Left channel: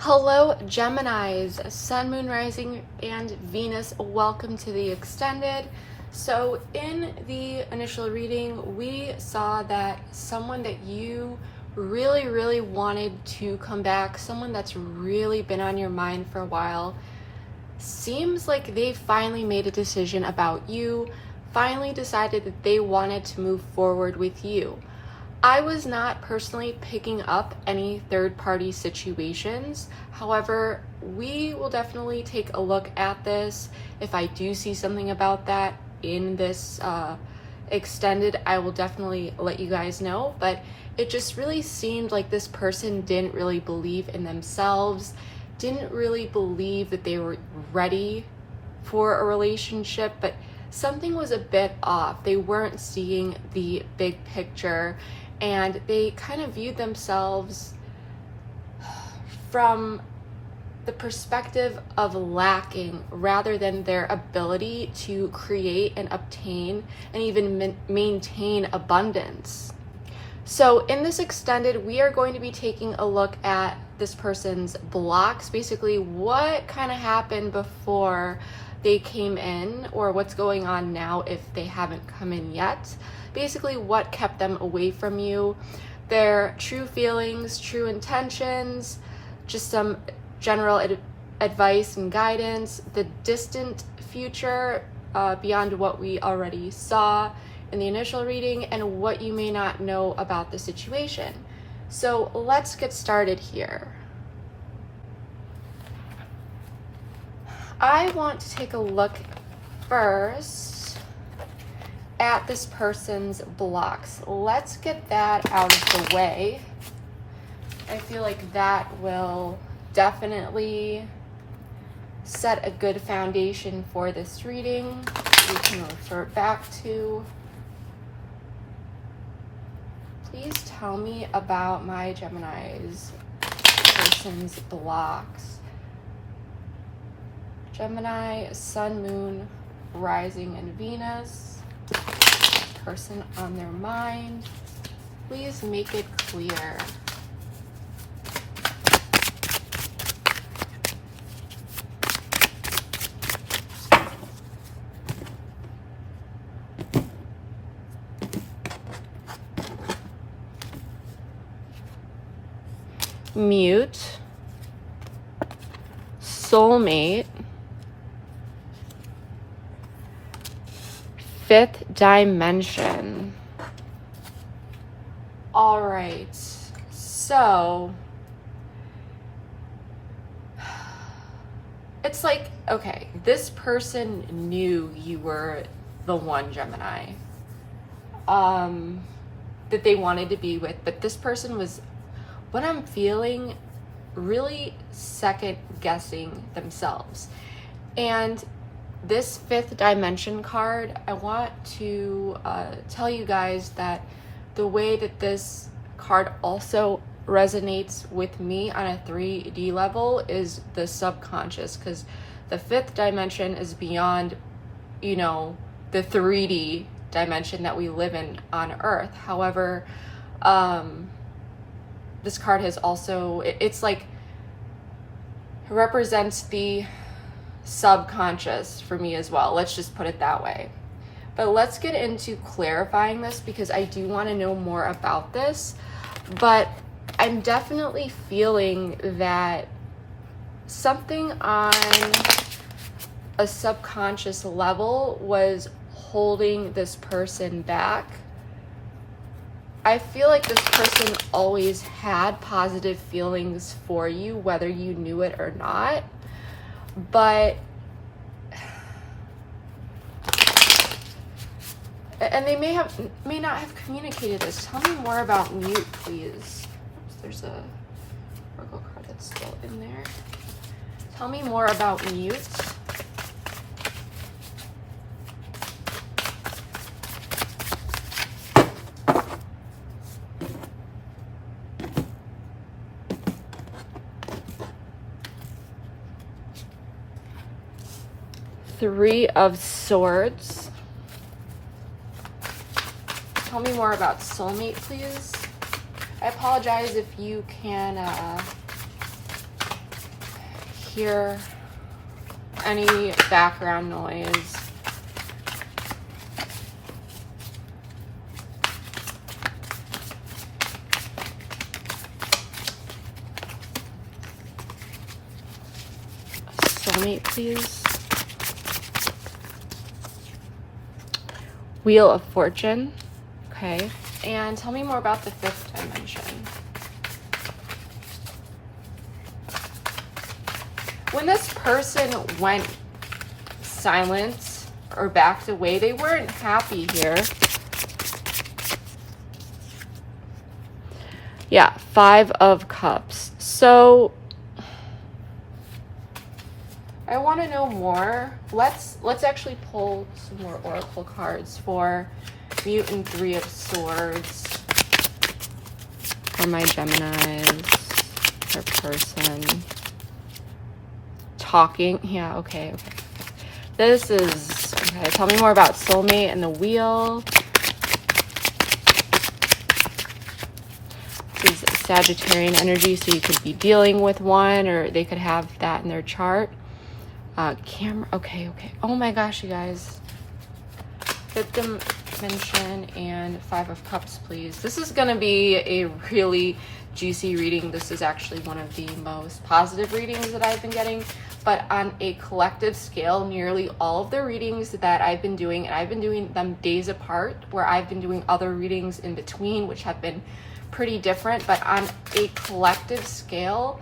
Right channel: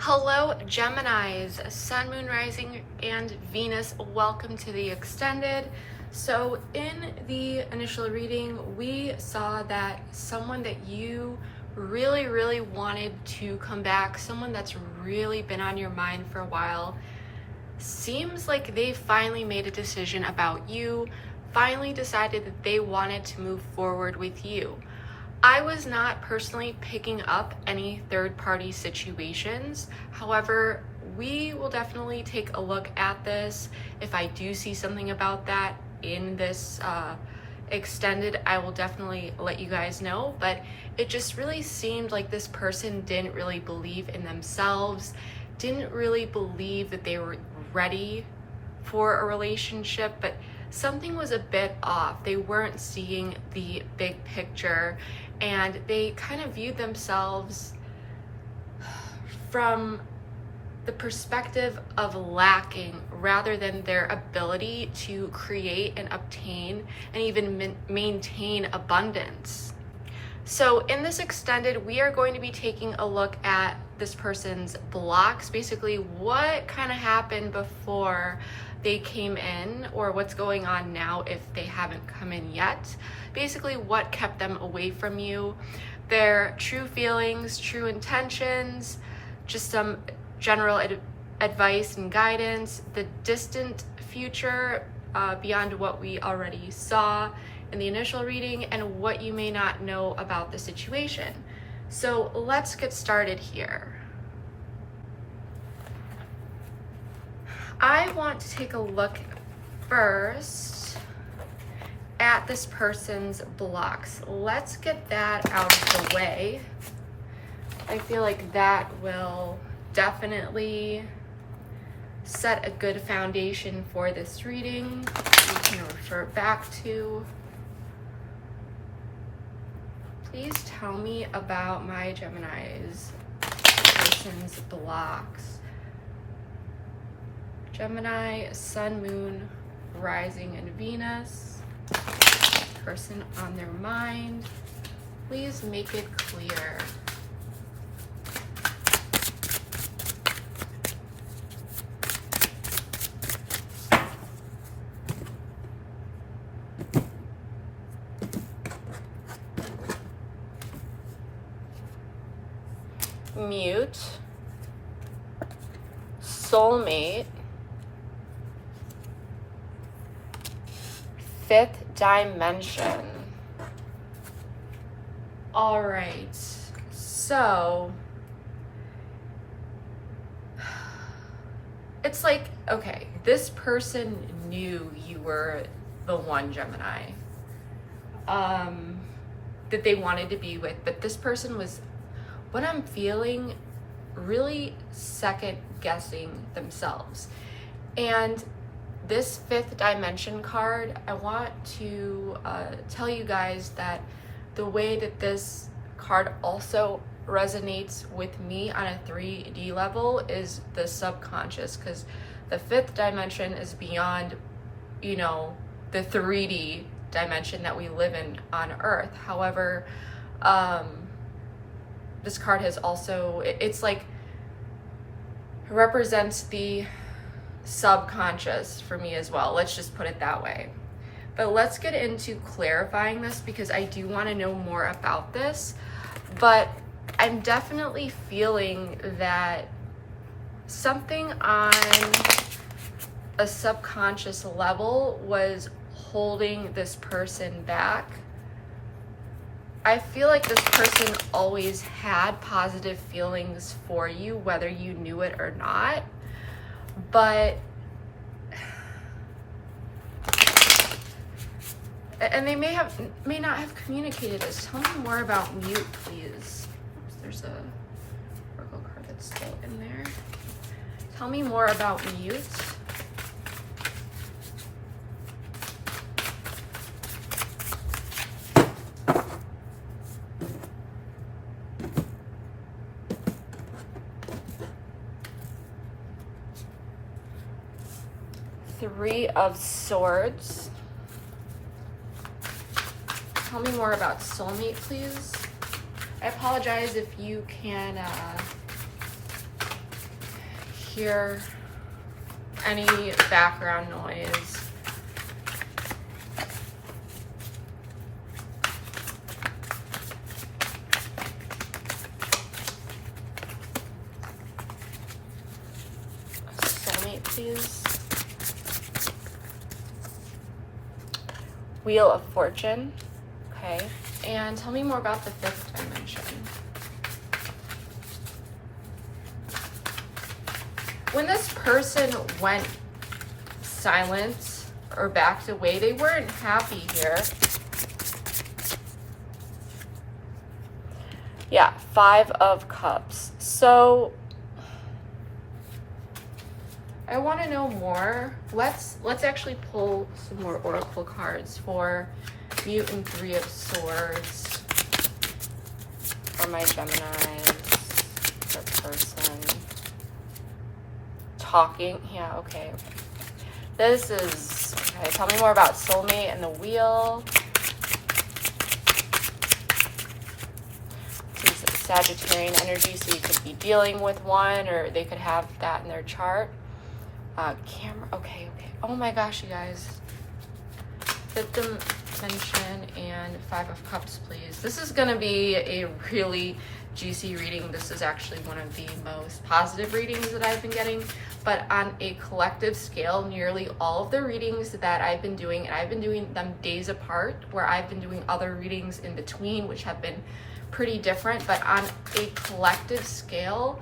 Hello Geminis, Sun, Moon, Rising, and Venus. Welcome to the extended. So in the initial reading, we saw that someone that you really wanted to come back, someone that's really been on your mind for a while, seems like they finally made a decision about you, finally decided that they wanted to move forward with you. I was not personally picking up any third-party situations. However, we will definitely take a look at this. If I do see something about that in this extended, I will definitely let you guys know. But it just really seemed like this person didn't really believe in themselves, didn't really believe that they were ready for a relationship, but something was a bit off. They weren't seeing the big picture, and they kind of viewed themselves from the perspective of lacking rather than their ability to create and obtain and even maintain abundance. So in this extended, we are going to be taking a look at this person's blocks, basically what kind of happened before they came in, or what's going on now if they haven't come in yet. Basically what kept them away from you, their true feelings, true intentions, just some general advice and guidance, the distant future beyond what we already saw in the initial reading, and what you may not know about the situation. So let's get started here. I want to take a look first at this person's blocks. Let's get that out of the way. I feel like that will definitely set a good foundation for this reading. We can refer back to. Please tell me about my Gemini's person's blocks. Gemini, Sun, Moon, Rising, and Venus. Person on their mind. Please make it clear. Mute, soulmate, fifth dimension. All right, so it's like, okay, this person knew you were the one, Gemini, that they wanted to be with, but this person was, what I'm feeling, really second guessing themselves. And this fifth dimension card, I want to tell you guys that the way that this card also resonates with me on a 3D level is the subconscious, because the fifth dimension is beyond, you know, the 3D dimension that we live in on Earth. However, this card has also, it's like, represents the subconscious for me as well. Let's just put it that way. But let's get into clarifying this, because I do want to know more about this. But I'm definitely feeling that something on a subconscious level was holding this person back. I feel like this person always had positive feelings for you, whether you knew it or not. But, and they may not have communicated this. Tell me more about mute, please. Oops, there's a Oracle card that's still in there. Tell me more about mute. Three of Swords. Tell me more about soulmate, please. I apologize if you can hear any background noise. Soulmate, please. Wheel of Fortune. Okay. And tell me more about the fifth dimension. When this person went silent or backed away, they weren't happy here. Yeah, Five of Cups. So I want to know more. Let's actually pull some more oracle cards for Mute and Three of Swords for my Geminis, their person. Talking, yeah, okay. This is, okay, tell me more about soulmate and the wheel. This is Sagittarian energy, so you could be dealing with one, or they could have that in their chart. Camera, okay. Oh my gosh, you guys. Fifth dimension and Five of Cups, please. This is gonna be a really juicy reading. This is actually one of the most positive readings that I've been getting, but on a collective scale, nearly all of the readings that I've been doing, and I've been doing them days apart, where I've been doing other readings in between, which have been pretty different, but on a collective scale,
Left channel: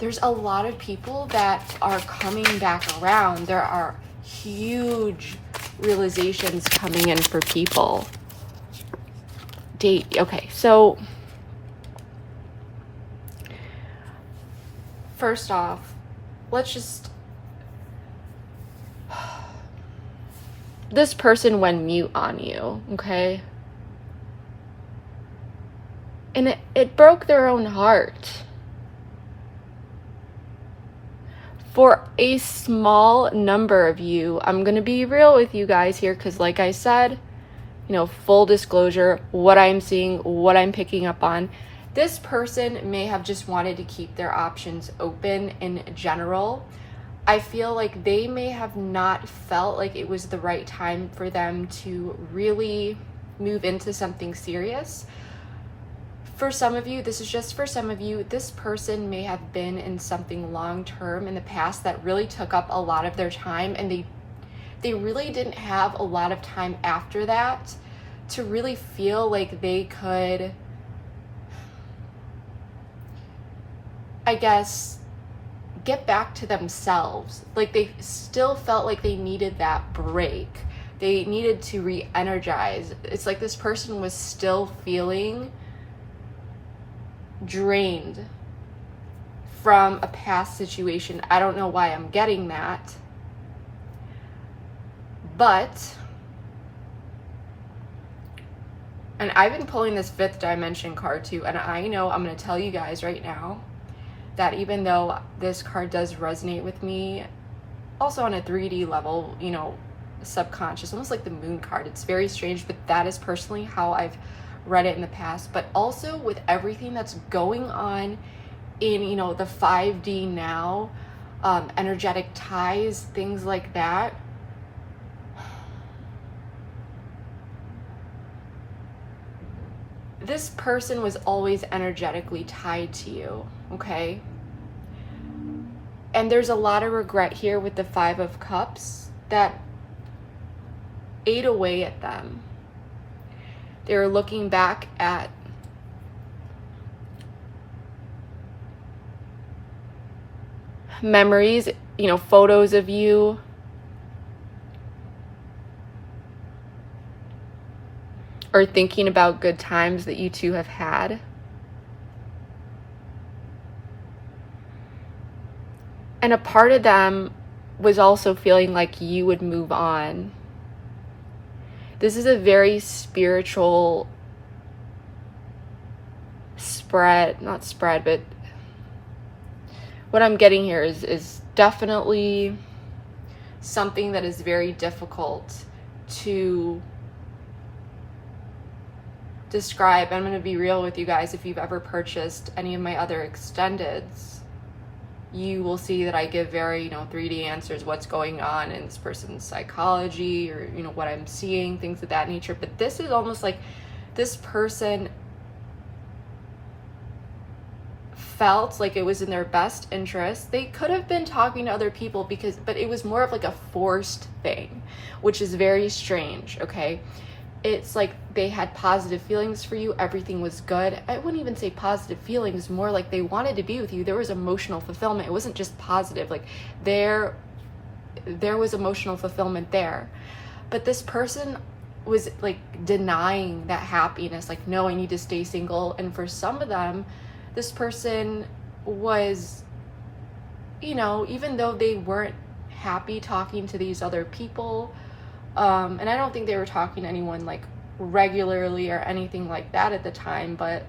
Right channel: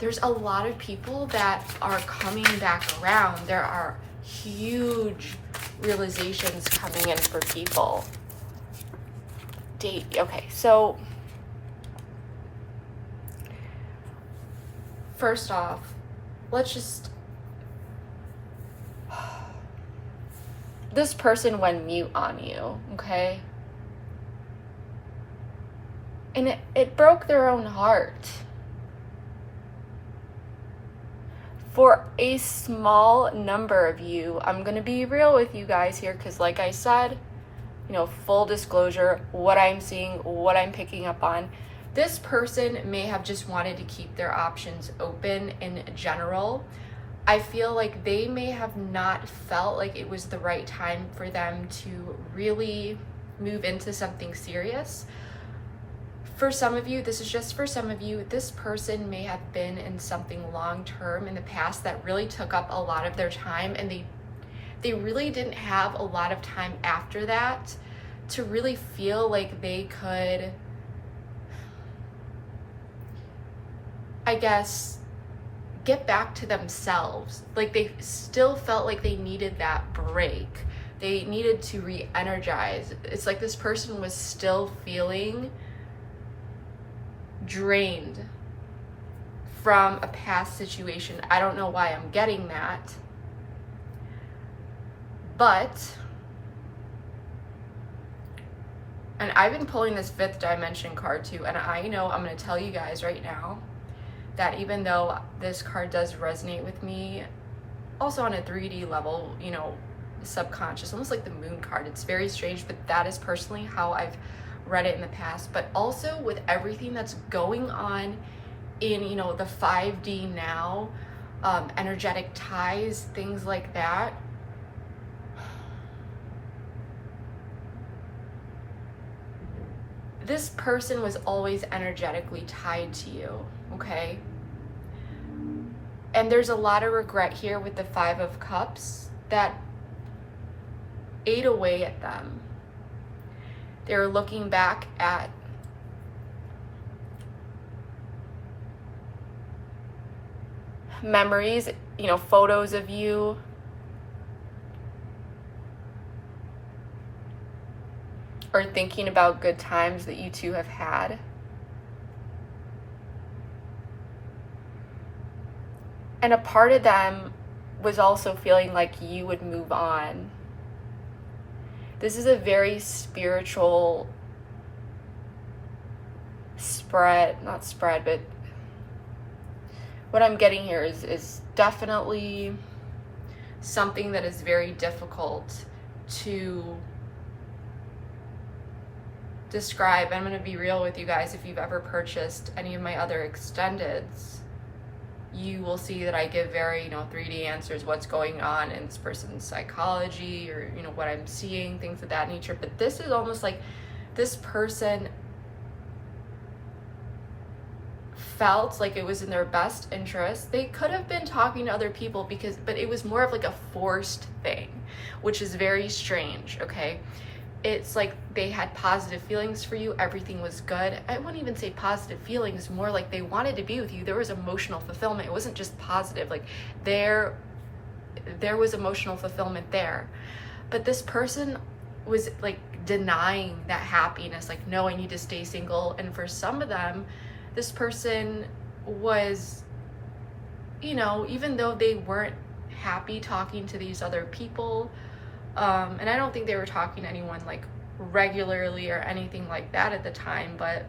there's a lot of people that are coming back around. There are huge realizations coming in for people. Okay, so first off, let's just, this person went mute on you, okay? And it broke their own heart. For a small number of you, I'm gonna be real with you guys here, because like I said, you know, full disclosure, what I'm seeing, what I'm picking up on, this person may have just wanted to keep their options open in general. I feel like they may have not felt like it was the right time for them to really move into something serious. For some of you, this is just for some of you, this person may have been in something long-term in the past that really took up a lot of their time, and they really didn't have a lot of time after that to really feel like they could, I guess, get back to themselves. Like they still felt like they needed that break. They needed to re-energize. It's like this person was still feeling drained from a past situation. I don't know why I'm getting that, but, and I've been pulling this fifth dimension card too, and I know I'm going to tell you guys right now that even though this card does resonate with me, also on a 3D level, you know, subconscious, almost like the moon card, it's very strange, but that is personally how I've read it in the past. But also with everything that's going on in, you know, the 5D now, energetic ties, things like that, this person was always energetically tied to you, okay? And there's a lot of regret here with the Five of Cups that ate away at them. They were looking back at memories, you know, photos of you, or thinking about good times that you two have had. And a part of them was also feeling like you would move on. This is a very spiritual not spread, but what I'm getting here is definitely something that is very difficult to describe. I'm going to be real with you guys. If you've ever purchased any of my other extendeds, you will see that I give very, 3D answers, what's going on in this person's psychology, or, what I'm seeing, things of that nature. But this is almost like this person felt like it was in their best interest. They could have been talking to other people but it was more of like a forced thing, which is very strange, okay? It's like they had positive feelings for you, everything was good. I wouldn't even say positive feelings, more like they wanted to be with you. There was emotional fulfillment. It wasn't just positive, like there was emotional fulfillment there. But this person was like denying that happiness, like, no, I need to stay single. And for some of them, this person was, even though they weren't happy talking to these other people, and I don't think they were talking to anyone like regularly or anything like that at the time, but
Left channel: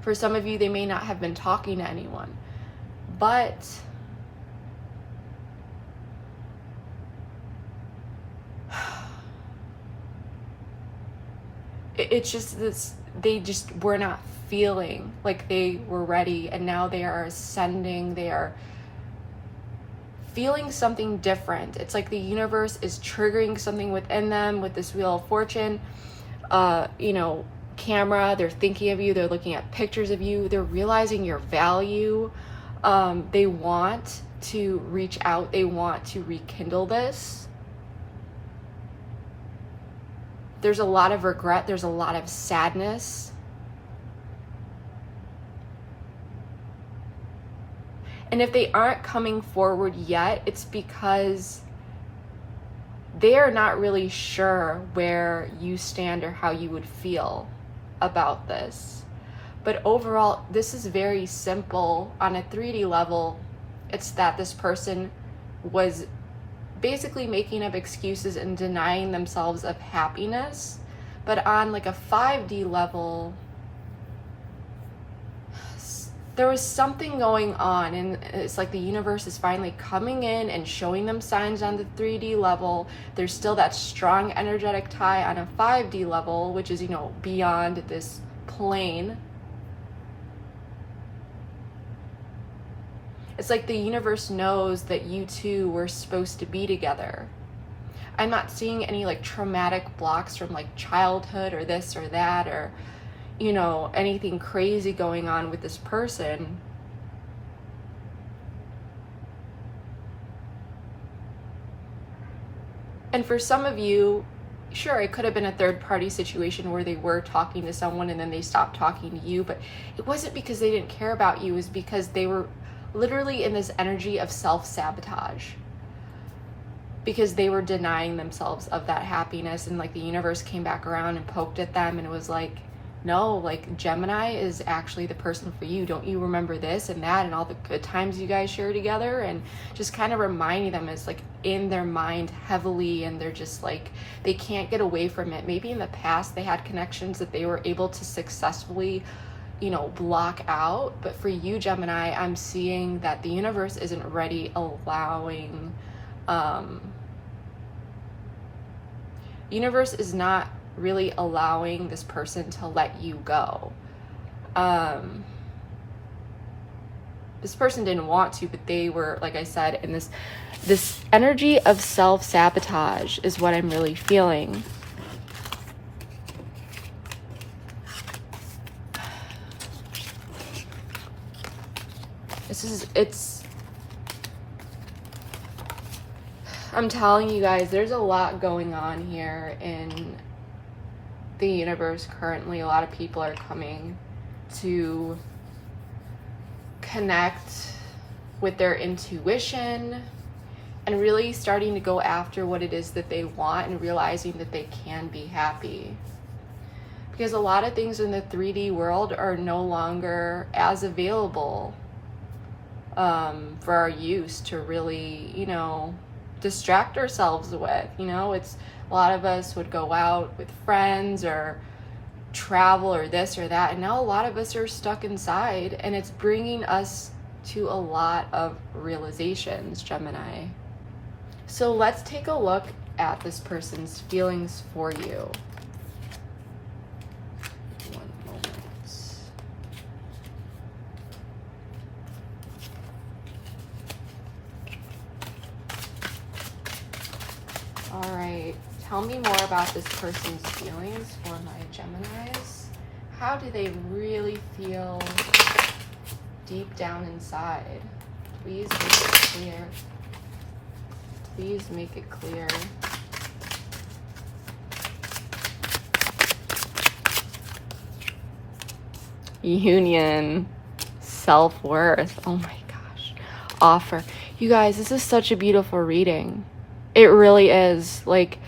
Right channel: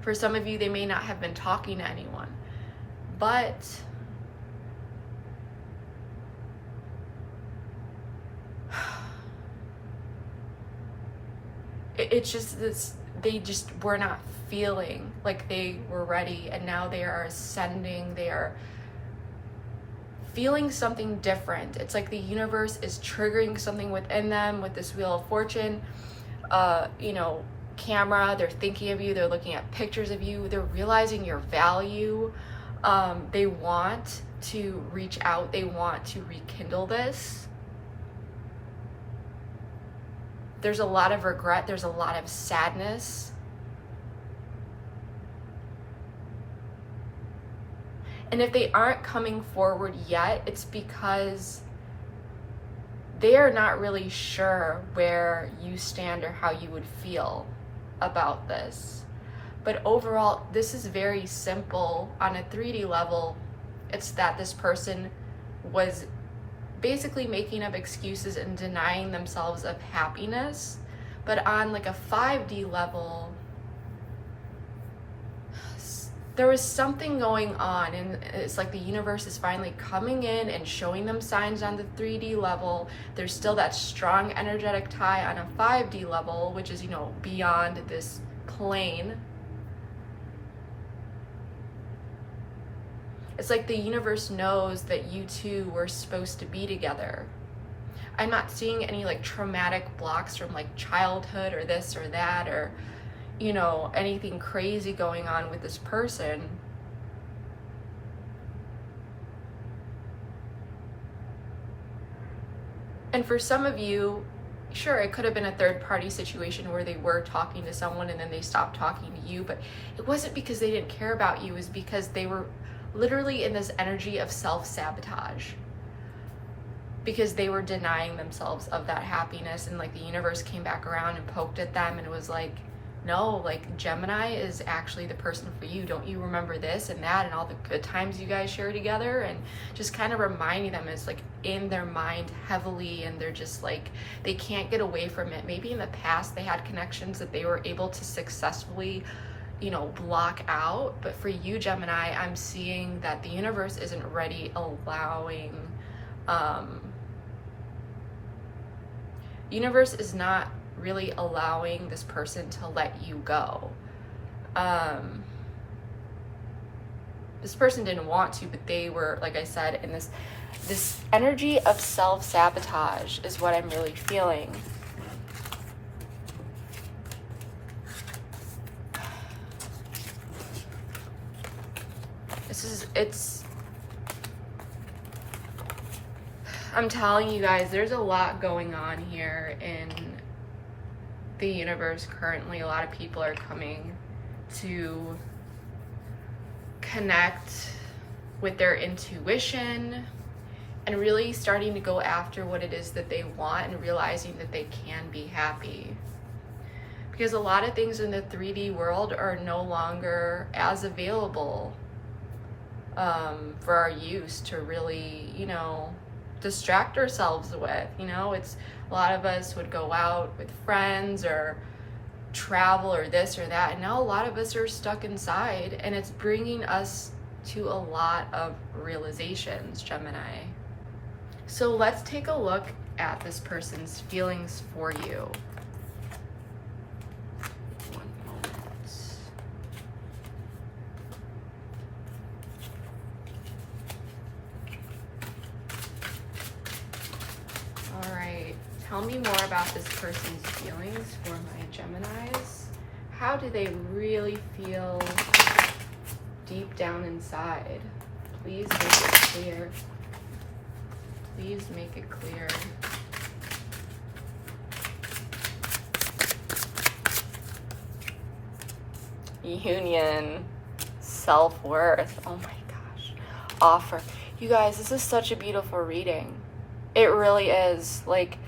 for some of you, they may not have been talking to anyone. But it's just this, they just were not feeling like they were ready, and now they are ascending. They are feeling something different. It's like the universe is triggering something within them with this Wheel of Fortune, camera. They're thinking of you. They're looking at pictures of you. They're realizing your value. They want to reach out. They want to rekindle this. There's a lot of regret. There's a lot of sadness. And if they aren't coming forward yet, it's because they are not really sure where you stand or how you would feel about this. But overall, this is very simple. On a 3D level, it's that this person was basically making up excuses and denying themselves of happiness. But on like a 5D level, there was something going on, and it's like the universe is finally coming in and showing them signs on the 3D level. There's still that strong energetic tie on a 5D level, which is, beyond this plane. It's like the universe knows that you two were supposed to be together. I'm not seeing any like traumatic blocks from like childhood or this or that, or anything crazy going on with this person. And for some of you, sure, it could have been a third party situation where they were talking to someone and then they stopped talking to you, but it wasn't because they didn't care about you. It was because they were literally in this energy of self-sabotage, because they were denying themselves of that happiness. And like the universe came back around and poked at them and was like, no, like Gemini is actually the person for you. Don't you remember this and that and all the good times you guys share together? And just kind of reminding them, it's like in their mind heavily, and they're just like, they can't get away from it. Maybe in the past they had connections that they were able to successfully, block out. But for you, Gemini, I'm seeing that the universe isn't ready, allowing, universe is not really allowing this person to let you go. This person didn't want to, but they were, like I said, in this energy of self-sabotage is what I'm really feeling. I'm telling you guys, there's a lot going on here in the universe currently. A lot of people are coming to connect with their intuition and really starting to go after what it is that they want, and realizing that they can be happy. Because a lot of things in the 3D world are no longer as available for our use to really, distract ourselves with. It's a lot of us would go out with friends or travel or this or that, and now a lot of us are stuck inside, and it's bringing us to a lot of realizations, Gemini. So let's take a look at this person's feelings for you. One moment. Tell me more about this person's feelings for my Geminis. How do they really feel deep down inside? Please make it clear. Please make it clear. Union, self-worth. Oh my gosh. Offer. You guys, this is such a beautiful reading. It really is. Like,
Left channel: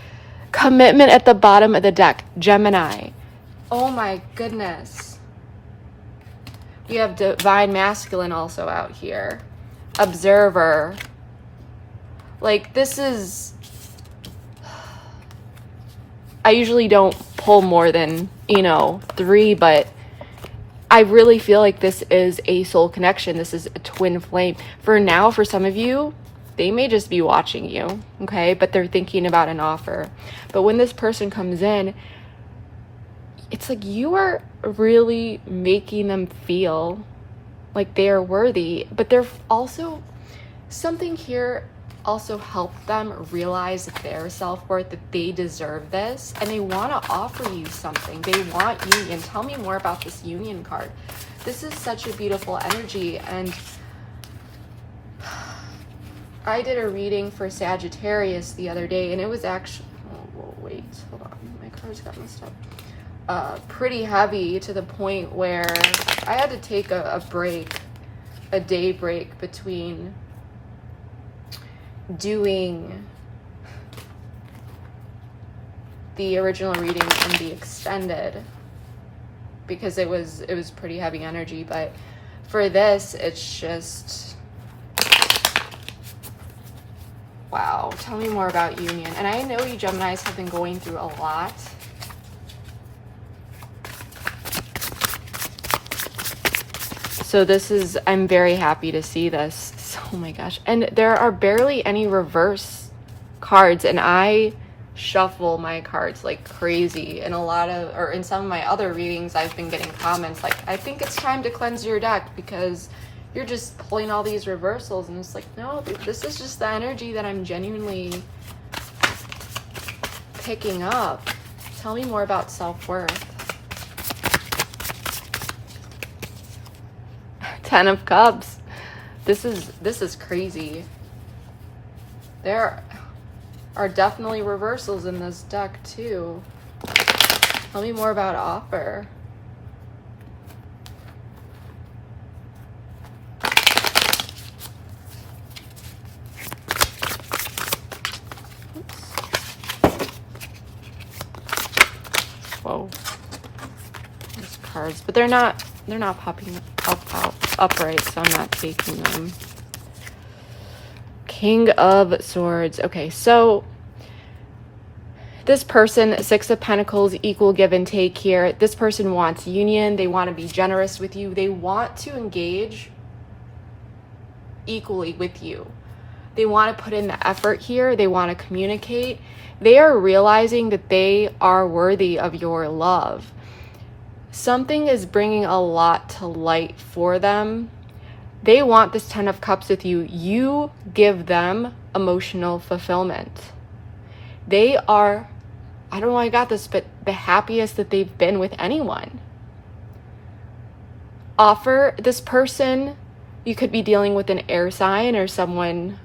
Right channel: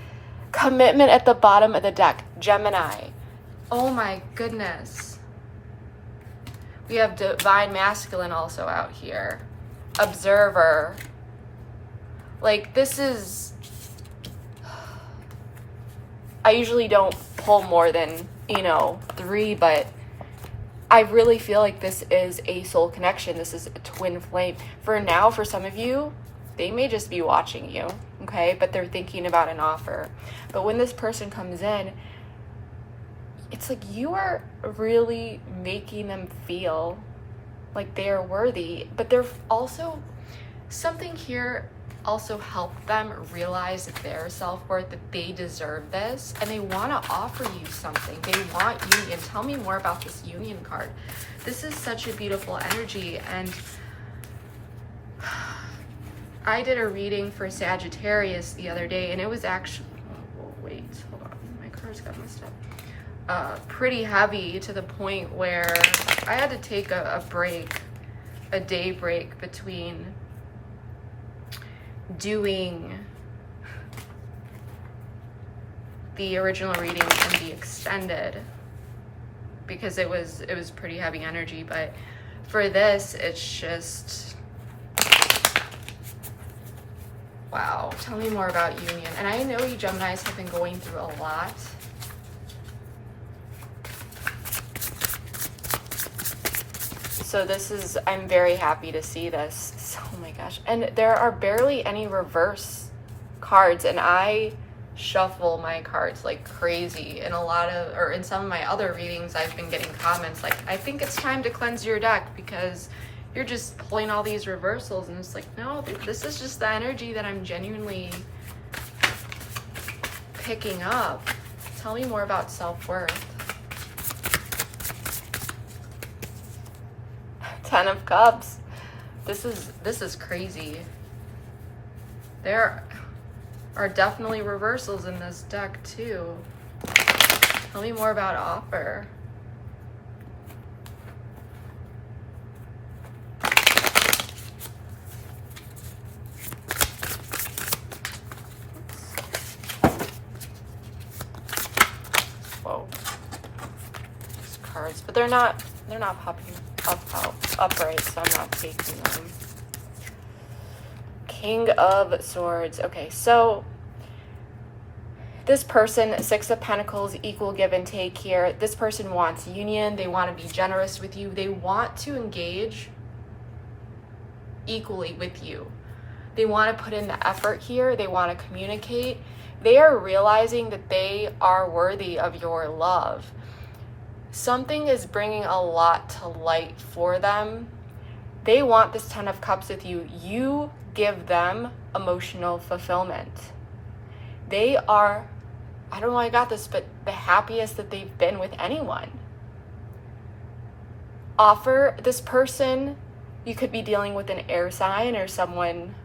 commitment at the bottom of the deck. Gemini. Oh my goodness. We have divine masculine also out here. Observer. Like, this is... I usually don't pull more than, 3, but I really feel like this is a soul connection. This is a twin flame. For now, for some of you, they may just be watching you, okay? But they're thinking about an offer. But when this person comes in, it's like you are really making them feel like they are worthy. But they're also, something here also helped them realize their self-worth, that they deserve this, and they want to offer you something. They want union. Tell me more about this union card. This is such a beautiful energy, and I did a reading for Sagittarius the other day, and it was actually, wait, hold on, my cards got messed up. Pretty heavy, to the point where I had to take a break, a day break between doing the original reading and the extended, because it was pretty heavy energy. But for this, it's just, wow. Tell me more about union. And I know you Geminis have been going through a lot. So this is, I'm very happy to see this. Oh my gosh. And there are barely any reverse cards, and I shuffle my cards like crazy. In in some of my other readings, I've been getting comments like, I think it's time to cleanse your deck because you're just pulling all these reversals. And it's like, no, this is just the energy that I'm genuinely picking up. Tell me more about self-worth. 10 of Cups. This is crazy. There are definitely reversals in this deck too. Tell me more about offer. Whoa. These cards, but they're not popping up upright, so I'm not taking them. King of Swords. Okay, so this person, 6 of Pentacles, equal give and take here. This person wants union. They want to be generous with you. They want to engage equally with you. They want to put in the effort here. They want to communicate. They are realizing that they are worthy of your love. Something is bringing a lot to light for them. They want this 10 of Cups with you. You give them emotional fulfillment. They are, I don't know why I got this, but the happiest that they've been with anyone. Offer, this person, you could be dealing with an air sign or someone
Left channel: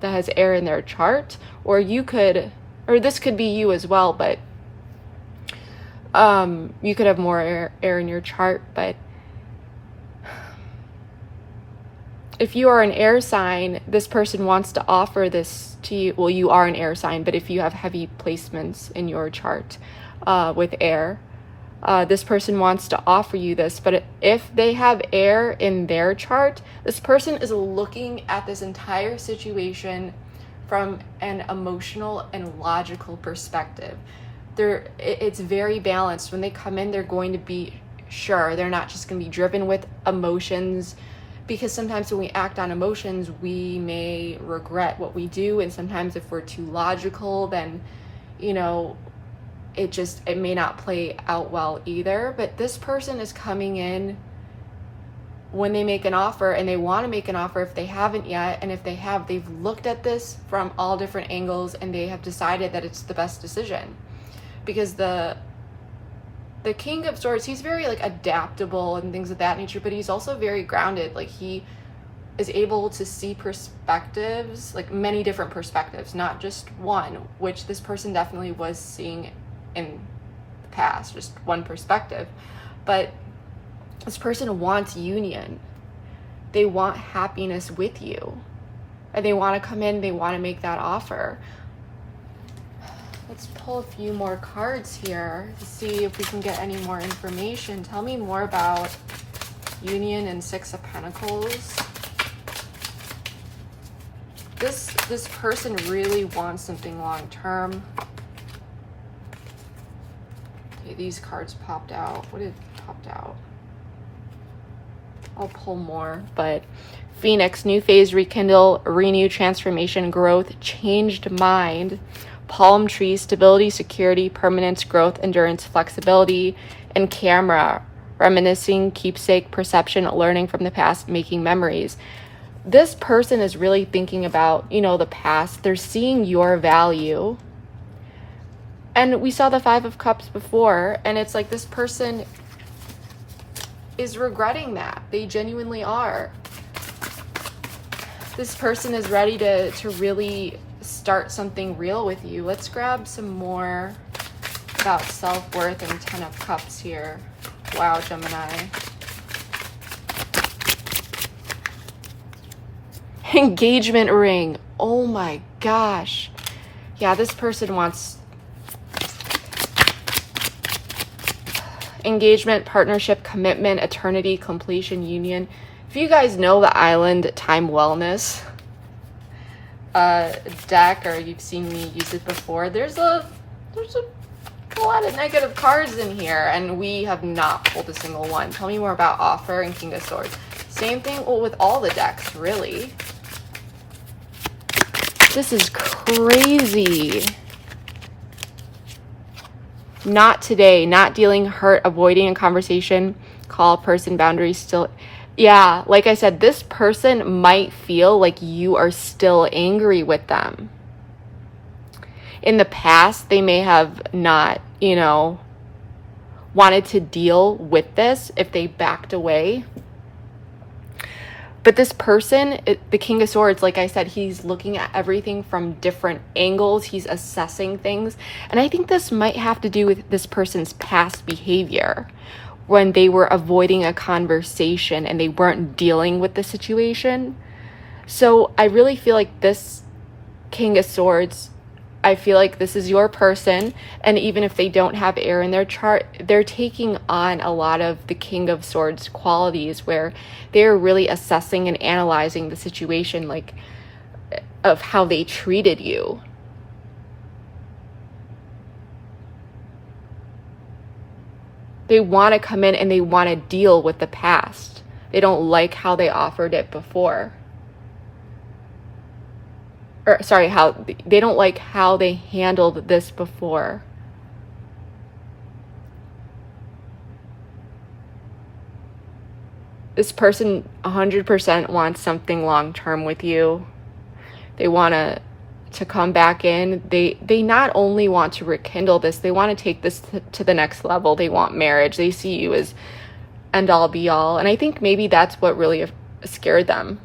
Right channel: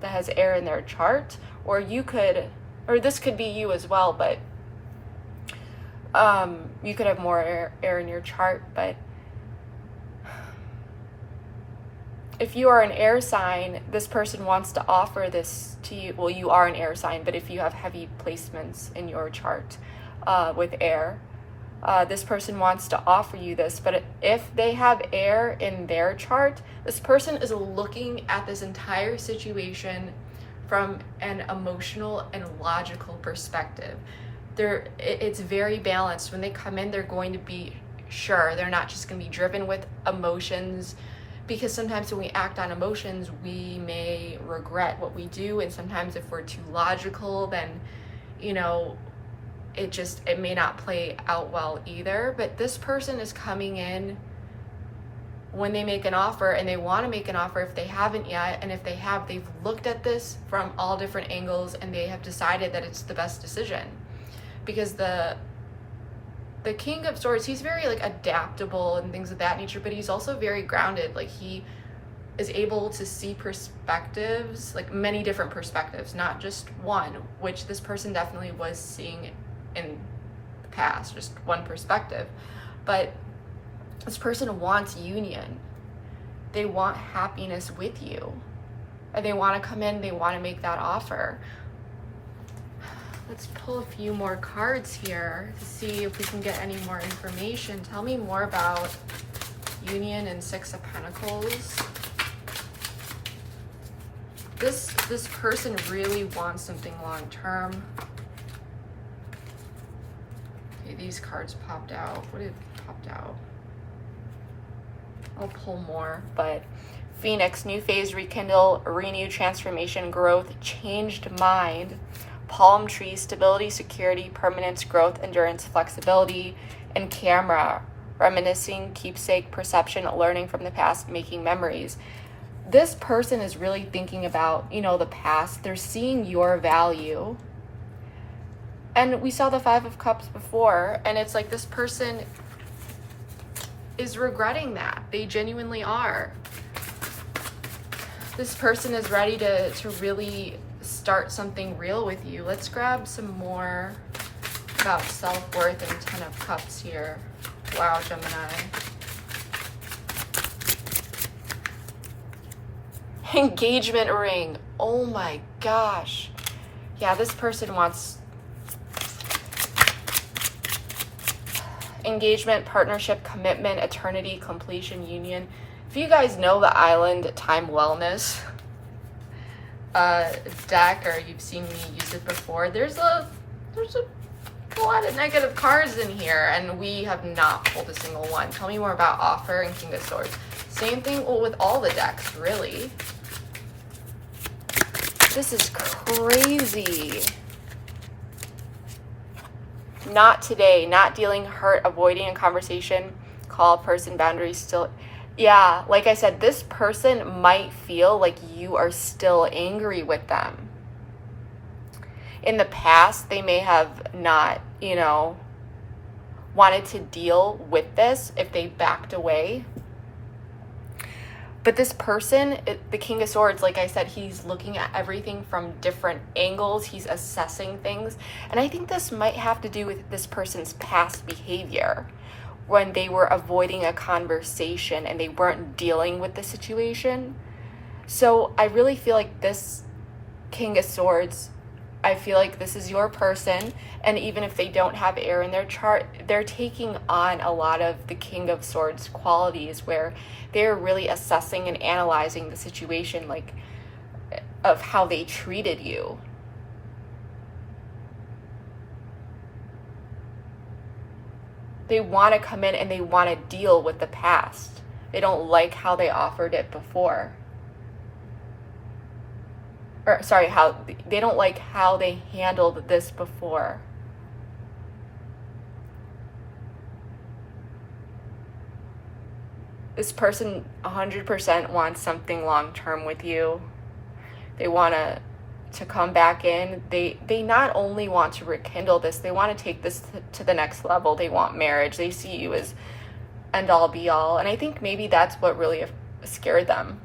that has air in their chart, or this could be you as well, but you could have more air in your chart. But if you are an air sign, this person wants to offer this to you. Well, you are an air sign, but if you have heavy placements in your chart with air, this person wants to offer you this. But if they have air in their chart, this person is looking at this entire situation from an emotional and logical perspective. It's very balanced. When they come in, they're going to be sure. They're not just going to be driven with emotions, because sometimes when we act on emotions, we may regret what we do. And sometimes if we're too logical, then, it may not play out well either. But this person is coming in when they make an offer, and they want to make an offer if they haven't yet, and if they have, they've looked at this from all different angles and they have decided that it's the best decision. Because the King of Swords, he's very like adaptable and things of that nature, but he's also very grounded. Like, he is able to see perspectives, like many different perspectives, not just one, which this person definitely was seeing in the past, just one perspective. But this person wants union. They want happiness with you. And they want to come in, they want to make that offer. Let's pull a few more cards here to see if we can get any more information. Tell me more about union and Six of Pentacles. This person really wants something long term. Okay, these cards popped out. What did popped out? I'll pull more, but Phoenix, new phase, rekindle, renew, transformation, growth, changed mind, palm tree, stability, security, permanence, growth, endurance, flexibility, and Camera, reminiscing, keepsake, perception, learning from the past, making memories. This person is really thinking about, the past. They're seeing your value. And we saw the Five of Cups before, and it's like this person is regretting that. They genuinely are. This person is ready to really start something real with you. Let's grab some more about self-worth and Ten of Cups here. Wow, Gemini. Engagement ring. Oh my gosh. Yeah, this person wants engagement, partnership, commitment, eternity, completion, union. If you guys know the Island Time Wellness deck, or you've seen me use it before, there's a lot of negative cards in here, and we have not pulled a single one. Tell me more about offer and King of Swords. Same thing with all the decks, really. This is crazy. Not today, not dealing, hurt, avoiding a conversation, call a person, boundaries still. Yeah, like I said, this person might feel like you are still angry with them. In the past, they may have not, wanted to deal with this if they backed away. But this person, the King of Swords, like I said, he's looking at everything from different angles. He's assessing things. And I think this might have to do with this person's past behavior when they were avoiding a conversation and they weren't dealing with the situation. So I really feel like this King of Swords, I feel like this is your person, and even if they don't have air in their chart, they're taking on a lot of the King of Swords qualities where they're really assessing and analyzing the situation, like of how they treated you. They want to come in and they want to deal with the past. They don't like how they offered it before. Or sorry, how they don't like how they handled this before. This person 100% wants something long-term with you. They want to come back in. They not only want to rekindle this, they want to take this to the next level. They want marriage. They see you as end all be all. And I think maybe that's what really scared them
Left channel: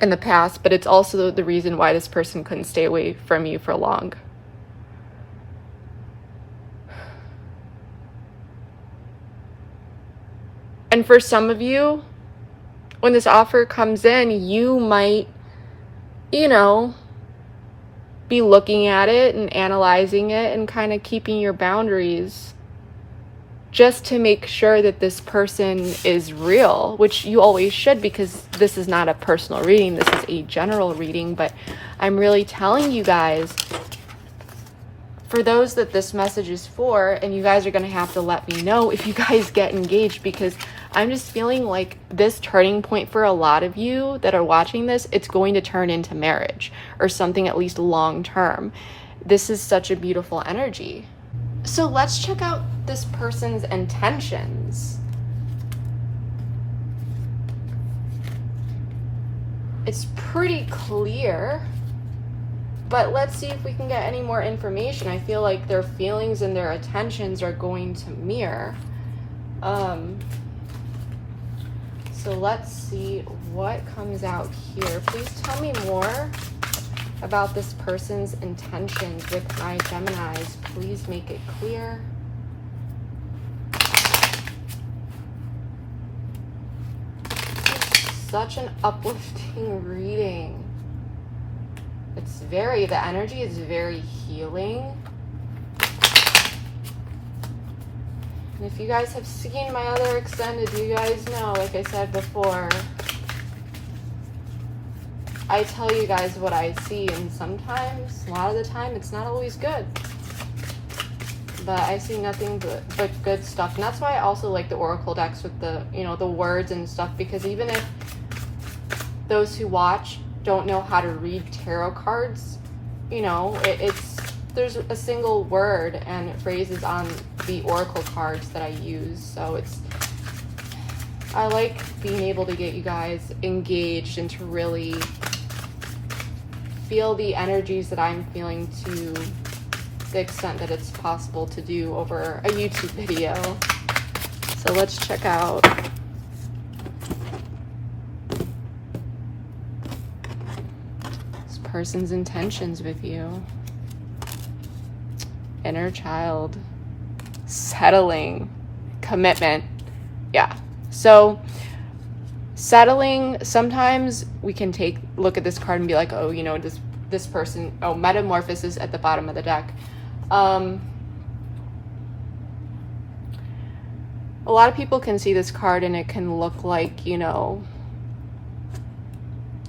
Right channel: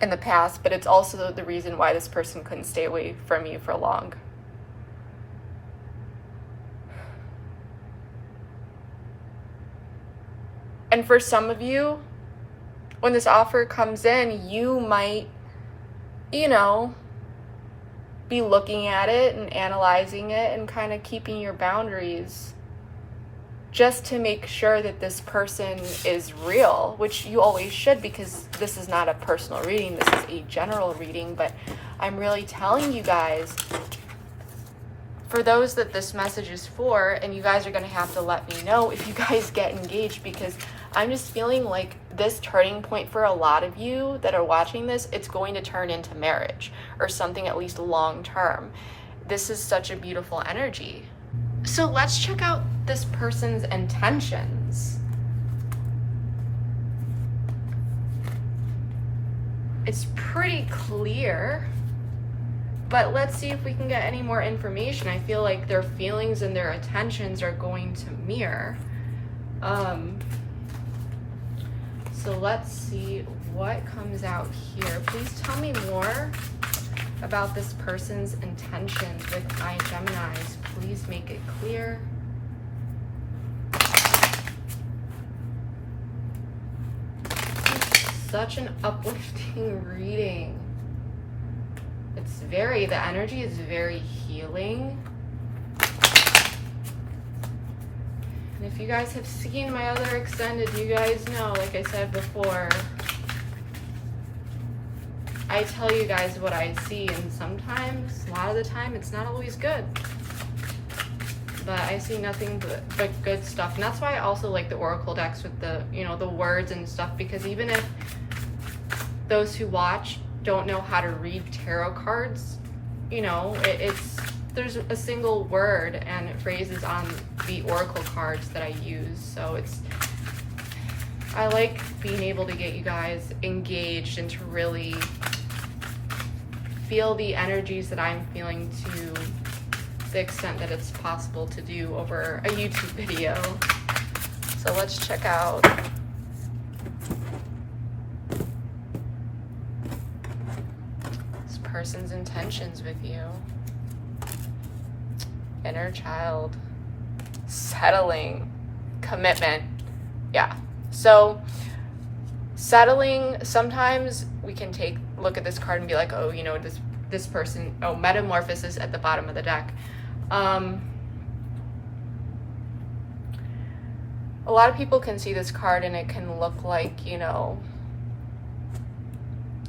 in the past, but it's also the reason why this person couldn't stay away from you for long. And for some of you, when this offer comes in, you might, be looking at it and analyzing it and kind of keeping your boundaries just to make sure that this person is real, which you always should, because this is not a personal reading, this is a general reading. But I'm really telling you guys, for those that this message is for, and you guys are going to have to let me know if you guys get engaged, because I'm just feeling like this turning point for a lot of you that are watching this, it's going to turn into marriage or something at least long term. This is such a beautiful energy. So let's check out this person's intentions. it's pretty clear, but let's see if we can get any more information. I feel like their feelings and their attentions are going to mirror. So let's see what comes out here. Please tell me more about this person's intentions with my Geminis. Please make it clear. Such an uplifting reading. It's the energy is very healing. And if you guys have seen my other extended, you guys know, like I said before, I tell you guys what I see, and sometimes, a lot of the time, it's not always good. But I see nothing but good stuff. And that's why I also like the Oracle decks with the, the words and stuff, because even if those who watch don't know how to read tarot cards, there's a single word and phrases on the Oracle cards that I use. So I like being able to get you guys engaged and to really feel the energies that I'm feeling to the extent that it's possible to do over a YouTube video. So let's check out this person's intentions with you. Inner child, settling, commitment. Yeah. So settling, sometimes we can look at this card and be like, oh, this person, metamorphosis at the bottom of the deck. A lot of people can see this card and it can look like,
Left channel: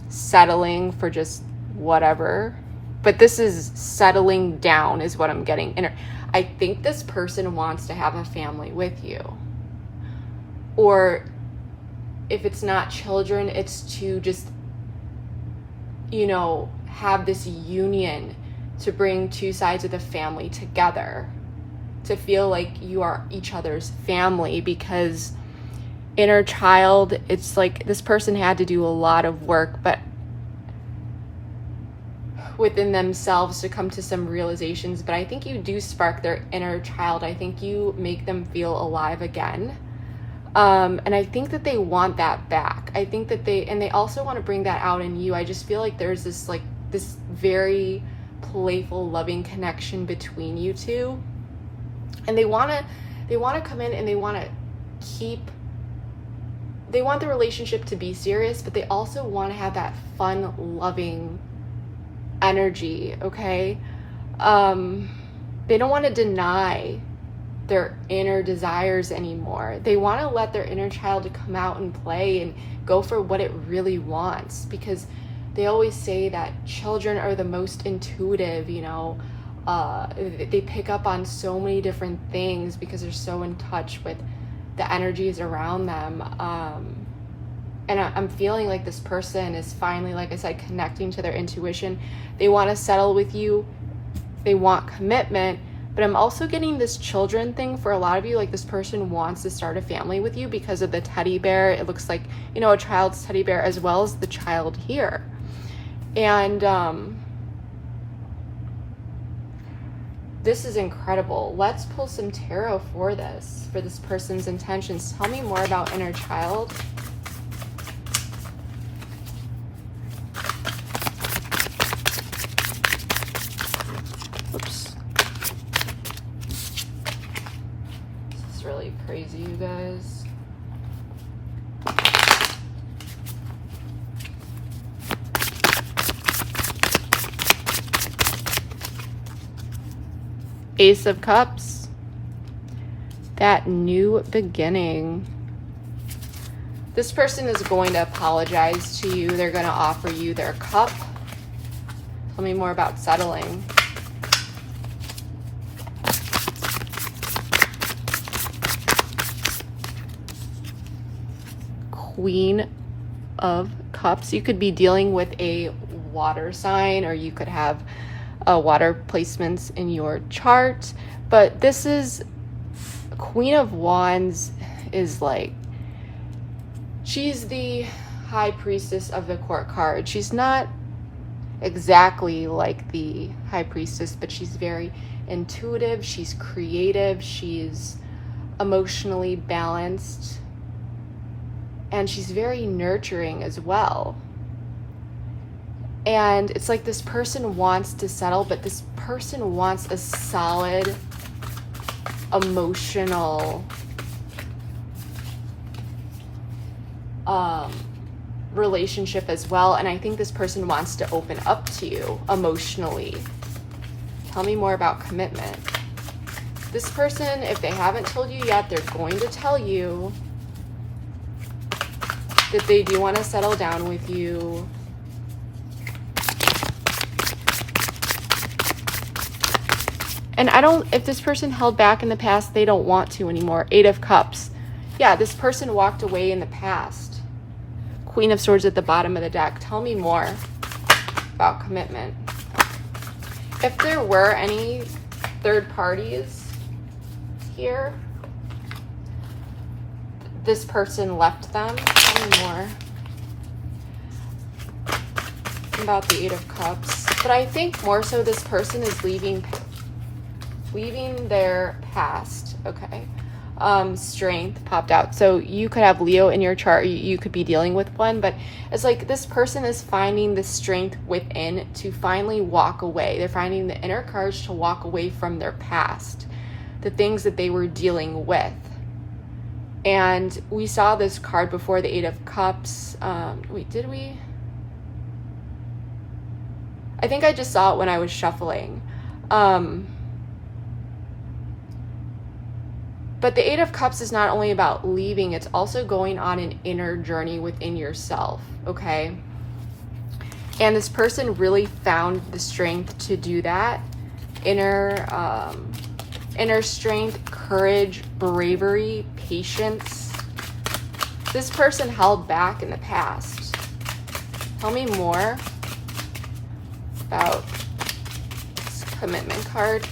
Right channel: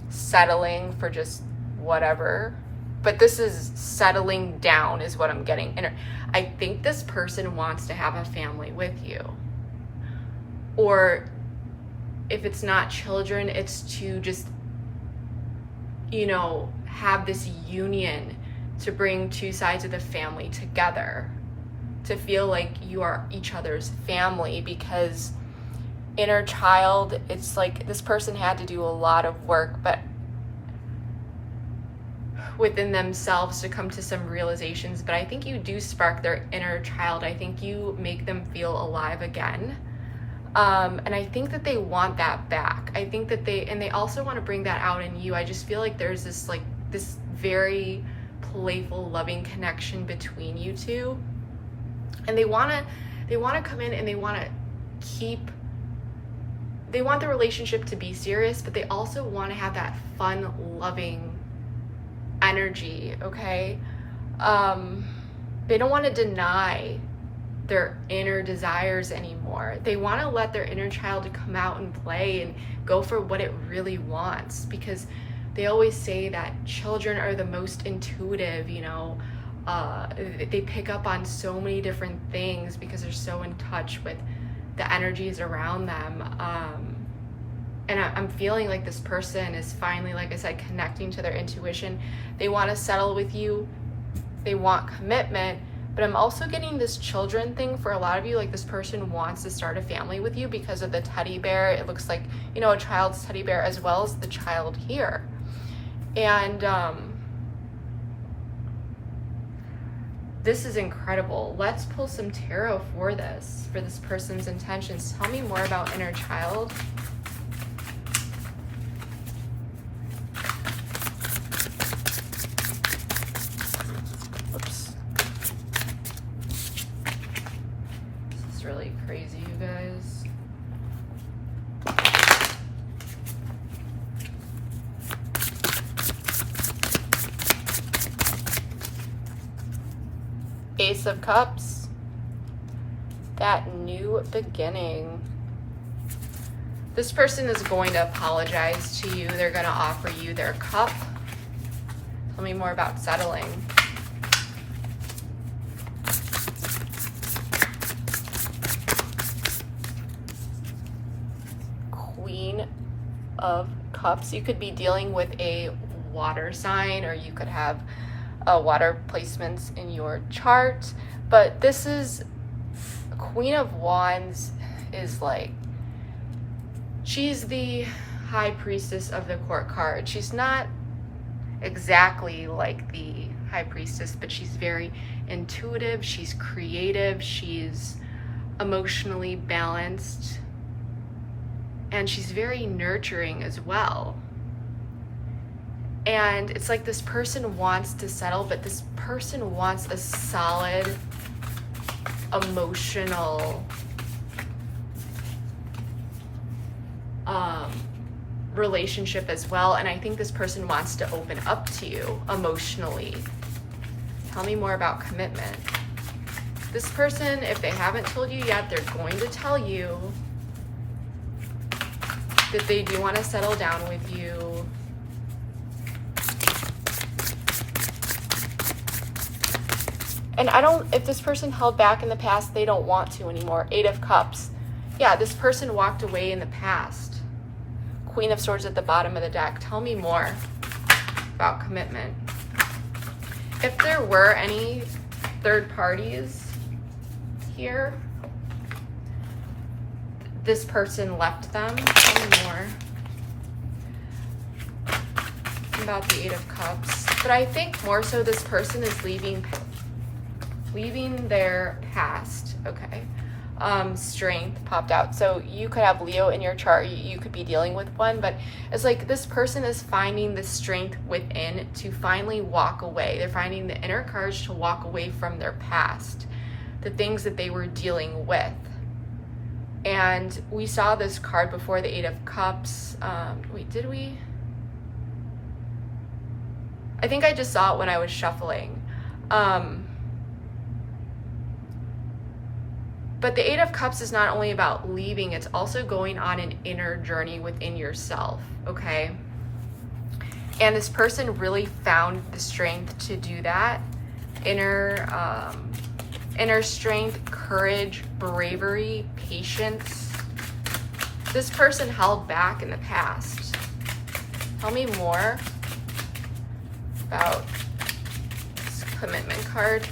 settling for just whatever. But this is settling down is what I'm getting. I think this person wants to have a family with you. Or if it's not children, it's to just, have this union to bring two sides of the family together, to feel like you are each other's family. Because inner child, it's like this person had to do a lot of work, but within themselves to come to some realizations. But I think you do spark their inner child. I think you make them feel alive again. And I think that they want that back. I think that they also want to bring that out in you. I just feel like there's this very playful, loving connection between you two. And they want to come in and they want the relationship to be serious, but they also want to have that fun, loving energy, okay? They don't want to deny their inner desires anymore. They want to let their inner child come out and play and go for what it really wants, because they always say that children are the most intuitive, they pick up on so many different things because they're so in touch with the energies around them. And I'm feeling like this person is finally, like I said, connecting to their intuition. They want to settle with you. They want commitment. But I'm also getting this children thing for a lot of you. Like this person wants to start a family with you because of the teddy bear. It looks like, a child's teddy bear as well as the child here. And this is incredible. Let's pull some tarot for this person's intentions. Tell me more about inner child. Really crazy, you guys. Ace of Cups. That new beginning. This person is going to apologize to you. They're going to offer you their cup. Tell me more about settling. Queen of Cups. You could be dealing with a water sign, or you could have water placements in your chart. But this is Queen of Wands is like, she's the High Priestess of the Court card. She's not exactly like the High Priestess, but she's very intuitive, she's creative, she's emotionally balanced, and she's very nurturing as well. And it's like this person wants to settle, but this person wants a solid emotional relationship as well. And I think this person wants to open up to you emotionally. Tell me more about commitment. This person, if they haven't told you yet, they're going to tell you that they do want to settle down with you. And if this person held back in the past, they don't want to anymore. 8 of Cups. Yeah, this person walked away in the past. Queen of Swords at the bottom of the deck. Tell me more about commitment. If there were any third parties here, this person left them. Tell me more about the 8 of Cups. But I think more so this person is leaving their past. Okay. Strength popped out. So you could have Leo in your chart, you could be dealing with one, but it's like this person is finding the strength within to finally walk away. They're finding the inner courage to walk away from their past, the things that they were dealing with. And we saw this card before, the 8 of Cups. Wait, did we? I think I just saw it when I was shuffling. But the 8 of Cups is not only about leaving, it's also going on an inner journey within yourself, okay? And this person really found the strength to do that. Inner strength, courage, bravery, patience. This person held back in the past. Tell me more about this commitment card.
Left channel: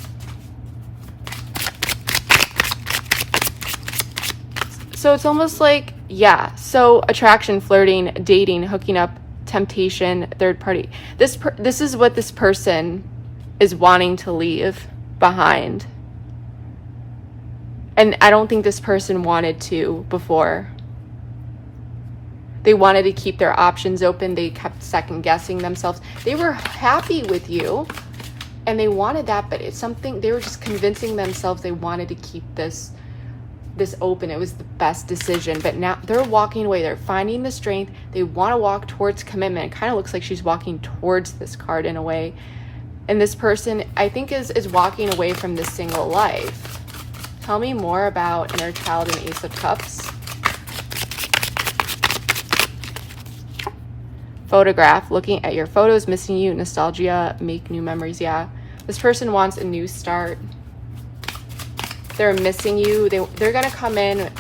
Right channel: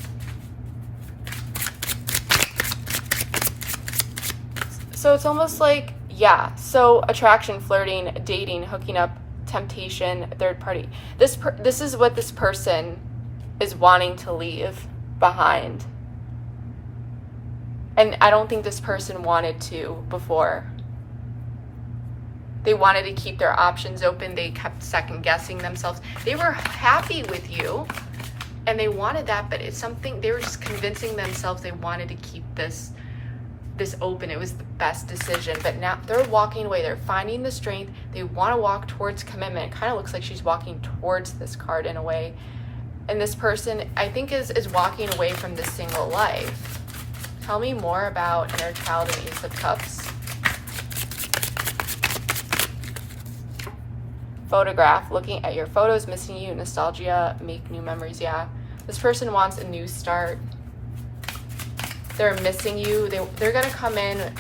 So it's almost like, yeah, so attraction, flirting, dating, hooking up, temptation, third party. This is what this person is wanting to leave behind. And I don't think this person wanted to before. They wanted to keep their options open. They kept second guessing themselves. They were happy with you and they wanted that, but it's something, they were just convincing themselves they wanted to keep this open. It was the best decision, but now they're walking away. They're finding the strength. They want to walk towards commitment. It kind of looks like she's walking towards this card in a way. And this person, I think, is walking away from this single life. Tell me more about inner child and Ace of Cups. Photograph, looking at your photos, missing you, nostalgia, make new memories. Yeah, this person wants a new start. They're missing you. They're gonna come in,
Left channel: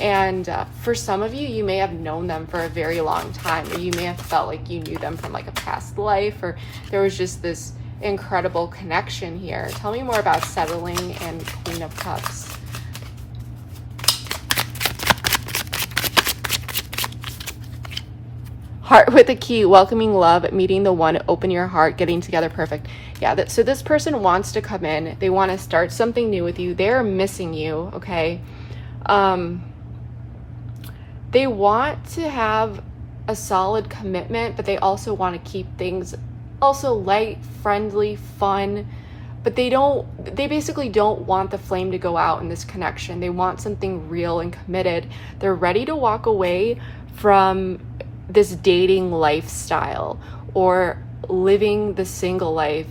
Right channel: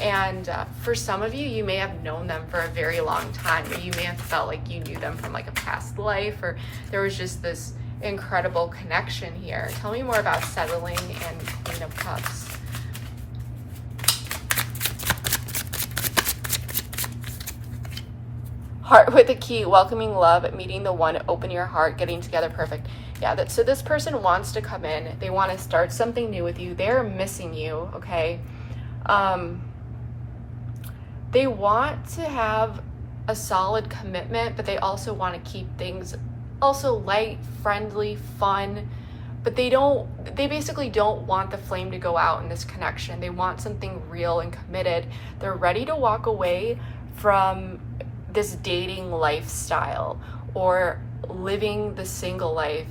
and for some of you, you may have known them for a very long time, or you may have felt like you knew them from like a past life, or there was just this incredible connection here. Tell me more about settling and Queen of Cups. Heart with a key, welcoming love, meeting the one, open your heart, getting together, perfect. Yeah, so this person wants to come in. They want to start something new with you. They're missing you, okay? They want to have a solid commitment, but they also want to keep things also light, friendly, fun, but they basically don't want the flame to go out in this connection. They want something real and committed. They're ready to walk away from this dating lifestyle or living the single life,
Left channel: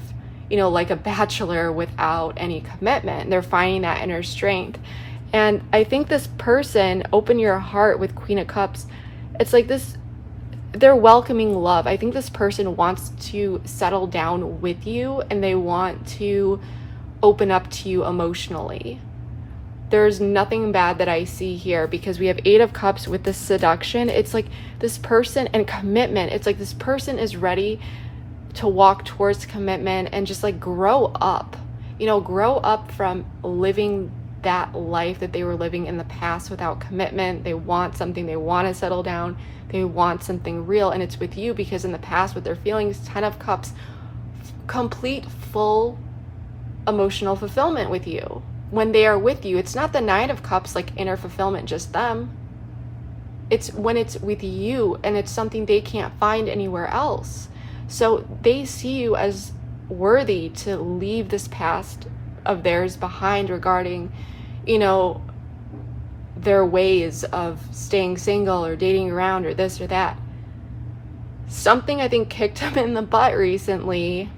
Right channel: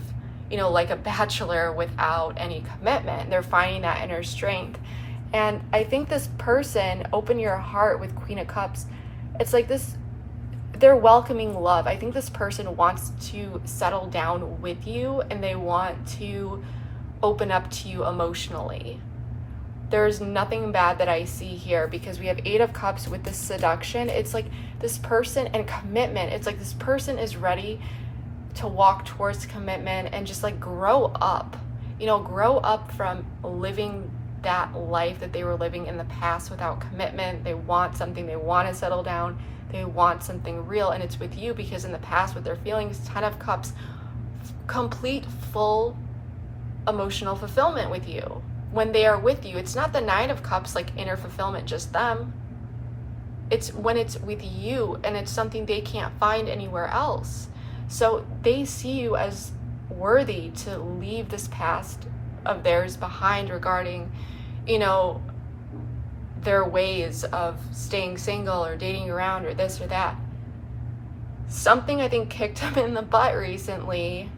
you know, like a bachelor without any commitment. They're finding that inner strength. And I think this person, open your heart with Queen of Cups, it's like this, they're welcoming love. I think this person wants to settle down with you and they want to open up to you emotionally. There's nothing bad that I see here because we have 8 of Cups with the seduction. It's like this person and commitment. It's like this person is ready to walk towards commitment and just like grow up, you know, grow up from living that life that they were living in the past without commitment. They want something, they want to settle down, they want something real, and it's with you, because in the past what they're feeling is 10 of Cups, complete, full emotional fulfillment with you. When they are with you, it's not the 9 of Cups, like inner fulfillment, just them. It's when it's with you, and it's something they can't find anywhere else. So they see you as worthy to leave this past of theirs behind regarding, you know, their ways of staying single or dating around or this or that. Something I think kicked them in the butt recently.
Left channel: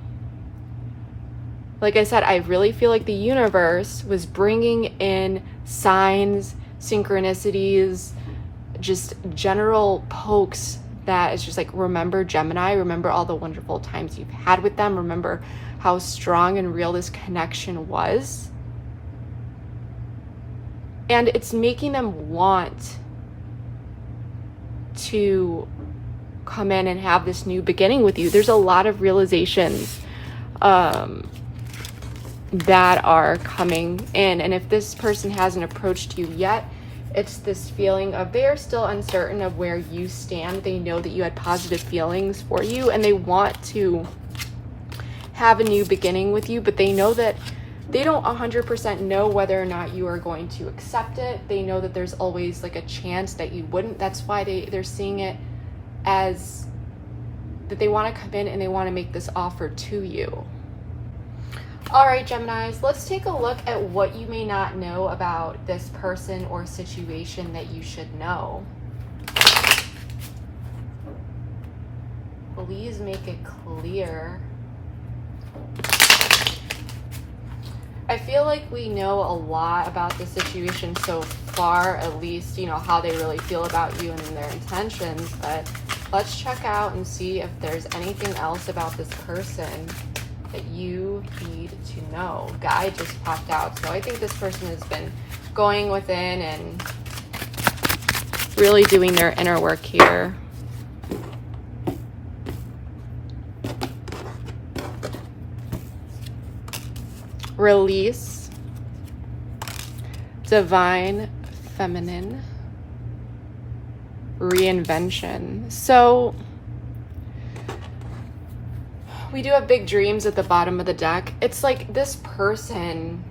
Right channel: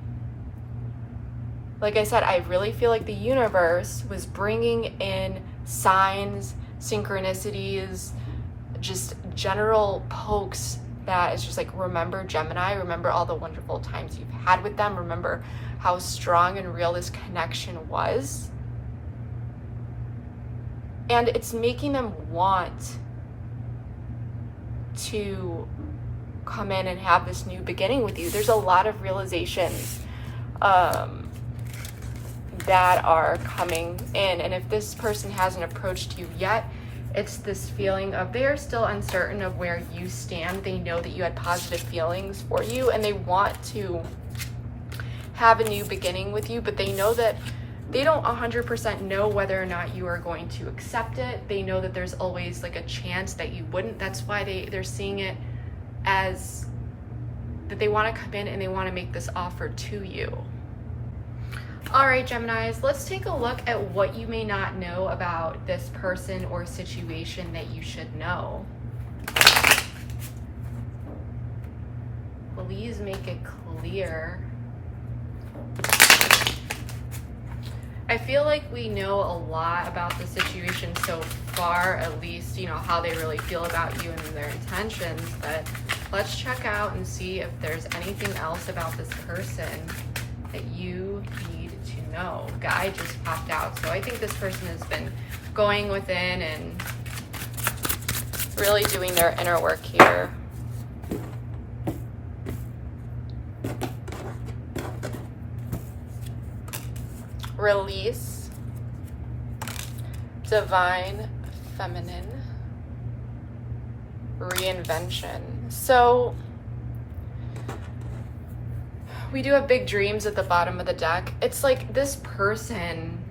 Like I said, I really feel like the universe was bringing in signs, synchronicities, just general pokes that is just like, remember Gemini, remember all the wonderful times you've had with them, remember how strong and real this connection was. And it's making them want to come in and have this new beginning with you. There's a lot of realizations that are coming in. And if this person hasn't approached you yet, it's this feeling of they're still uncertain of where you stand. They know that you had positive feelings for you, and they want to have a new beginning with you, but they know that they don't 100% know whether or not you are going to accept it. They know that there's always like a chance that you wouldn't. That's why they're seeing it as that they want to come in and they want to make this offer to you. All right, Geminis, let's take a look at what you may not know about this person or situation that you should know. Please make it clear. I feel like we know a lot about the situation so far, at least, you know, how they really feel about you and their intentions, but let's check out and see if there's anything else about this person that you need to know. Guy just popped out, so I think this person has been going within and really doing their inner work here. Release, divine feminine, reinvention. So we do have big dreams at the bottom of the deck. It's like this person,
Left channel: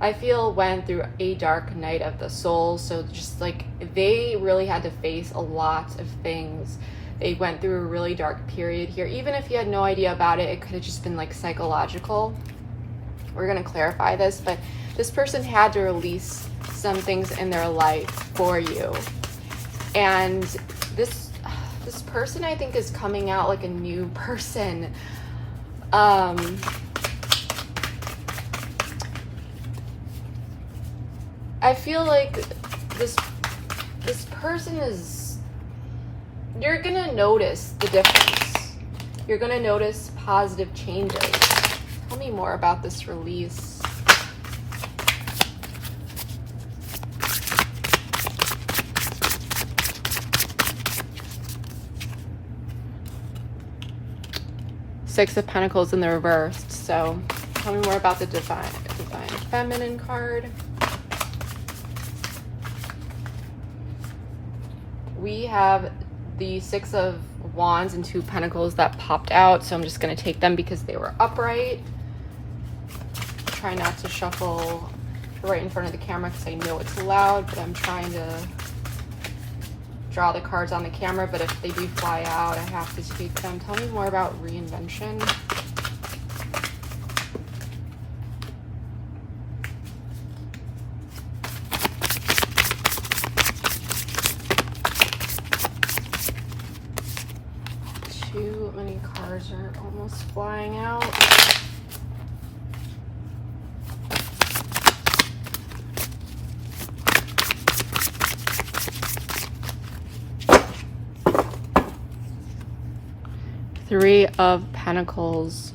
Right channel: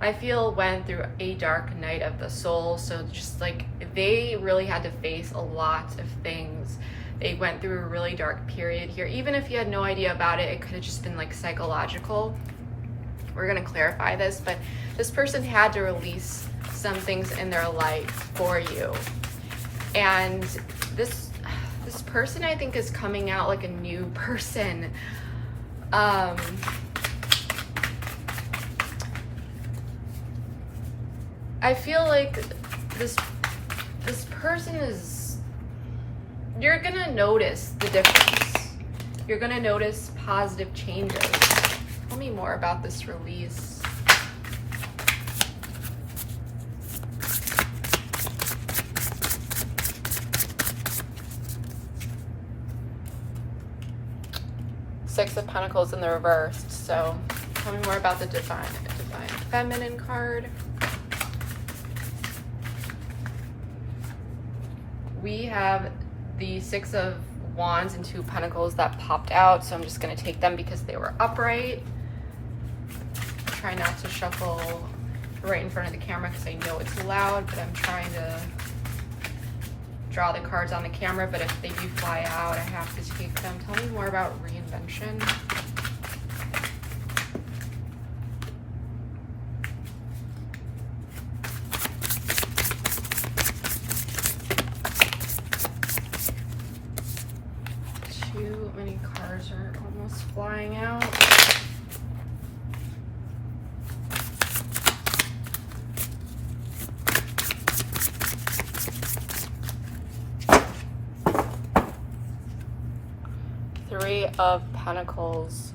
I feel, went through a dark night of the soul. So just like they really had to face a lot of things. They went through a really dark period here. Even if you had no idea about it, it could have just been like psychological. We're gonna clarify this, but this person had to release some things in their life for you. And this person, I think, is coming out like a new person. I feel like this person is, you're gonna notice the difference. You're gonna notice positive changes. Tell me more about this release. Six of Pentacles in the reversed. So tell me more about the divine feminine card. We have the Six of Wands and Two of Pentacles that popped out, so I'm just going to take them because they were upright. Try not to shuffle right in front of the camera because I know it's loud, but I'm trying to draw the cards on the camera, but if they do fly out, I have to speak them. Tell me more about reinvention. Too many cards are almost flying out. Three of Pentacles.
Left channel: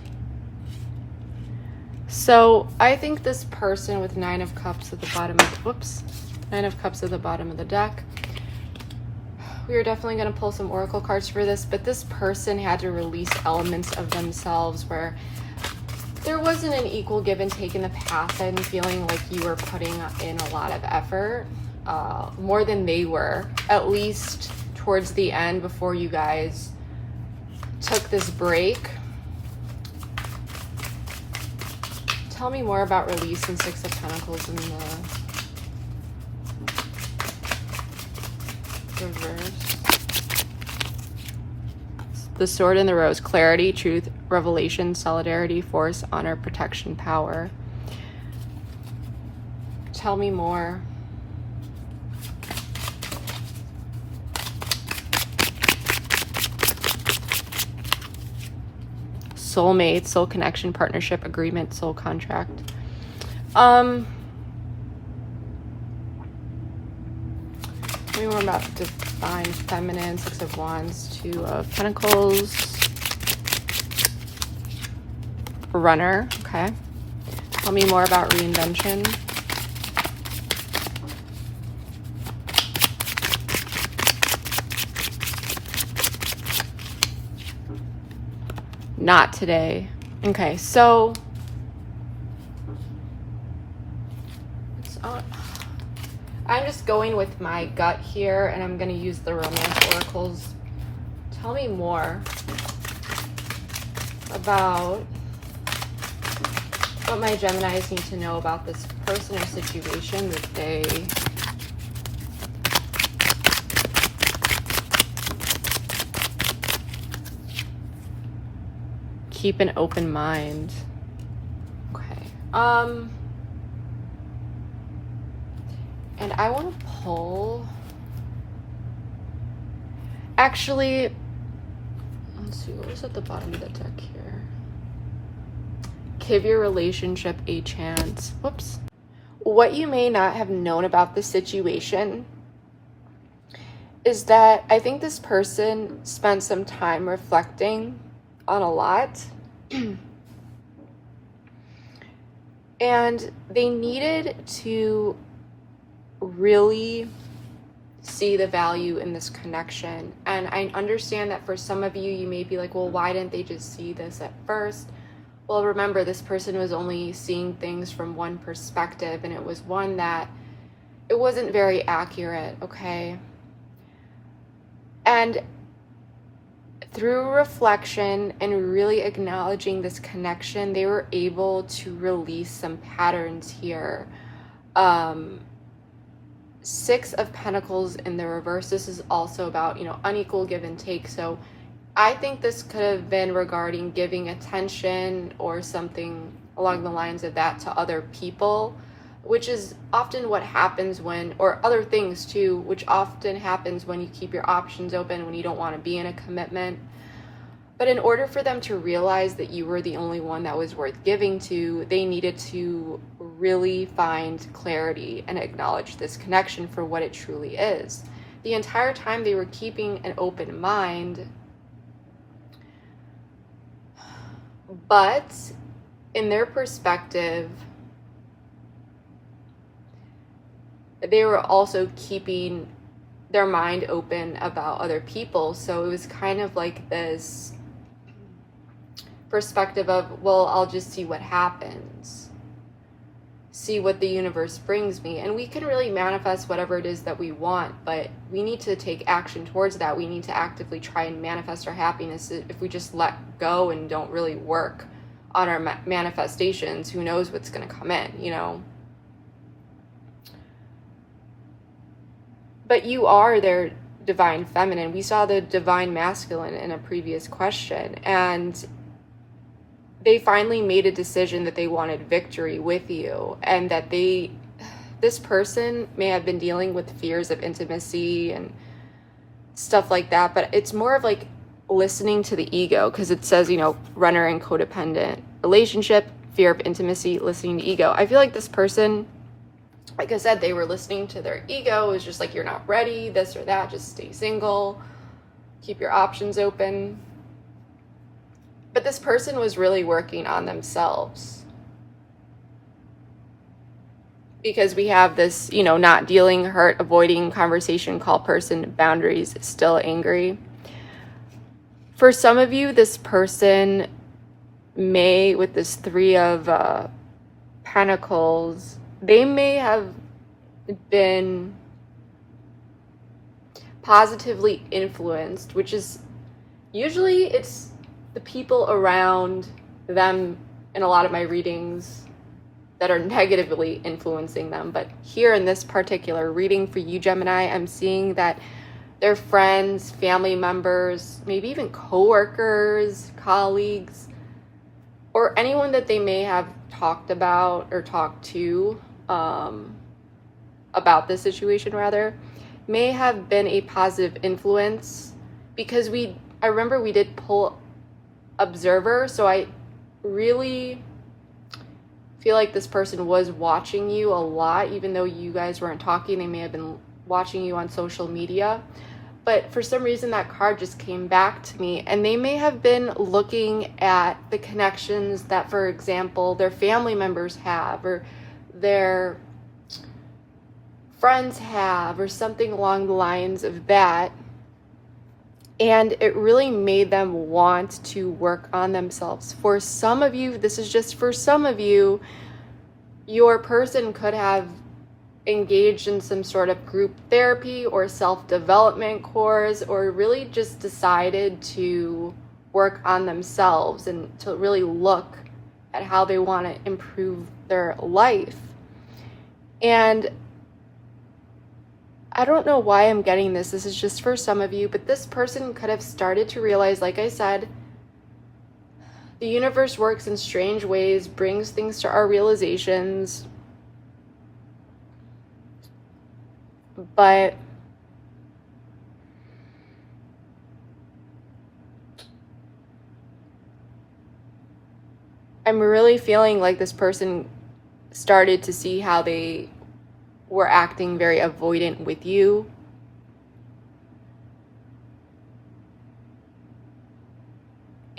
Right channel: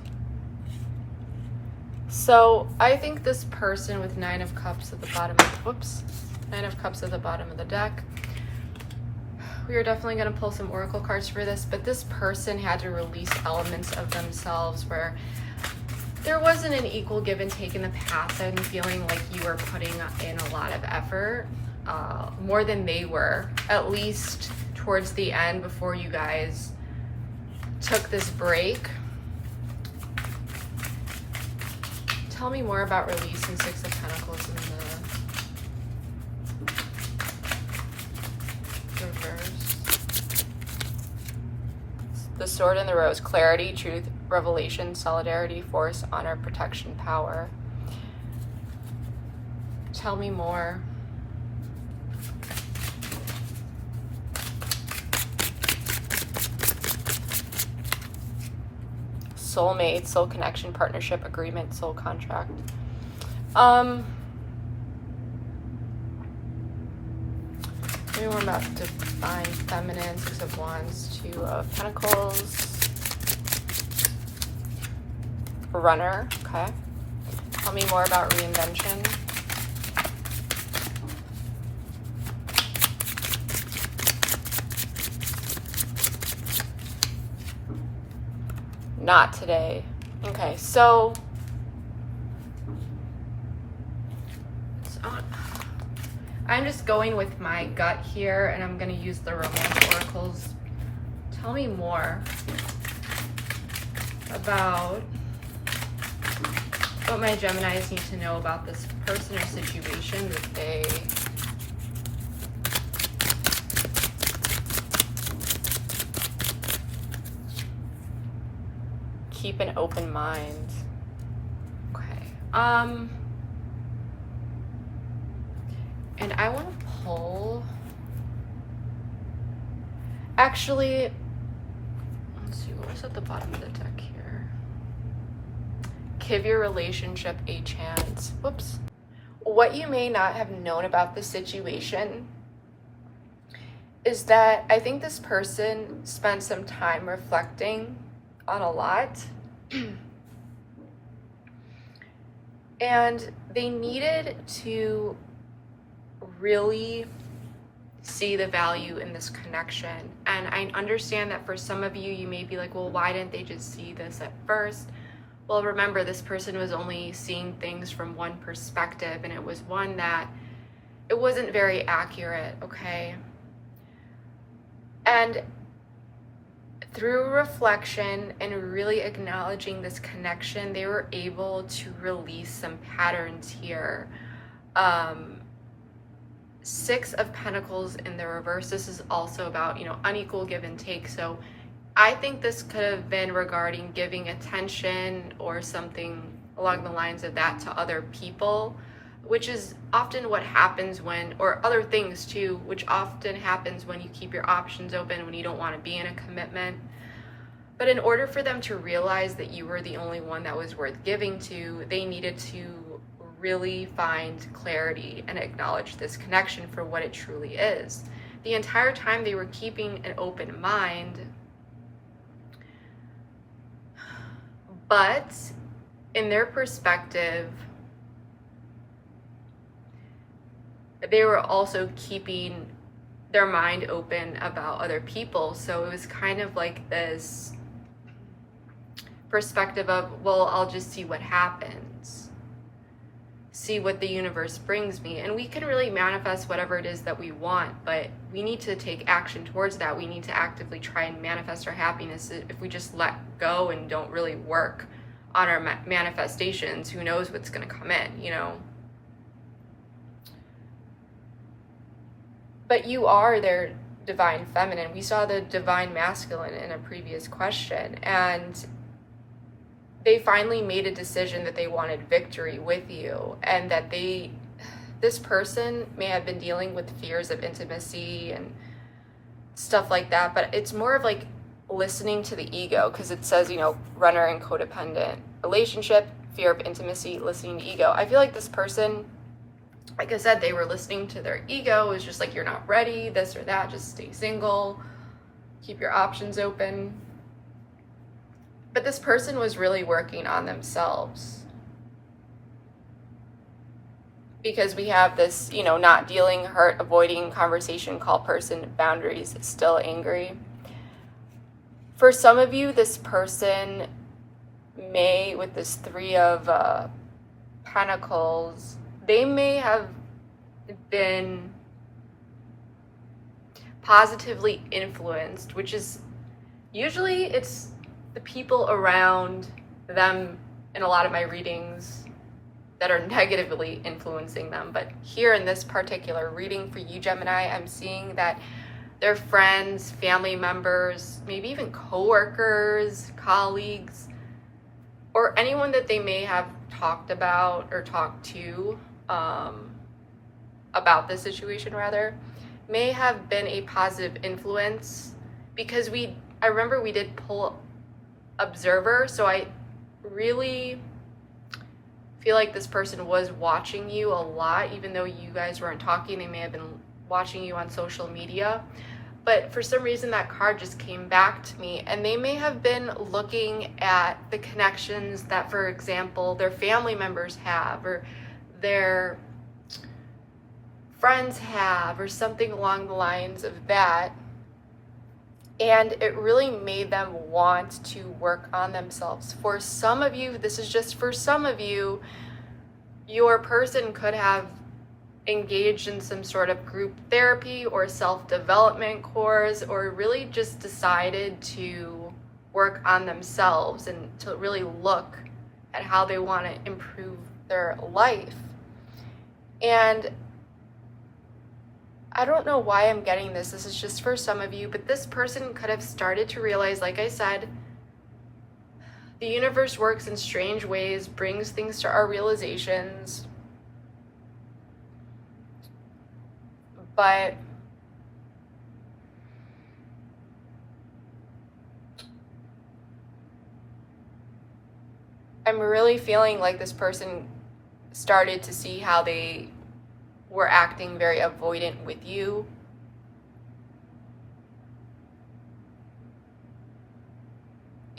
So I think this person with Nine of Cups at the bottom of, Nine of Cups at the bottom of the deck. We are definitely going to pull some oracle cards for this, but this person had to release elements of themselves where there wasn't an equal give and take in the past. I'm feeling like you were putting in a lot of effort, more than they were, at least towards the end before you guys took this break. Tell me more about release and Six of Pentacles in the reverse. The Sword and the Rose. Clarity, truth, revelation, solidarity, force, honor, protection, power. Tell me more. Soulmate, soul connection, partnership, agreement, soul contract. Maybe more about divine feminine, Six of Wands, Two of Pentacles, Runner. Okay. Tell me more about reinvention. Not today. Okay, so I'm just going with my gut here, and I'm going to use the romance oracles. Tell me more about what my Geminis need to know about this person or situation that they keep an open mind. Okay. And I want to pull. Actually, let's see, what was at the bottom of the deck here? Give your relationship a chance. Whoops. What you may not have known about this situation is that I think this person spent some time reflecting on a lot. And they needed to really see the value in this connection. And I understand that for some of you, you may be like, well, why didn't they just see this at first? Well, remember, this person was only seeing things from one perspective, and it was one that it wasn't very accurate, okay? And through reflection and really acknowledging this connection, they were able to release some patterns here. Six of Pentacles in the reverse. This is also about, unequal give and take. So I think this could have been regarding giving attention or something along the lines of that to other people, which is often what happens when, or other things too, which often happens when you keep your options open, when you don't want to be in a commitment. But in order for them to realize that you were the only one that was worth giving to, they needed to really find clarity and acknowledge this connection for what it truly is. The entire time they were keeping an open mind, but in their perspective, they were also keeping their mind open about other people. So it was kind of like this perspective of, well, I'll just see what happens, see what the universe brings me. And we can really manifest whatever it is that we want, but we need to take action towards that. We need to actively try and manifest our happiness. If we just let go and don't really work on our manifestations, who knows what's going to come in, But you are their divine feminine. We saw the divine masculine in a previous question, and they finally made a decision that they wanted victory with you, and that this person may have been dealing with fears of intimacy and stuff like that, but it's more of like listening to the ego, because it says, runner and codependent relationship, fear of intimacy, listening to ego. I feel like this person, like I said, they were listening to their ego. It was just like, you're not ready, this or that, just stay single, keep your options open. But this person was really working on themselves, because we have this, not dealing, hurt, avoiding conversation, call person, boundaries, still angry. For some of you, this person may, with this Three of Pentacles, they may have been positively influenced, which is usually it's the people around them in a lot of my readings that are negatively influencing them. But here in this particular reading for you, Gemini, I'm seeing that their friends, family members, maybe even coworkers, colleagues, or anyone that they may have talked about or talked to about this situation, rather, may have been a positive influence, because I remember we did pull observer, so I really feel like this person was watching you a lot. Even though you guys weren't talking, they may have been watching you on social media. But for some reason that card just came back to me, and they may have been looking at the connections that, for example, their family members have, or their friends have, or something along the lines of that. And it really made them want to work on themselves. For some of you, this is just for some of you, your person could have engaged in some sort of group therapy or self-development course, or really just decided to work on themselves and to really look at how they want to improve their life. And I don't know why I'm getting this. This is just for some of you, but this person could have started to realize, like I said, the universe works in strange ways, brings things to our realizations. But I'm really feeling like this person started to see how they were acting very avoidant with you.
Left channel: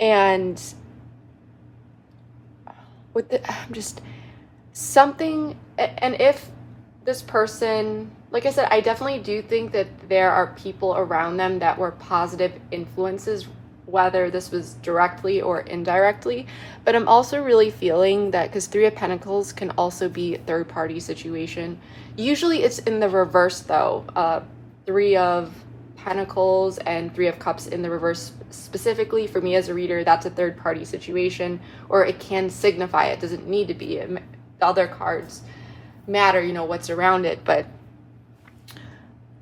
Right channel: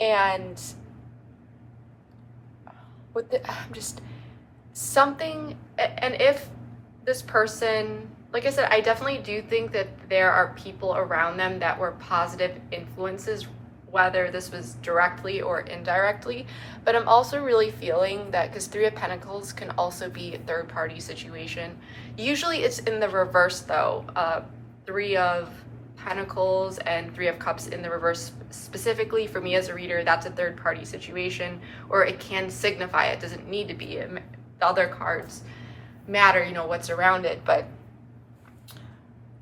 And with just something, and if this person, like I said, I definitely do think that there are people around them that were positive influences, whether this was directly or indirectly. But I'm also really feeling that, because Three of Pentacles can also be a third-party situation. Usually it's in the reverse, though. Three of Pentacles and Three of Cups in the reverse, specifically for me as a reader, that's a third-party situation, or it can signify. It doesn't need to be. The other cards matter, you know, what's around it. But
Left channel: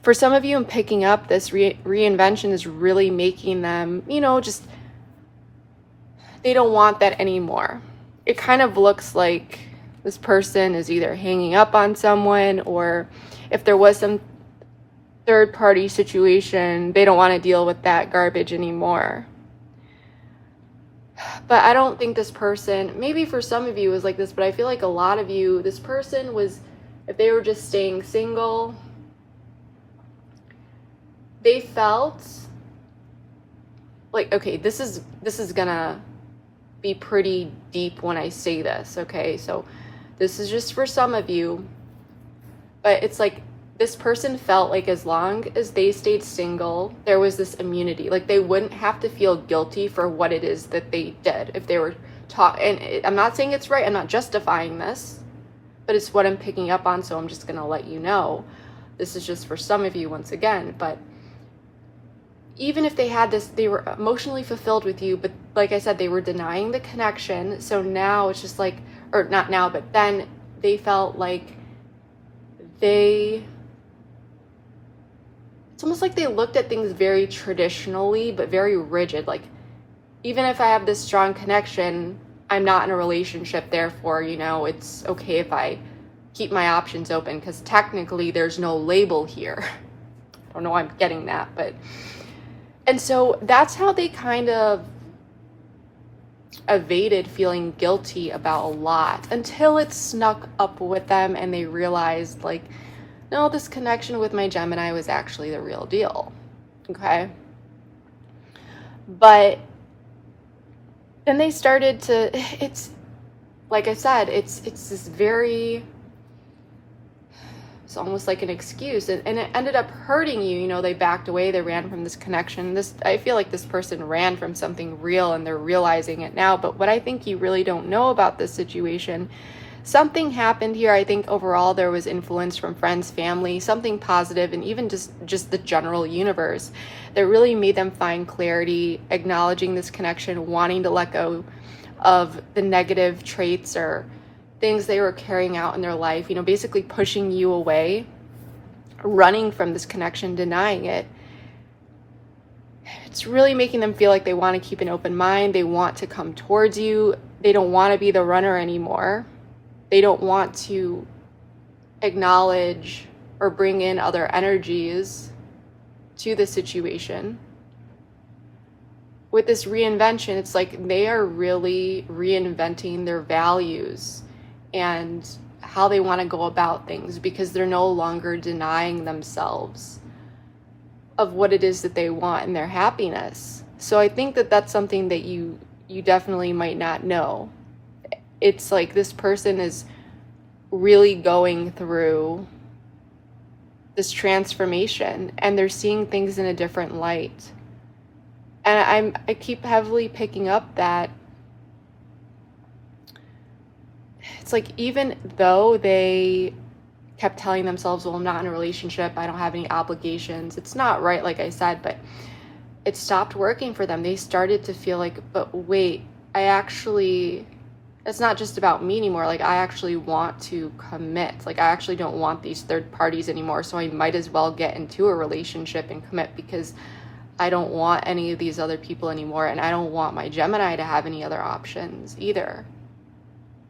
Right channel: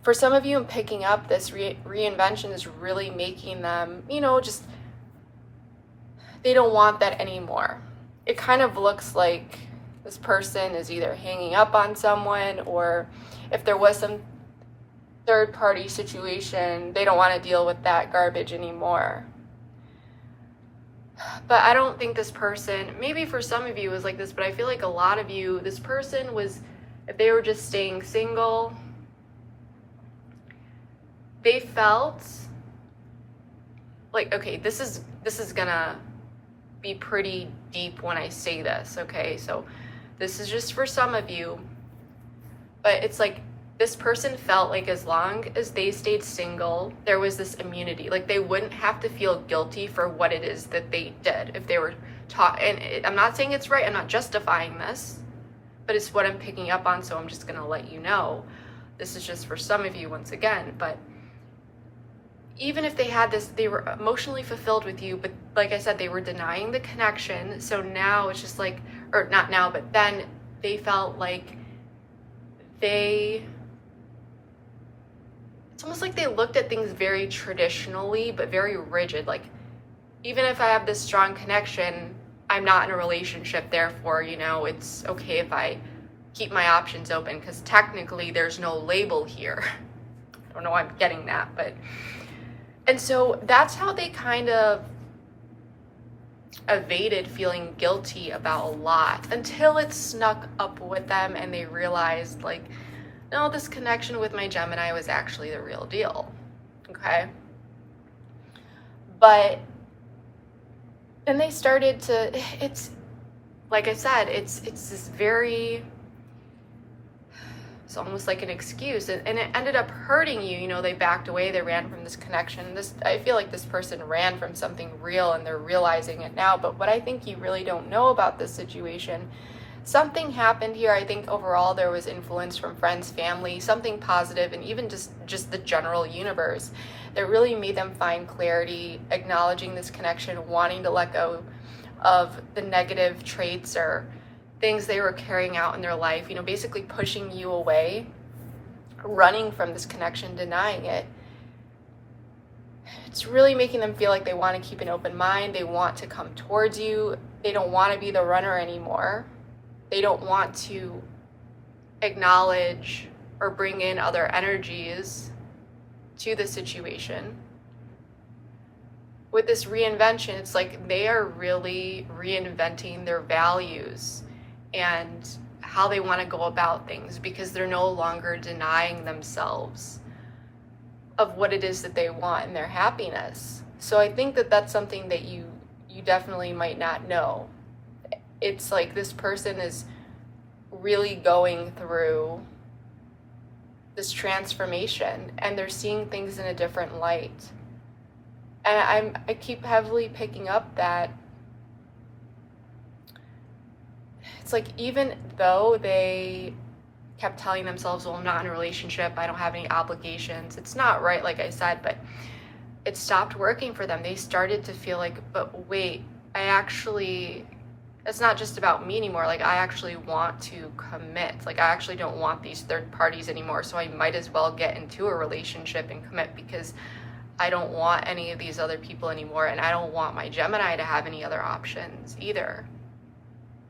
for some of you, in picking up this reinvention is really making them, you know, just, they don't want that anymore. It kind of looks like this person is either hanging up on someone, or if there was some third-party situation, they don't want to deal with that garbage anymore. But I don't think this person, maybe for some of you it was like this, but I feel like a lot of you, this person was, if they were just staying single, they felt like, okay, this is gonna be pretty deep when I say this, okay? So this is just for some of you, but it's like this person felt like as long as they stayed single, there was this immunity. Like they wouldn't have to feel guilty for what it is that they did if they were taught. And I'm not saying it's right, I'm not justifying this, but it's what I'm picking up on, so I'm just gonna let you know. This is just for some of you once again, but even if they had this, they were emotionally fulfilled with you, but like I said, they were denying the connection. So now it's just like, or not now, but then they felt like it's almost like they looked at things very traditionally, but very rigid. Like, even if I have this strong connection, I'm not in a relationship, therefore, you know, it's okay if I keep my options open, because technically there's no label here. I don't know why I'm getting that, but... And so that's how they kind of evaded feeling guilty about a lot, until it snuck up with them and they realized, like, no, this connection with my Gemini was actually the real deal, okay? But then they started to, it's, like I said, it's this very it's almost like an excuse, and it ended up hurting you. You know, they backed away, they ran from this connection. I feel like this person ran from something real and they're realizing it now. But what I think you really don't know about this situation, something happened here. I think overall there was influence from friends, family, something positive, and even just the general universe that really made them find clarity, acknowledging this connection, wanting to let go of the negative traits or things they were carrying out in their life, you know, basically pushing you away, running from this connection, denying it. It's really making them feel like they want to keep an open mind. They want to come towards you. They don't want to be the runner anymore. They don't want to acknowledge or bring in other energies to the situation. With this reinvention, it's like they are really reinventing their values and how they want to go about things, because they're no longer denying themselves of what it is that they want and their happiness. So I think that that's something that you definitely might not know. It's like this person is really going through this transformation and they're seeing things in a different light. And I keep heavily picking up that it's like, even though they kept telling themselves, well, I'm not in a relationship, I don't have any obligations, it's not right, like I said, but it stopped working for them. They started to feel like, but wait, it's not just about me anymore. Like, I actually want to commit. Like, I actually don't want these third parties anymore, so I might as well get into a relationship and commit, because I don't want any of these other people anymore, and I don't want my Gemini to have any other options either.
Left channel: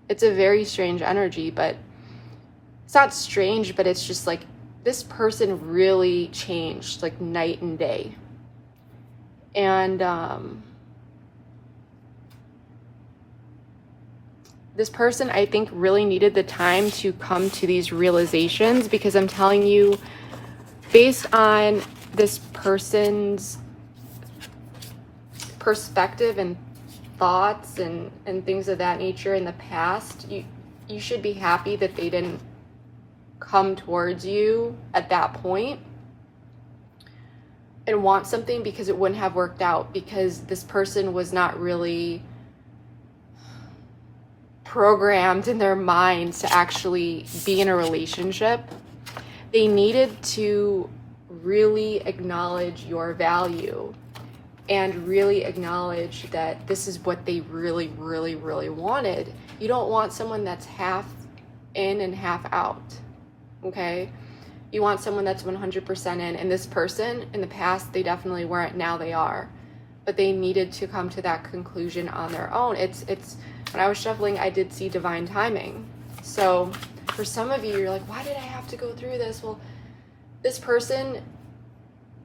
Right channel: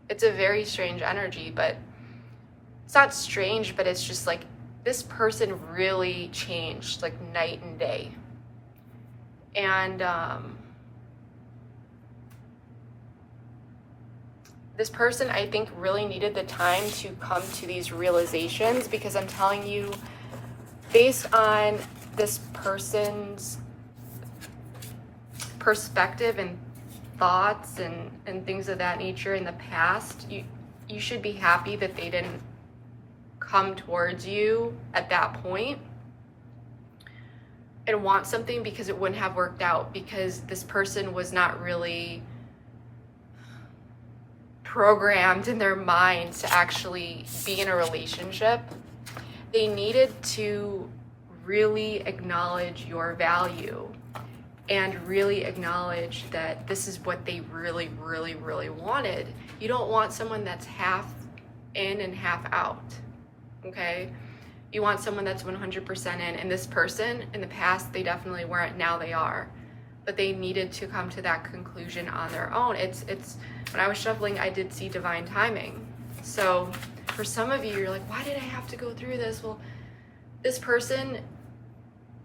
It's a very strange energy, but it's not strange, but it's just like this person really changed like night and day. And this person, I think, really needed the time to come to these realizations, because I'm telling you, based on this person's perspective and thoughts and things of that nature in the past, you should be happy that they didn't come towards you at that point and want something, because it wouldn't have worked out, because this person was not really programmed in their minds to actually be in a relationship. They needed to really acknowledge your value and really acknowledge that this is what they really, really, really wanted. You don't want someone that's half in and half out, okay? You want someone that's 100% in, and this person, in the past, they definitely weren't, now they are. But they needed to come to that conclusion on their own. It's when I was shuffling, I did see divine timing. So for some of you, you're like, why did I have to go through this? Well, this person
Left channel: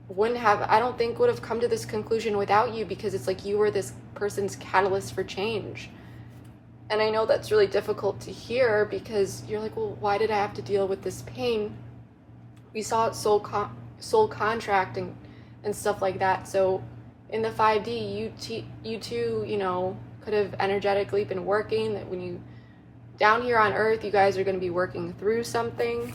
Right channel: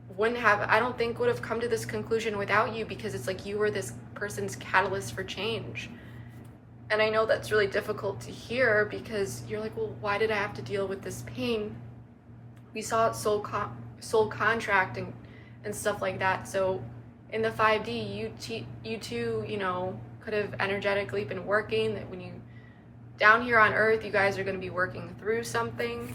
would have come to this conclusion without you, because it's like you were this person's catalyst for change. And I know that's really difficult to hear, because you're like, well, why did I have to deal with this pain? We saw it soul contracting and stuff like that. So in the 5D, you two, you know, could have energetically been working. That when you down here on Earth, you guys are going to be working through something.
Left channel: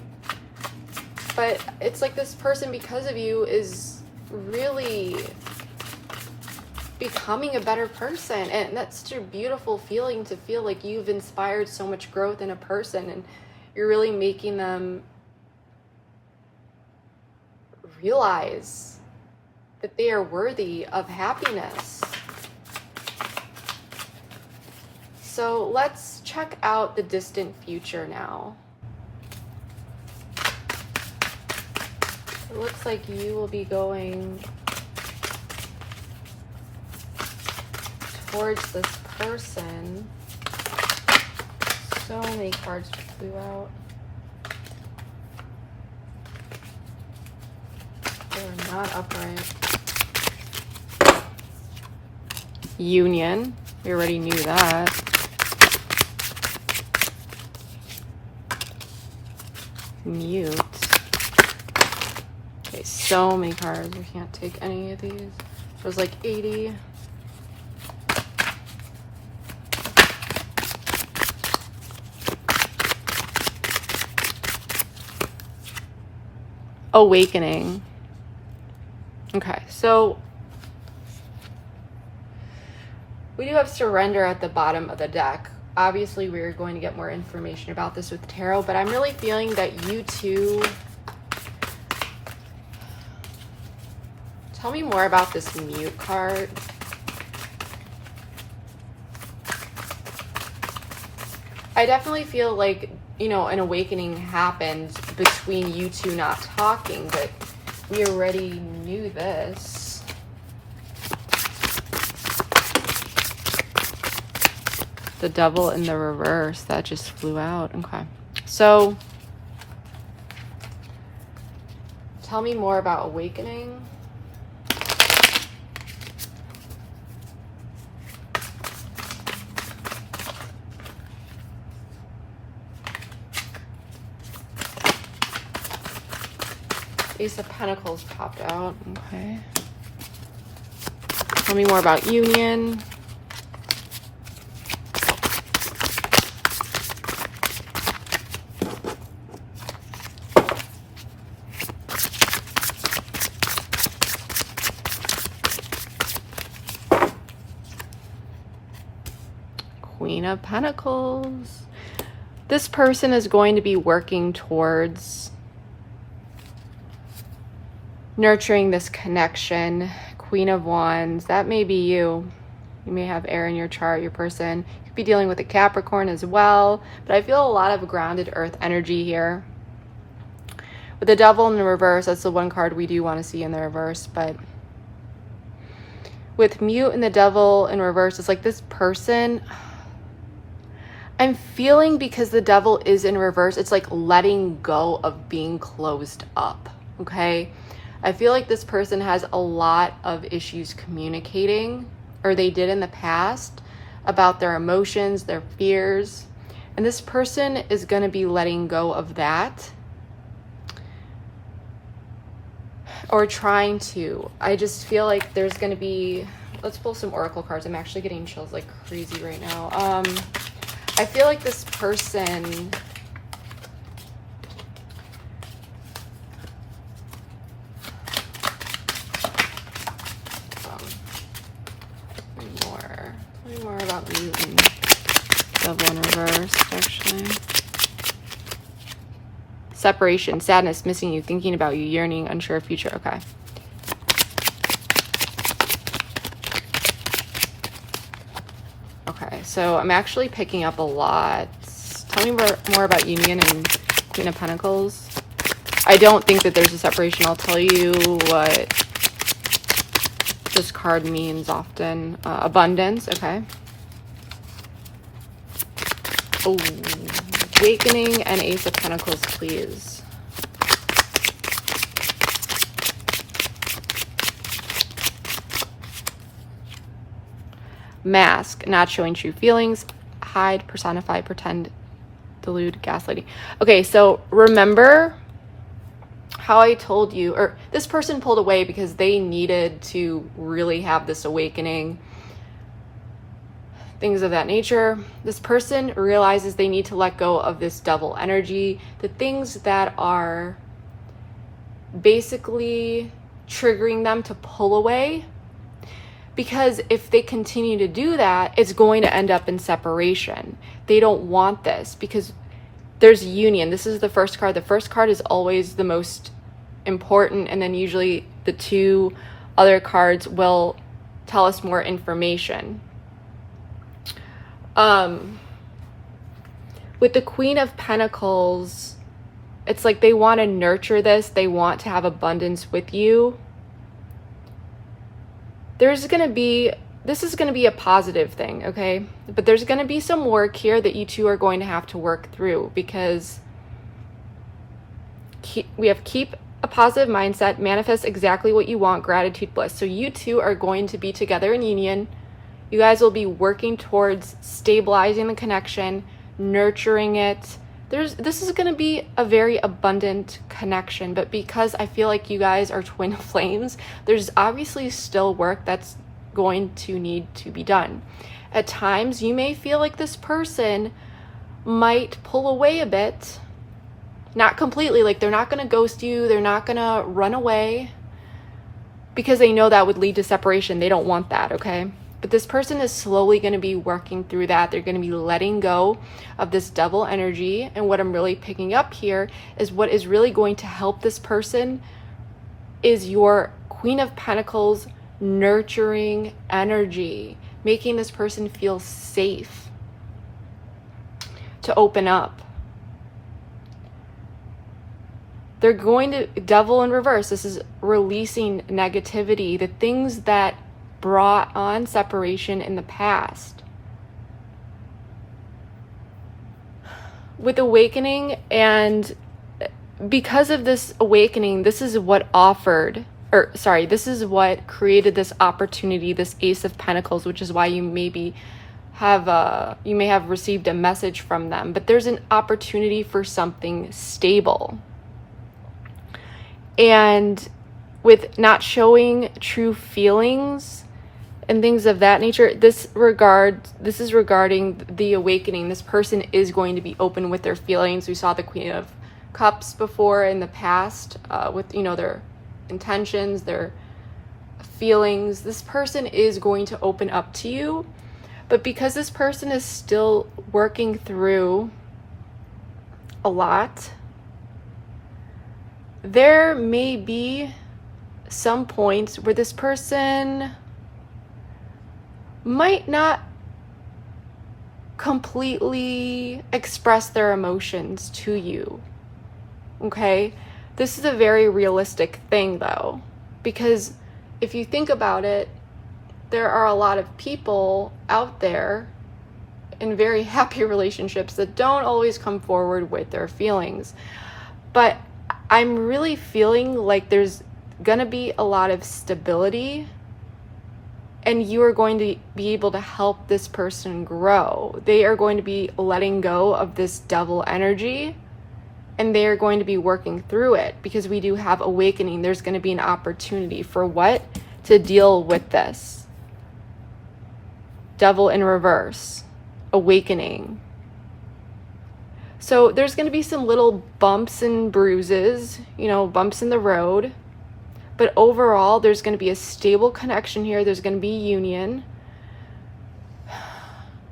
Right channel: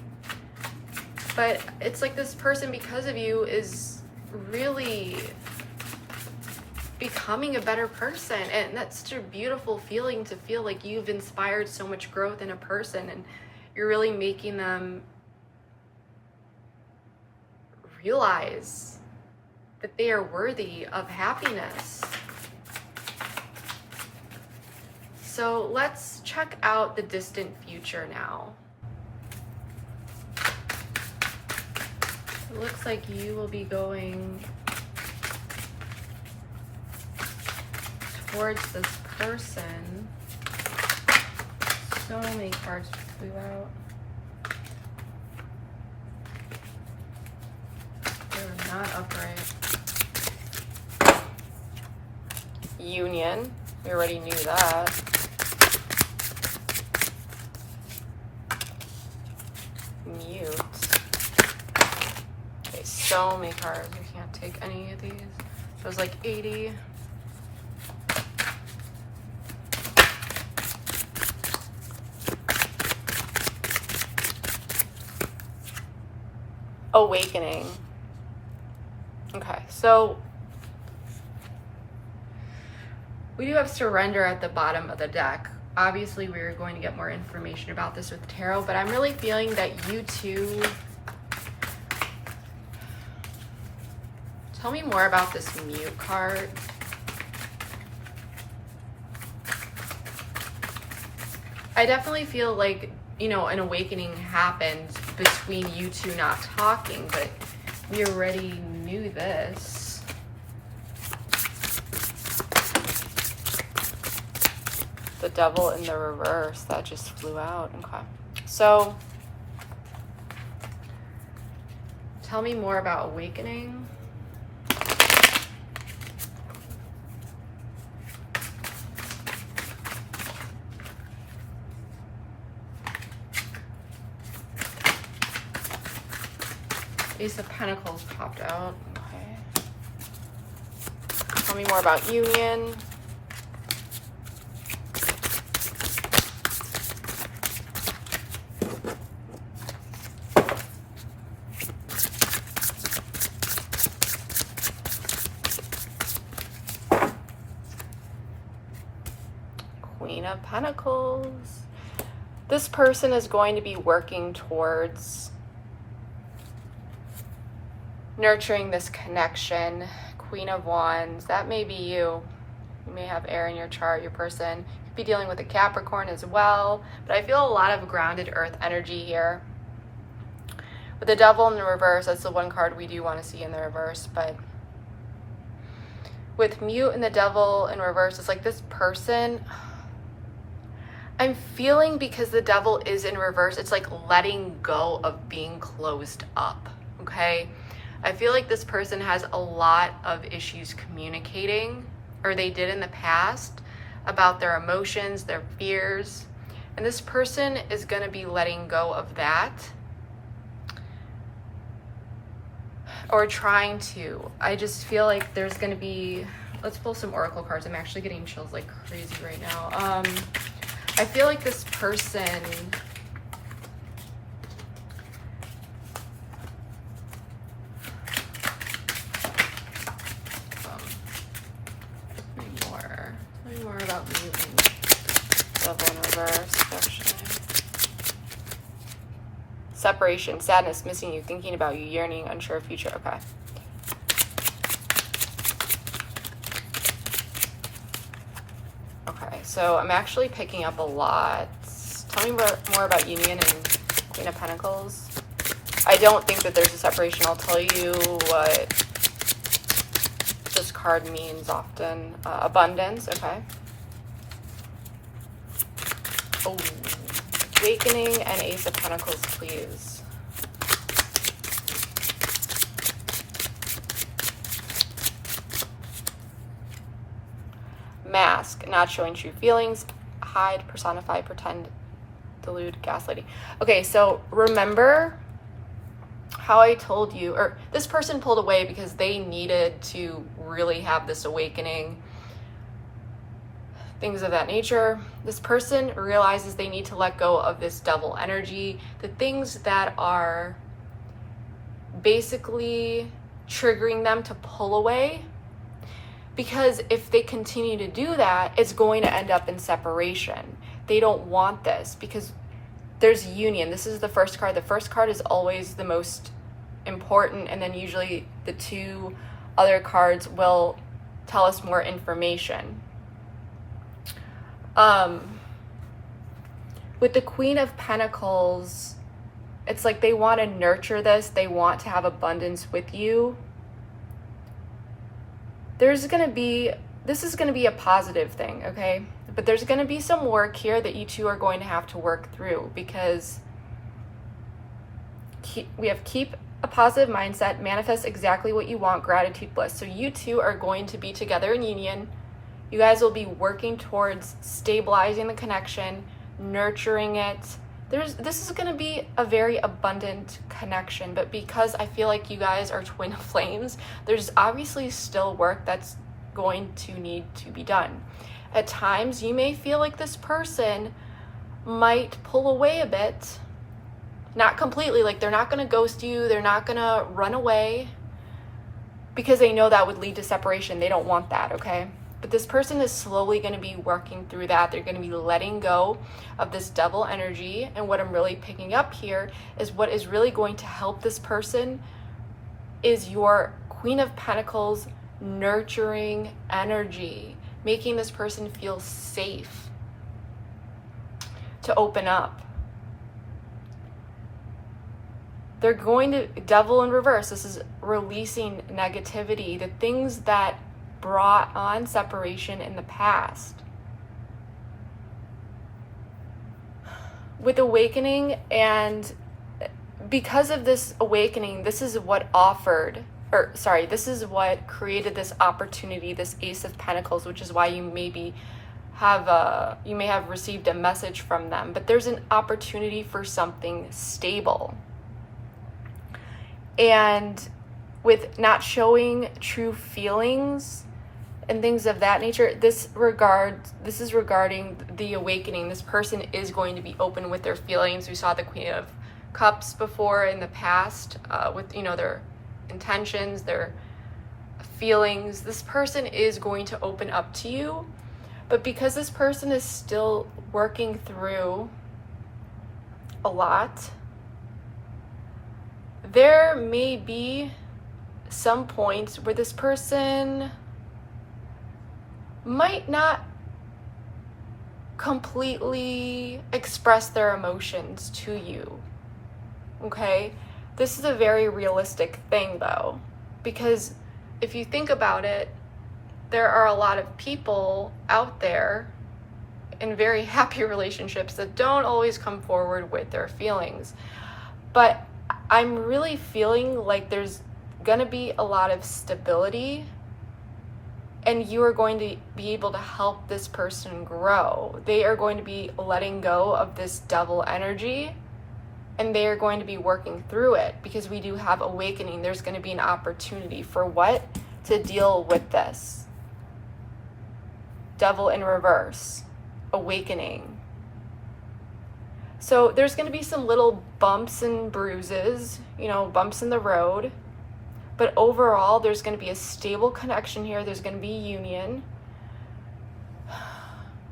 But it's like this person, because of you, is really becoming a better person. And that's such a beautiful feeling, to feel like you've inspired so much growth in a person, and you're really making them realize that they are worthy of happiness. So let's check out the distant future now. It looks like you will be going towards this person. So many cards flew out. They're not upright. Union. We already knew that. Mute. Okay, so many cards. We can't take any of these. It was like 80. awakening. Okay, so we do have surrender at the bottom of the deck. Obviously, we're going to get more information about this with tarot, but I'm really feeling that you two... Tell me more about this mute card. I definitely feel like, you know, an awakening happened between you two not talking, but we already knew this. The Devil in the reverse, that just flew out. Okay. So, tell me more about awakening. Ace of Pentacles popped out. Okay. Tell me more about union. Queen of Pentacles. This person is going to be working towards nurturing this connection. Queen of Wands, that may be you. You may have air in your chart, your person. You could be dealing with a Capricorn as well, but I feel a lot of grounded earth energy here. With the Devil in the reverse, that's the one card we do want to see in the reverse, but with mute and the Devil in reverse, it's like this person, I'm feeling, because the Devil is in reverse, it's like letting go of being closed up, okay? I feel like this person has a lot of issues communicating, or they did in the past, about their emotions, their fears. And this person is going to be letting go of that. Or trying to. I just feel like there's going to be... Let's pull some oracle cards. I'm actually getting chills like crazy right now. I feel like this person... more about me and Devil in reverse, actually. Separation, sadness, missing you, thinking about you, yearning, unsure of future. Okay. Okay, so I'm actually picking up a lot. Tell me more about union and Queen of Pentacles. I don't think that there's a separation. I'll tell you what this card means often. Abundance, okay. Awakening and Ace of Pentacles, please. Mask, not showing true feelings. Hide, personify, pretend, delude, gaslighting. Okay, so remember how I told you, or this person pulled away because they needed to really have this awakening, things of that nature. This person realizes they need to let go of this Devil energy, the things that are basically triggering them to pull away, because if they continue to do that, it's going to end up in separation. They don't want this because there's union. This is the first card. The first card is always the most important, and then usually the two other cards will tell us more information. With the Queen of Pentacles, it's like they want to nurture this. They want to have abundance with you. This is going to be a positive thing, okay? But there's going to be some work here that you two are going to have to work through, because we have keep a positive mindset, manifest exactly what you want, gratitude, bliss. So you two are going to be together in union. You guys will be working towards stabilizing the connection, nurturing it. This is going to be a very abundant connection, but because I feel like you guys are twin flames, there's obviously still work that's going to need to be done. At times, you may feel like this person might pull away a bit, Not completely, like they're not going to ghost you, they're not going to run away, because they know that would lead to separation. They don't want that, okay? But this person is slowly going to be working through that. They're going to be letting go of this double energy. And what I'm really picking up here is what is really going to help this person is your Queen of Pentacles nurturing energy, making this person feel safe to open up. They're going to, Devil in reverse, this is releasing negativity, the things that brought on separation in the past. With awakening, and because of this awakening, this is what this is what created this opportunity, this Ace of Pentacles, which is why you maybe have you may have received a message from them, but there's an opportunity for something stable. And with not showing true feelings and things of that nature, this is regarding the awakening. This person is going to be open with their feelings. We saw the Queen of Cups before in the past, with their intentions, their feelings. This person is going to open up to you, but because this person is still working through a lot, there may be some points where this person might not completely express their emotions to you, okay? This is a very realistic thing though, because if you think about it, there are a lot of people out there in very happy relationships that don't always come forward with their feelings. But I'm really feeling like there's gonna be a lot of stability, and you are going to be able to help this person grow. They are going to be letting go of this devil energy, and they are going to be working through it, because we do have awakening. There's going to be an opportunity for what? To deal with this. Devil in reverse. Awakening. So there's going to be some little bumps and bruises, bumps in the road. But overall, there's going to be a stable connection here. There's going to be union.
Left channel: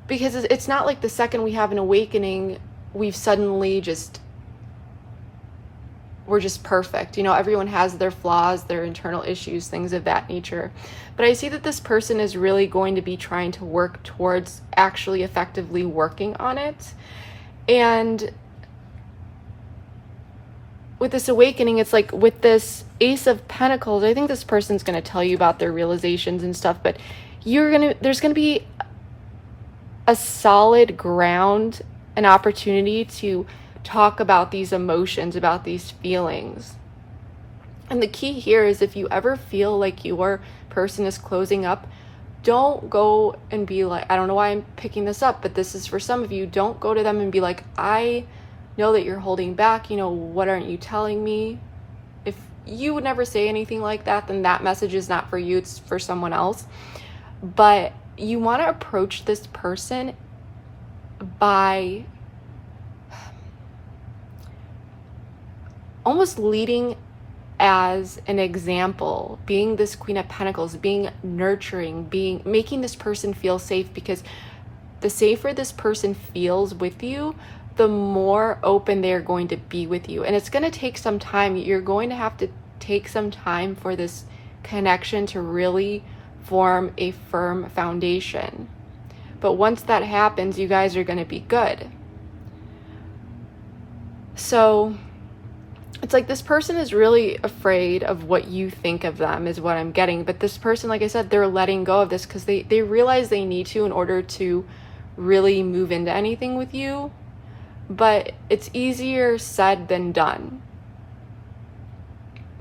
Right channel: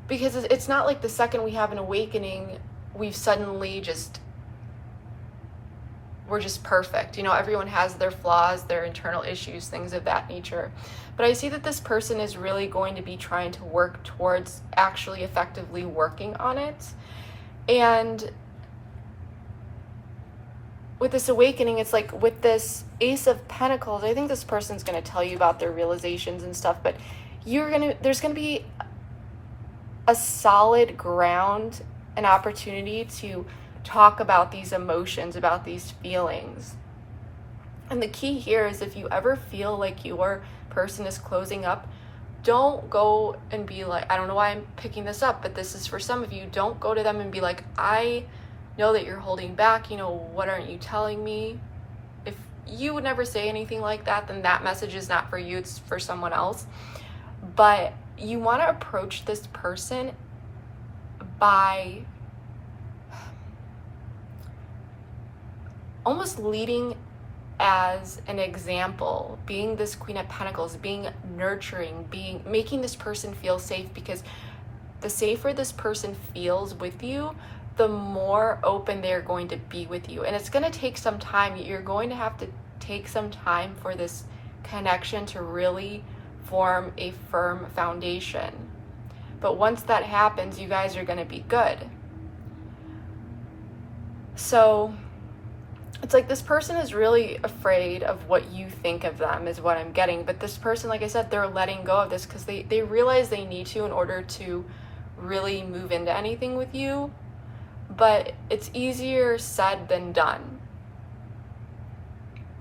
Because it's not like the second we have an awakening, we've suddenly we're just perfect. Everyone has their flaws, their internal issues, things of that nature. But I see that this person is really going to be trying to work towards actually effectively working on it. And with this awakening, it's like with this Ace of Pentacles, I think this person's going to tell you about their realizations and stuff, but there's going to be a solid ground, an opportunity to talk about these emotions, about these feelings. And the key here is, if you ever feel like your person is closing up, don't go and be like, I don't know why I'm picking this up, but this is for some of you. Don't go to them and be like, I know that you're holding back, what aren't you telling me? If you would never say anything like that, then that message is not for you, it's for someone else. But you want to approach this person by almost leading as an example, being this Queen of Pentacles, being nurturing, making this person feel safe, because the safer this person feels with you, the more open they're going to be with you. And it's going to take some time. You're going to have to take some time for this connection to really form a firm foundation. But once that happens, you guys are going to be good. So it's like this person is really afraid of what you think of them, is what I'm getting. But this person, like I said, they're letting go of this because they realize they need to in order to really move into anything with you. But it's easier said than done.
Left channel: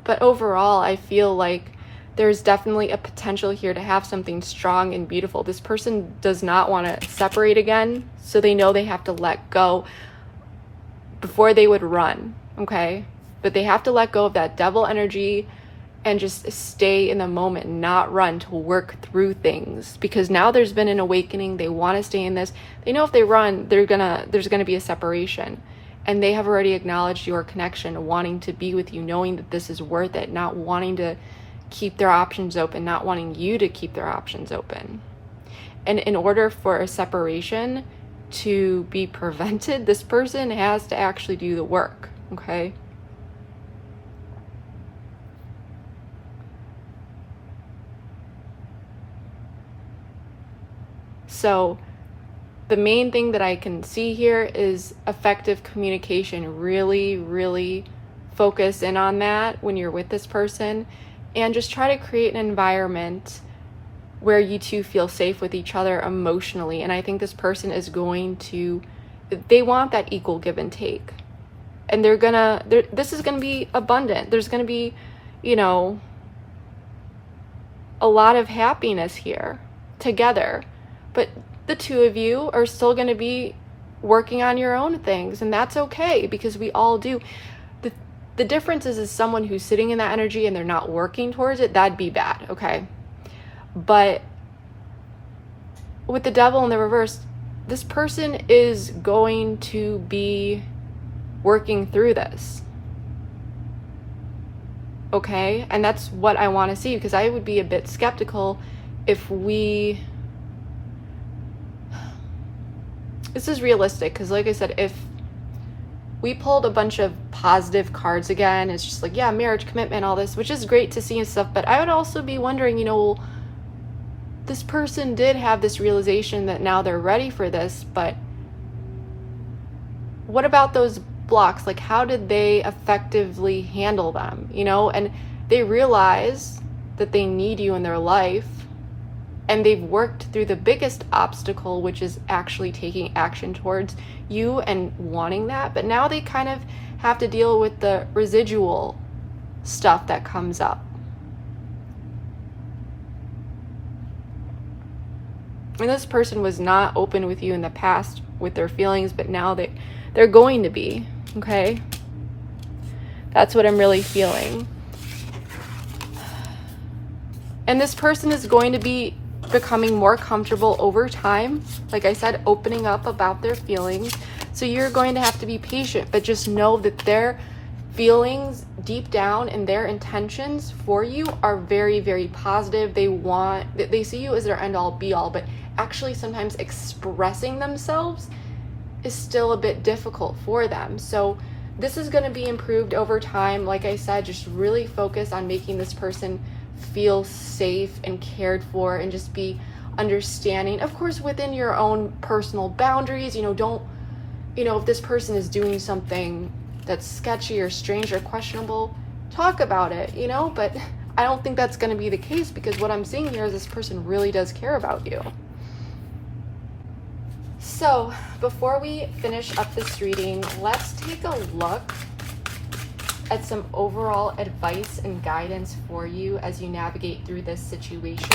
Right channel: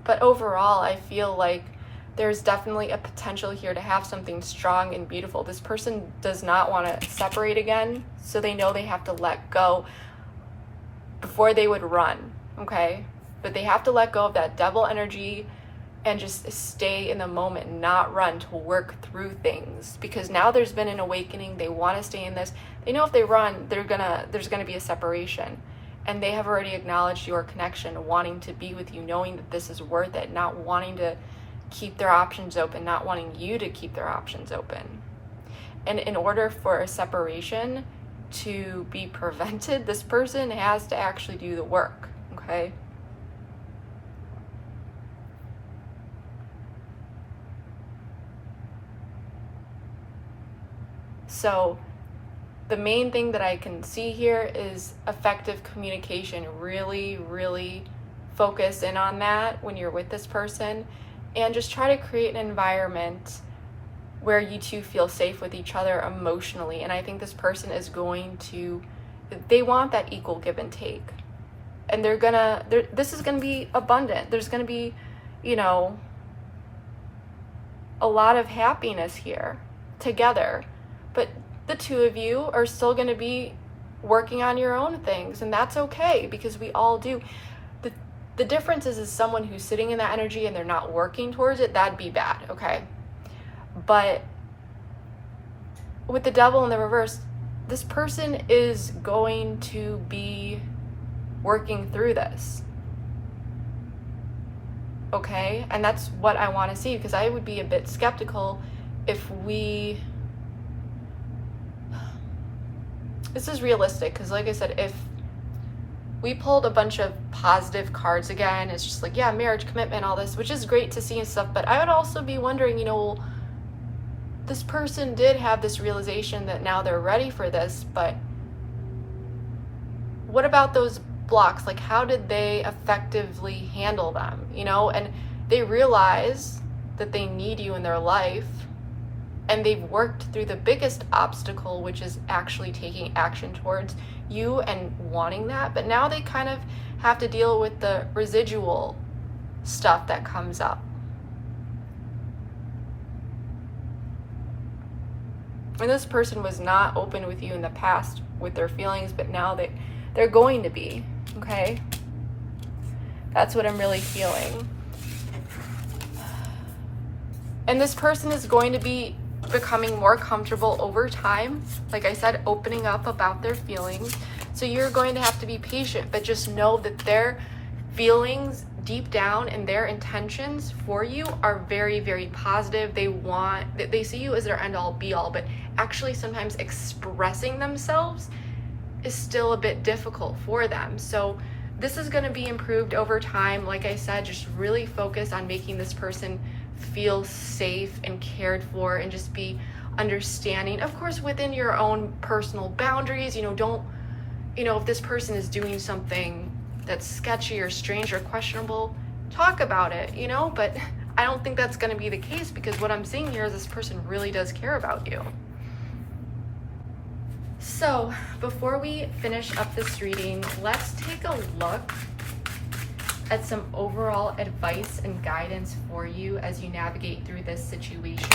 But overall, I feel like there's definitely a potential here to have something strong and beautiful. This person does not want to separate again, so they know they have to let go before they would run, okay? But they have to let go of that devil energy and just stay in the moment, not run, to work through things. Because now there's been an awakening, they want to stay in this. They know if they run, there's gonna be a separation. and they have already acknowledged your connection, wanting to be with you, knowing that this is worth it, not wanting to keep their options open, not wanting you to keep their options open. And in order for a separation to be prevented, this person has to actually do the work, okay? So the main thing that I can see here is effective communication. Really, really focus in on that when you're with this person, and just try to create an environment where you two feel safe with each other emotionally. And I think this person is going to, they want that equal give and take. And this is gonna be abundant. There's gonna be, you know, a lot of happiness here together. But the two of you are still gonna be working on your own things, and that's okay, because we all do. The difference is someone who's sitting in that energy and they're not working towards it, that'd be bad, okay? But with the devil in the reverse, this person is going to be working through this, okay? And that's what I want to see, because I would be a bit skeptical if this is realistic, because like I said, if we pulled a bunch of positive cards again, it's just like, yeah, marriage, commitment, all this, which is great to see and stuff, but I would also be wondering, you know, this person did have this realization that now they're ready for this, but what about those blocks? Like, how did they effectively handle them, you know? And they realize that they need you in their life, and they've worked through the biggest obstacle, which is actually taking action towards you and wanting that. But now they kind of have to deal with the residual stuff that comes up. And this person was not open with you in the past with their feelings, but now they're going to be, okay? That's what I'm really feeling. And this person is going to be becoming more comfortable over time, like I said, opening up about their feelings. So you're going to have to be patient, but just know that their feelings deep down and their intentions for you are very, very positive. They see you as their end all be all, but actually sometimes expressing themselves is still a bit difficult for them. So this is going to be improved over time. Like I said, just really focus on making this person feel safe and cared for, and just be understanding, of course, within your own personal boundaries. You know, don't, you know, if this person is doing something that's sketchy or strange or questionable, talk about it, you know, but I don't think that's going to be the case, because what I'm seeing here is this person really does care about you. So before we finish up this reading, let's take a look at some overall advice and guidance for you as you navigate through this situation.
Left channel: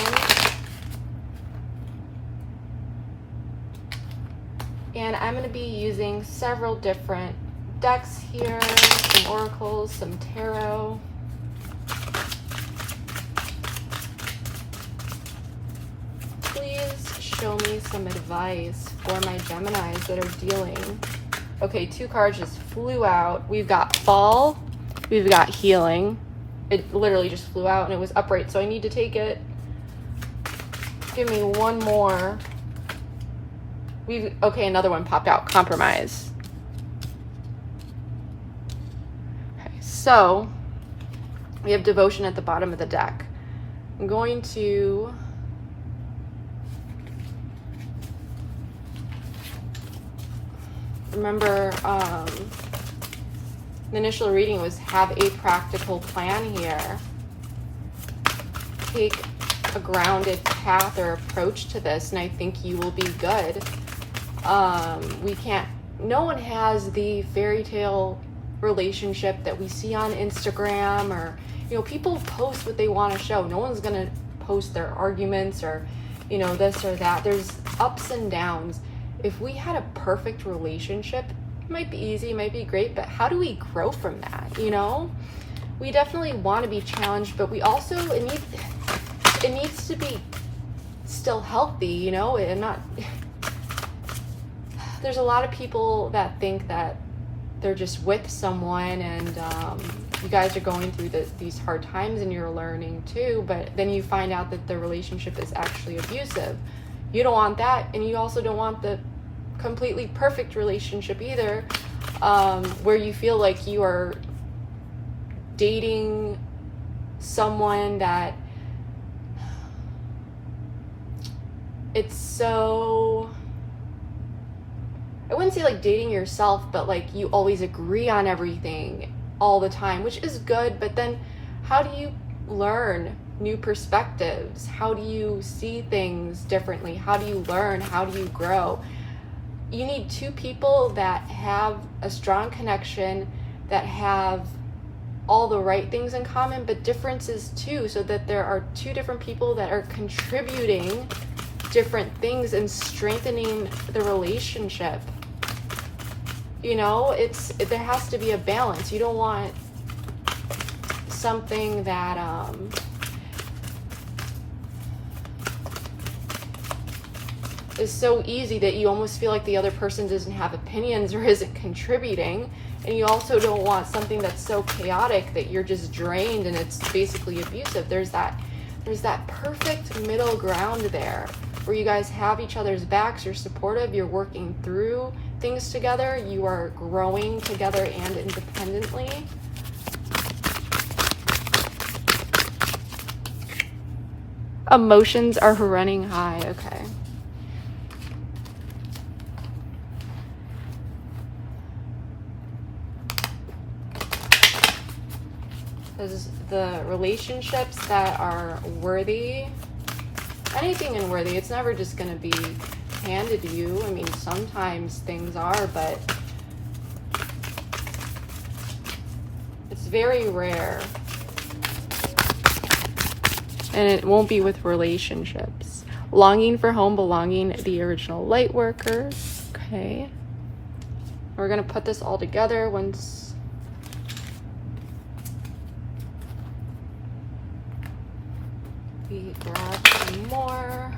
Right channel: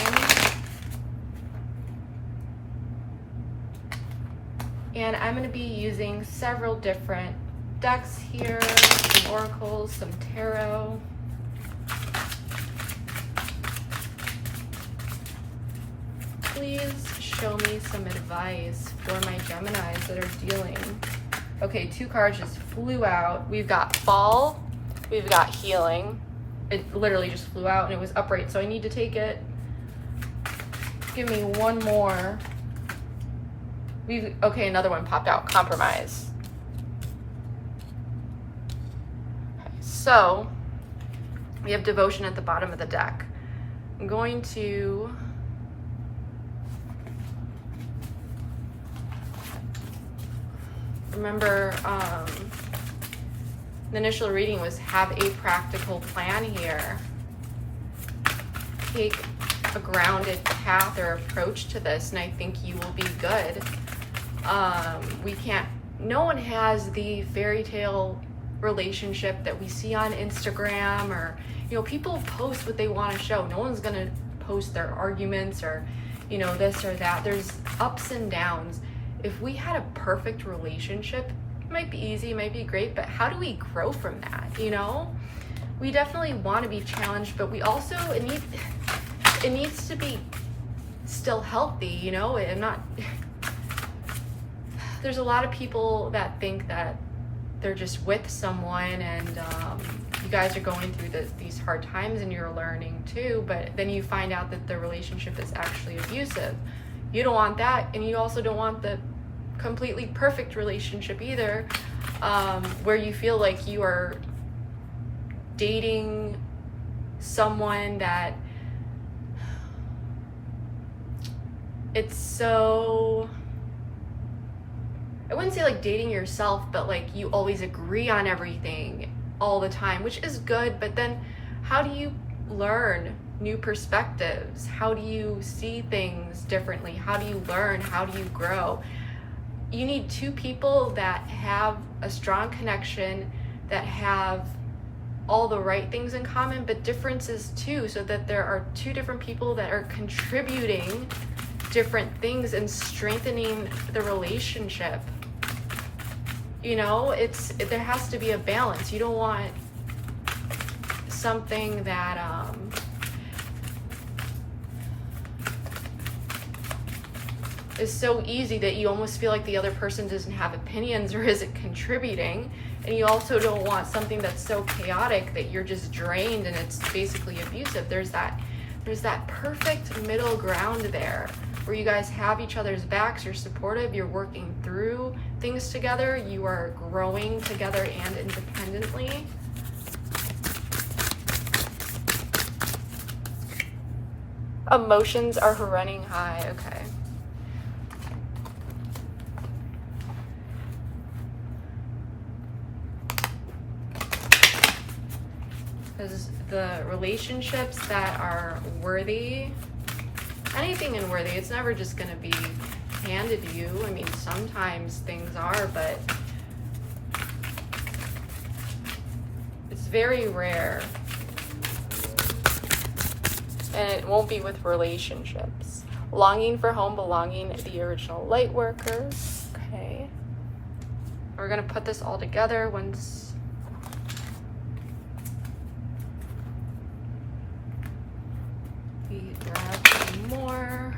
And I'm going to be using several different decks here, some oracles, some tarot. Please show me some advice for my Geminis that are dealing. Okay, 2 cards just flew out. We've got fall. We've got healing. It literally just flew out and it was upright, so I need to take it. Give me one more. Okay, another one popped out. Compromise. Okay, so we have devotion at the bottom of the deck. I'm going to remember the initial reading was have a practical plan here. Take a grounded path or approach to this, and I think you will be good. No one has the fairy tale relationship that we see on Instagram, or, you know, people post what they want to show. No one's gonna post their arguments or, you know, this or that. There's ups and downs. If we had a perfect relationship, it might be easy, it might be great, but how do we grow from that, you know? We definitely want to be challenged, but we also, it needs to be still healthy, you know? There's a lot of people that think that they're just with someone, and you guys are going through these hard times and you're learning too, but then you find out that the relationship is actually abusive. You don't want that, and you also don't want the completely perfect relationship either, where you feel like you are dating someone that it's so, I wouldn't say like dating yourself, but like you always agree on everything all the time, which is good, but then how do you learn new perspectives? How do you see things differently? How do you learn? How do you grow? You need two people that have a strong connection, that have all the right things in common, but differences too, so that there are two different people that are contributing different things and strengthening the relationship. You know, there has to be a balance. You don't want something that is so easy that you almost feel like the other person doesn't have opinions or isn't contributing. And you also don't want something that's so chaotic that you're just drained and it's basically abusive. There's that perfect middle ground there where you guys have each other's backs, you're supportive, you're working through things together, you are growing together and independently. Emotions are running high, okay. Because the relationships that are worthy, anything unworthy, it's never just going to be handed to you. I mean, sometimes things are, but it's very rare. And it won't be with relationships. Longing for home, belonging, the original light worker. Okay. We're going to put this all together once. We grab some more.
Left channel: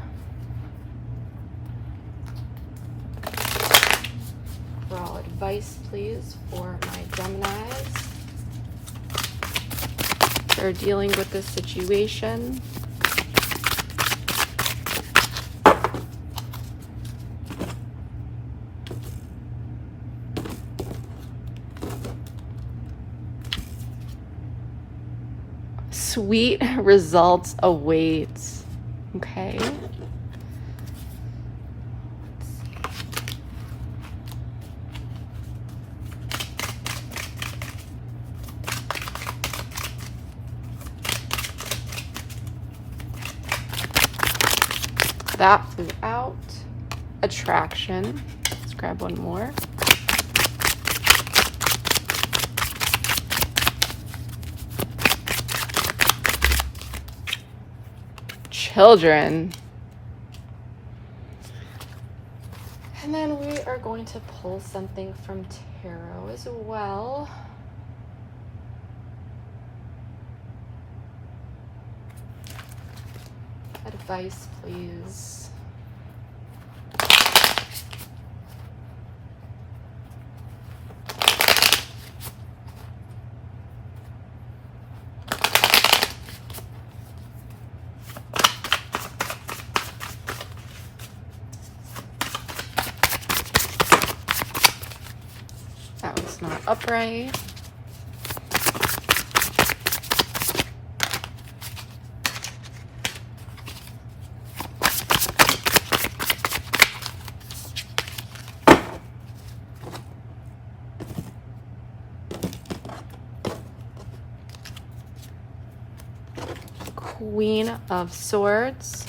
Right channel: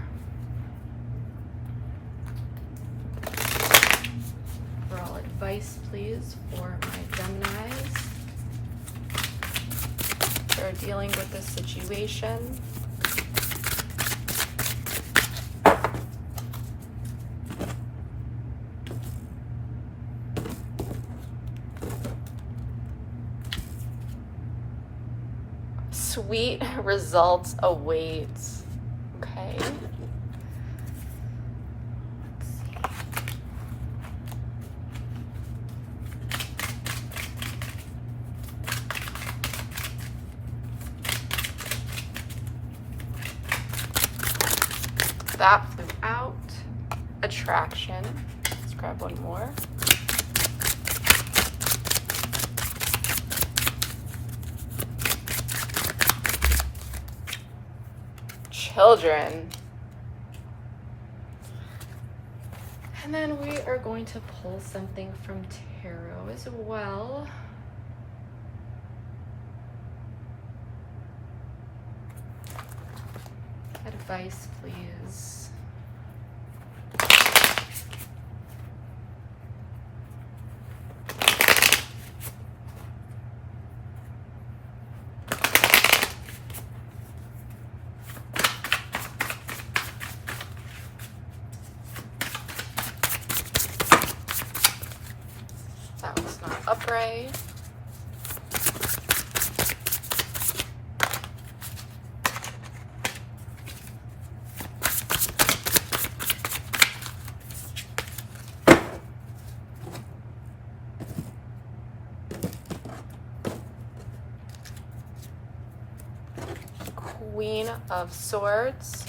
Raw advice, please, for my Geminis. They're dealing with this situation. Sweet results await. Okay. That flew out. Attraction. Let's grab one more. Children. And then we are going to pull something from tarot as well. Advice, please. That was not upright. Queen of Swords,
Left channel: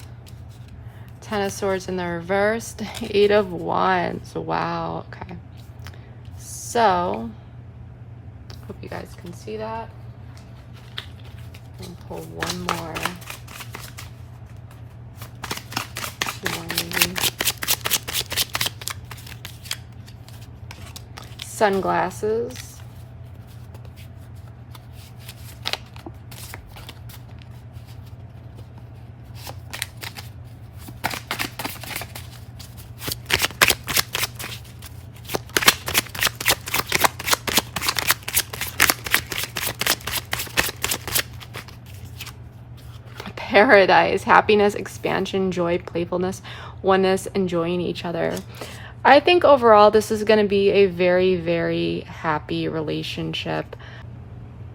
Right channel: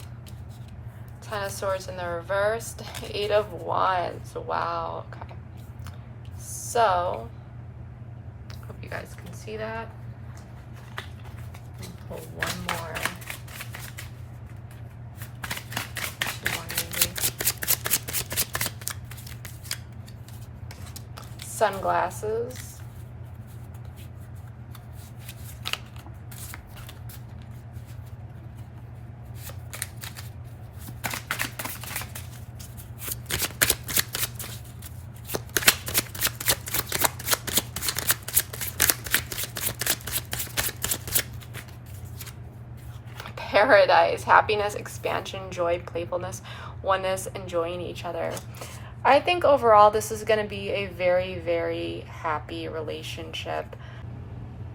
Ten of Swords in the reversed, Eight of Wands. Wow, okay. So, hope you guys can see that. And pull one more. Sunglasses. paradise, happiness, expansion, joy, playfulness, oneness, enjoying each other. I think overall this is going to be a very, very happy relationship.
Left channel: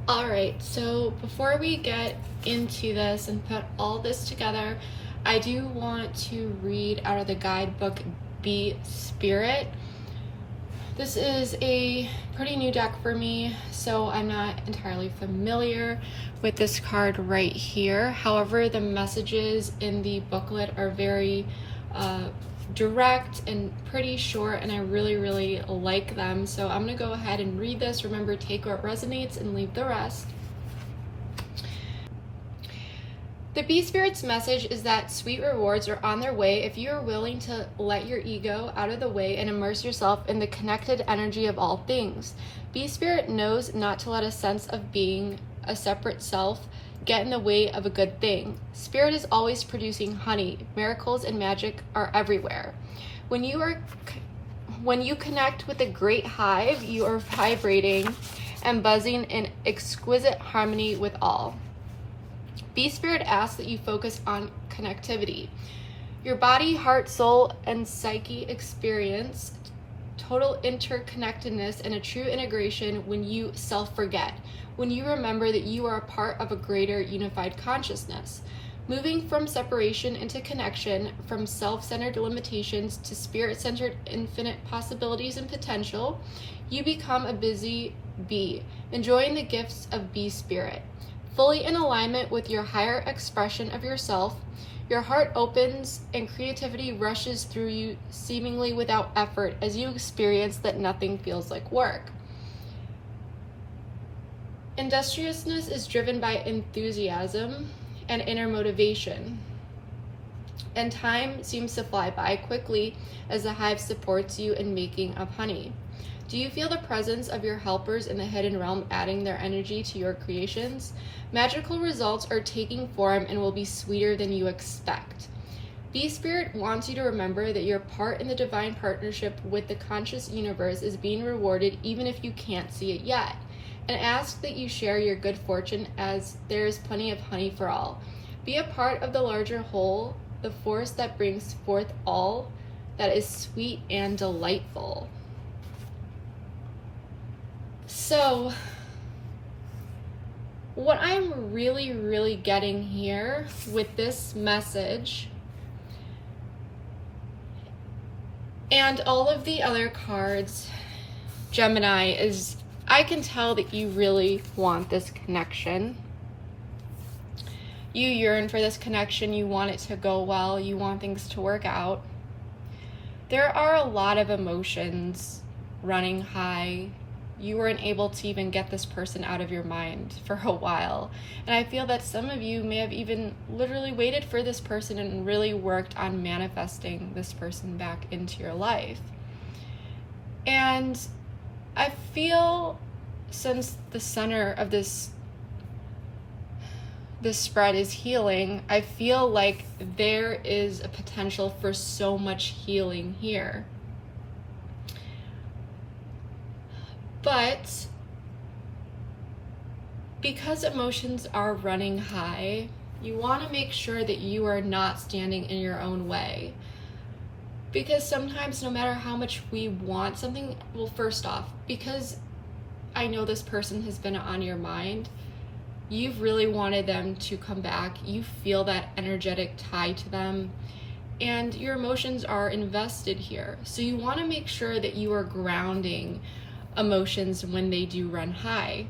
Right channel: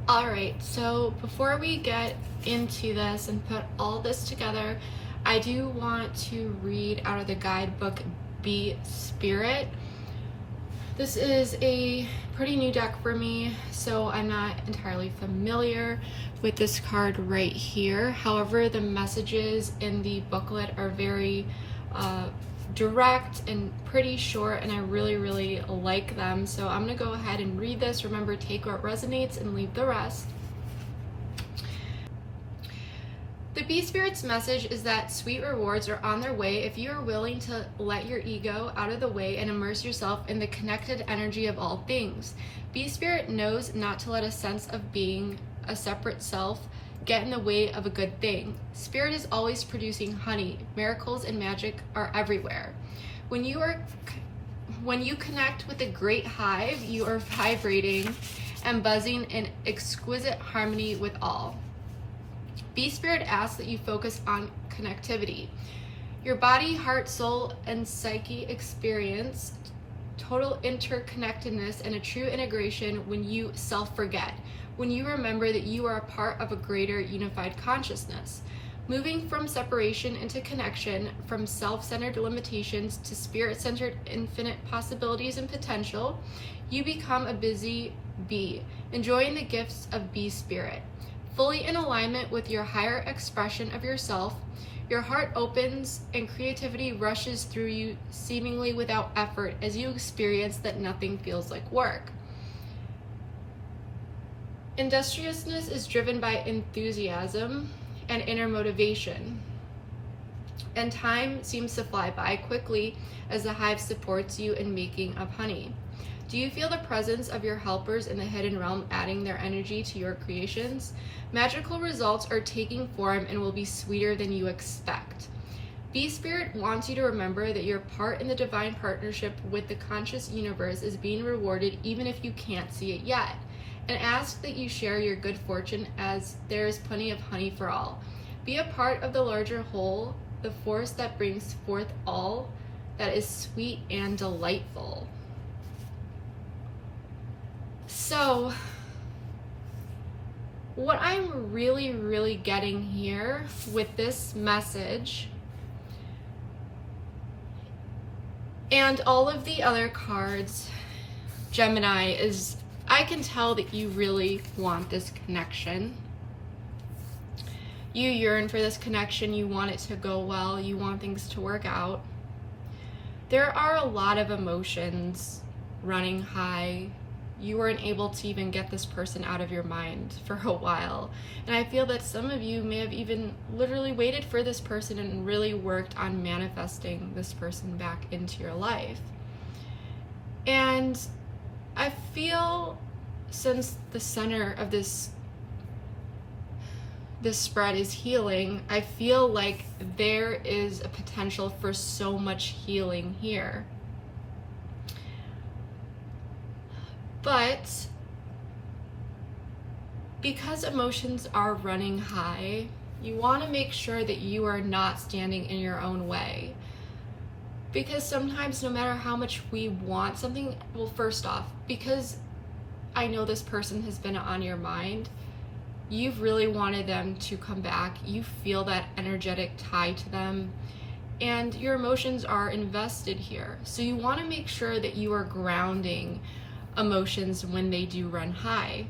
All right, so before we get into this and put all this together, I do want to read out of the guidebook, Be Spirit. This is a pretty new deck for me, so I'm not entirely familiar with this card right here. However, the messages in the booklet are very direct and pretty short, and I really, really like them. So I'm gonna go ahead and read this. Remember, take what resonates and leave the rest. The Bee Spirit's message is that sweet rewards are on their way if you are willing to let your ego out of the way and immerse yourself in the connected energy of all things. Bee Spirit knows not to let a sense of being a separate self get in the way of a good thing. Spirit is always producing honey. Miracles and magic are everywhere. When you connect with a great hive, you are vibrating and buzzing in exquisite harmony with all. Bee Spirit asks that you focus on connectivity. Your body, heart, soul, and psyche experience total interconnectedness and a true integration when you self-forget, when you remember that you are a part of a greater unified consciousness. Moving from separation into connection, from self-centered limitations to spirit-centered infinite possibilities and potential, you become a busy bee, enjoying the gifts of Bee Spirit. Fully in alignment with your higher expression of yourself, your heart opens and creativity rushes through you seemingly without effort as you experience that nothing feels like work. Industriousness is driven by enthusiasm and inner motivation, and time seems to fly by quickly as the hive supports you in making of honey. Do you feel the presence of your helpers in the hidden realm adding their energy to your creations? Magical results are taking form and will be sweeter than you expect. Bee Spirit wants you to remember that your part in the divine partnership with the conscious universe is being rewarded even if you can't see it yet, and ask that you share your good fortune as there is plenty of honey for all. Be a part of the larger whole, the force that brings forth all that is sweet and delightful. So, what I'm really, really getting here with this message and all of the other cards, Gemini, is I can tell that you really want this connection. You yearn for this connection. You want it to go well. You want things to work out. There are a lot of emotions running high. You weren't able to even get this person out of your mind for a while. And I feel that some of you may have even literally waited for this person and really worked on manifesting this person back into your life. And I feel since the center of this spread is healing, I feel like there is a potential for so much healing here. But because emotions are running high, you want to make sure that you are not standing in your own way. Because sometimes no matter how much we want something, well, first off, because I know this person has been on your mind, you've really wanted them to come back. You feel that energetic tie to them, and your emotions are invested here. So you want to make sure that you are grounding emotions when they do run high.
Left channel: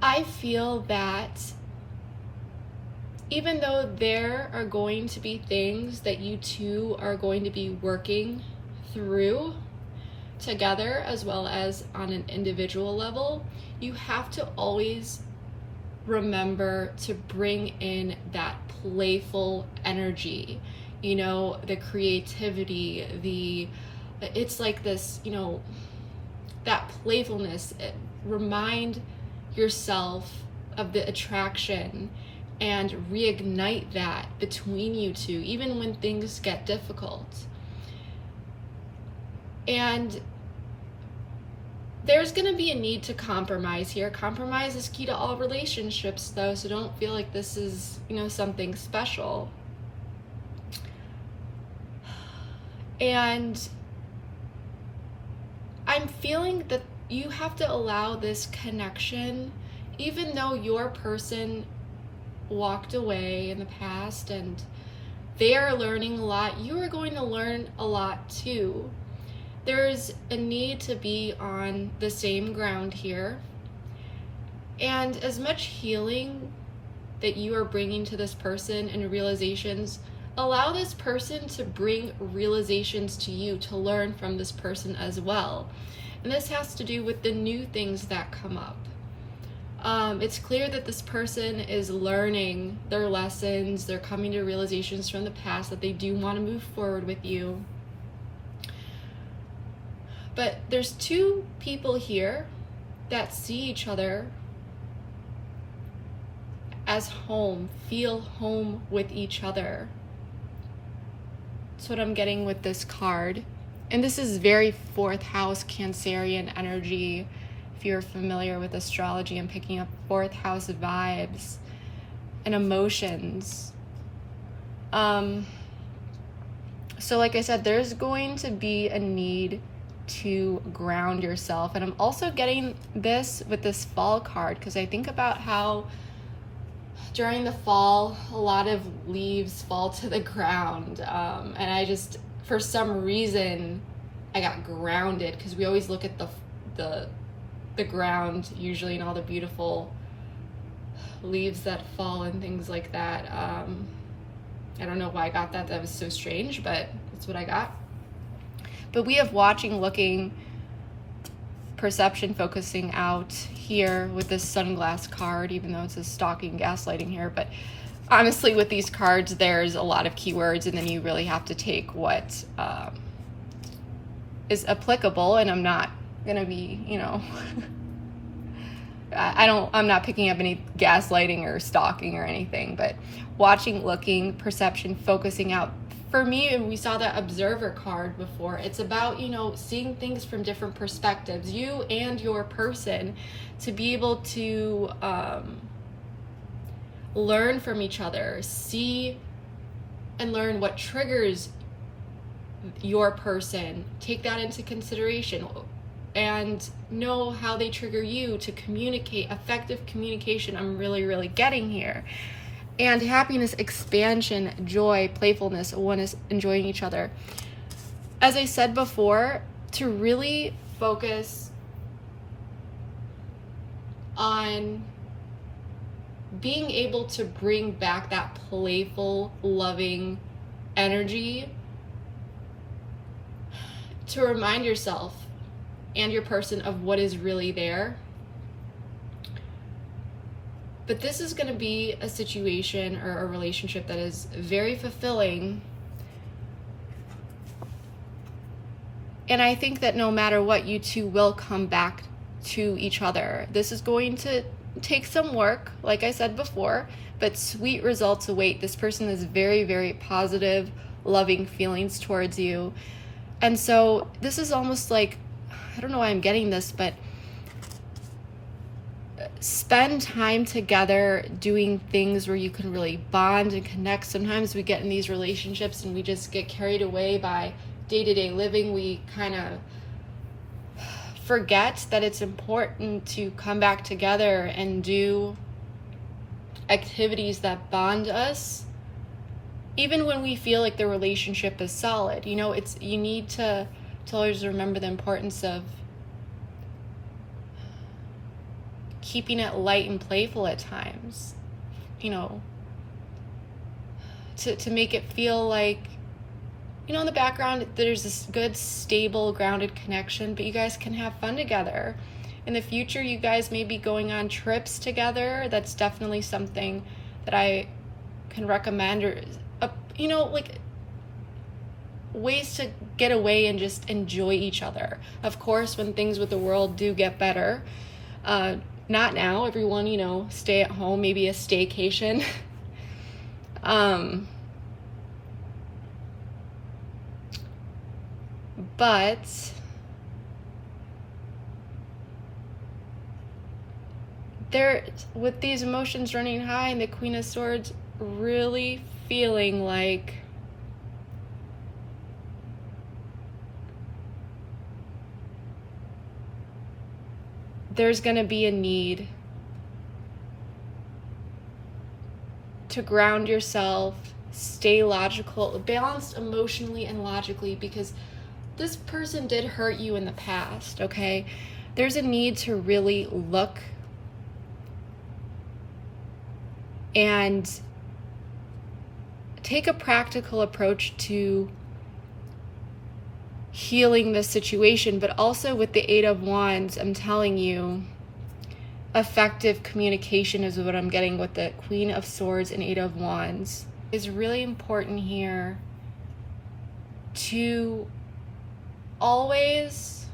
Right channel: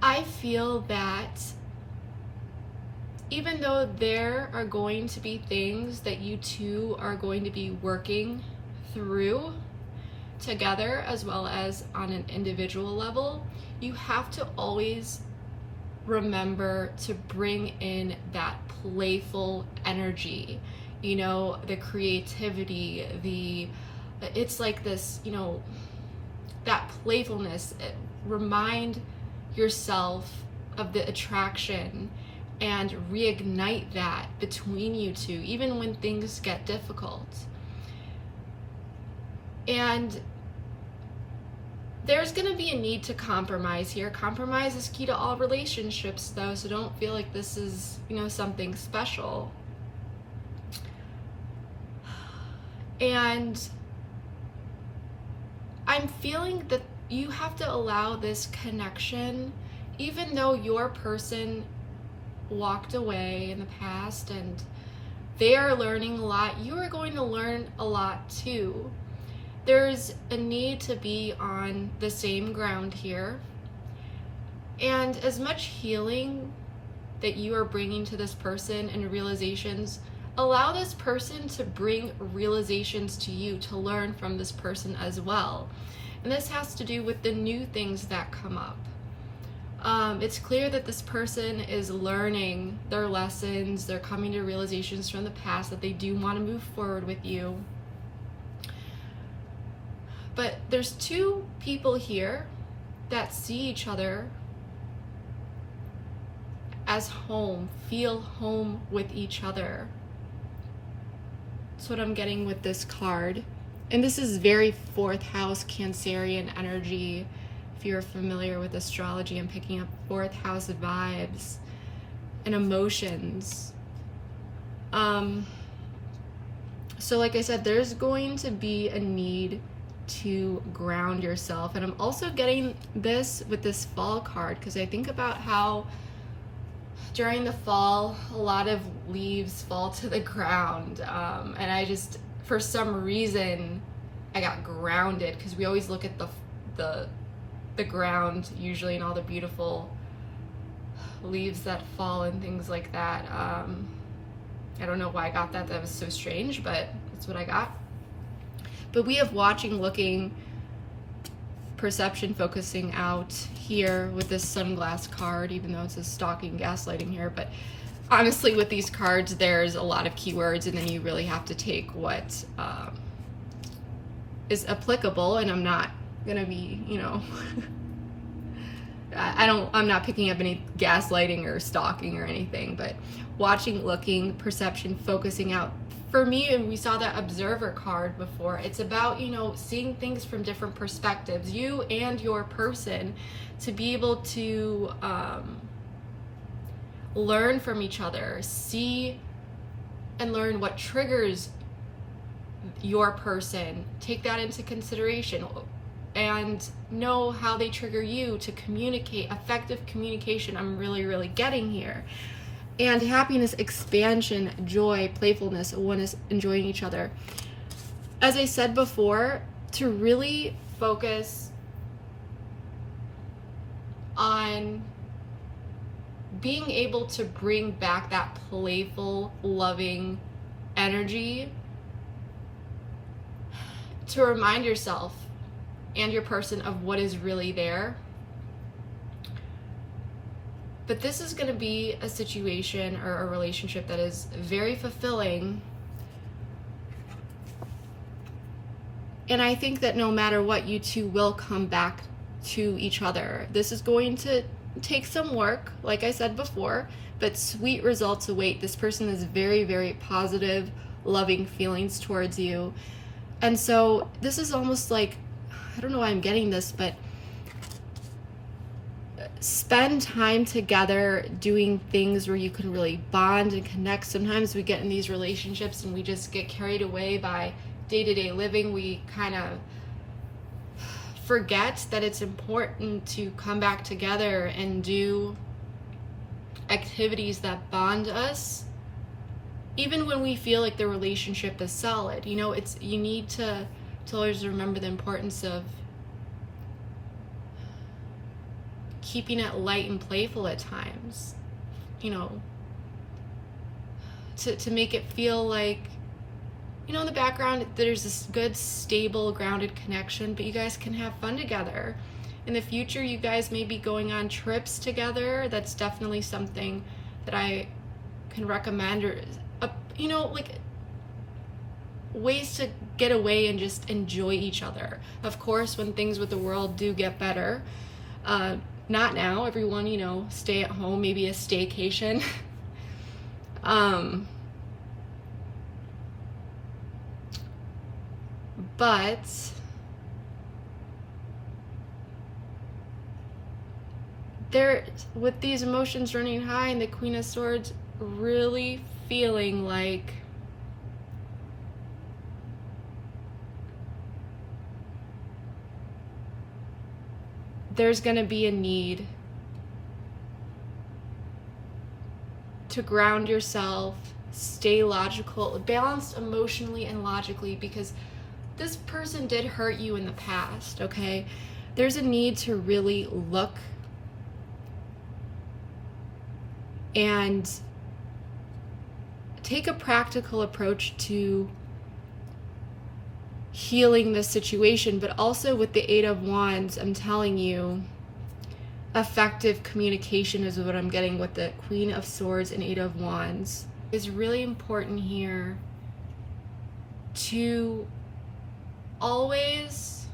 I feel that even though there are going to be things that you two are going to be working through together as well as on an individual level, you have to always remember to bring in that playful energy, you know, the creativity, it's like this, you know, that playfulness. Remind yourself of the attraction and reignite that between you two, even when things get difficult. And There's going to be a need to compromise here. Compromise is key to all relationships, though, so don't feel like this is, something special. And I'm feeling that you have to allow this connection, even though your person walked away in the past and they are learning a lot, you are going to learn a lot too. There's a need to be on the same ground here. And as much healing that you are bringing to this person and realizations, allow this person to bring realizations to you, to learn from this person as well. And this has to do with the new things that come up. It's clear that this person is learning their lessons. They're coming to realizations from the past that they do want to move forward with you. But there's two people here that see each other as home, feel home with each other. That's what I'm getting with this card. And this is very fourth house Cancerian energy. If you're familiar with astrology, I'm picking up fourth house vibes and emotions. So like I said, there's going to be a need to ground yourself. And I'm also getting this with this fall card, because I think about how during the fall, a lot of leaves fall to the ground. And I just, for some reason, I got grounded, because we always look at the ground usually, and all the beautiful leaves that fall and things like that. I don't know why I got that. That was so strange, but that's what I got. But we have watching, looking, perception, focusing out here with this sunglass card, even though it's a stalking, gaslighting here. But honestly, with these cards, there's a lot of keywords, and then you really have to take what is applicable. And I'm not gonna be, I'm not picking up any gaslighting or stalking or anything, but watching, looking, perception, focusing out. For me, and we saw that observer card before, it's about, seeing things from different perspectives, you and your person, to be able to learn from each other, see and learn what triggers your person, take that into consideration, and know how they trigger you to communicate. Effective communication, I'm really, really getting here. And happiness, expansion, joy, playfulness, one is enjoying each other. As I said before, to really focus on being able to bring back that playful, loving energy, to remind yourself and your person of what is really there. But this is going to be a situation or a relationship that is very fulfilling. And I think that no matter what, you two will come back to each other. This is going to take some work, like I said before, but sweet results await. This person is very, very positive, loving feelings towards you. And so this is almost like, I don't know why I'm getting this, but spend time together doing things where you can really bond and connect. Sometimes we get in these relationships and we just get carried away by day-to-day living. We kind of forget that it's important to come back together and do activities that bond us, even when we feel like the relationship is solid. You need to always remember the importance of keeping it light and playful at times, to make it feel like, in the background, there's this good, stable, grounded connection, but you guys can have fun together. In the future, you guys may be going on trips together. That's definitely something that I can recommend, or, ways to get away and just enjoy each other. Of course, when things with the world do get better, not now, everyone, stay at home, maybe a staycation. But they're, with these emotions running high and the Queen of Swords, really feeling like there's going to be a need to ground yourself, stay logical, balanced emotionally and logically, because this person did hurt you in the past, okay? There's a need to really look and take a practical approach to healing the situation, but also with the Eight of Wands, I'm telling you, effective communication is what I'm getting with the Queen of Swords and Eight of Wands. It's really important here to always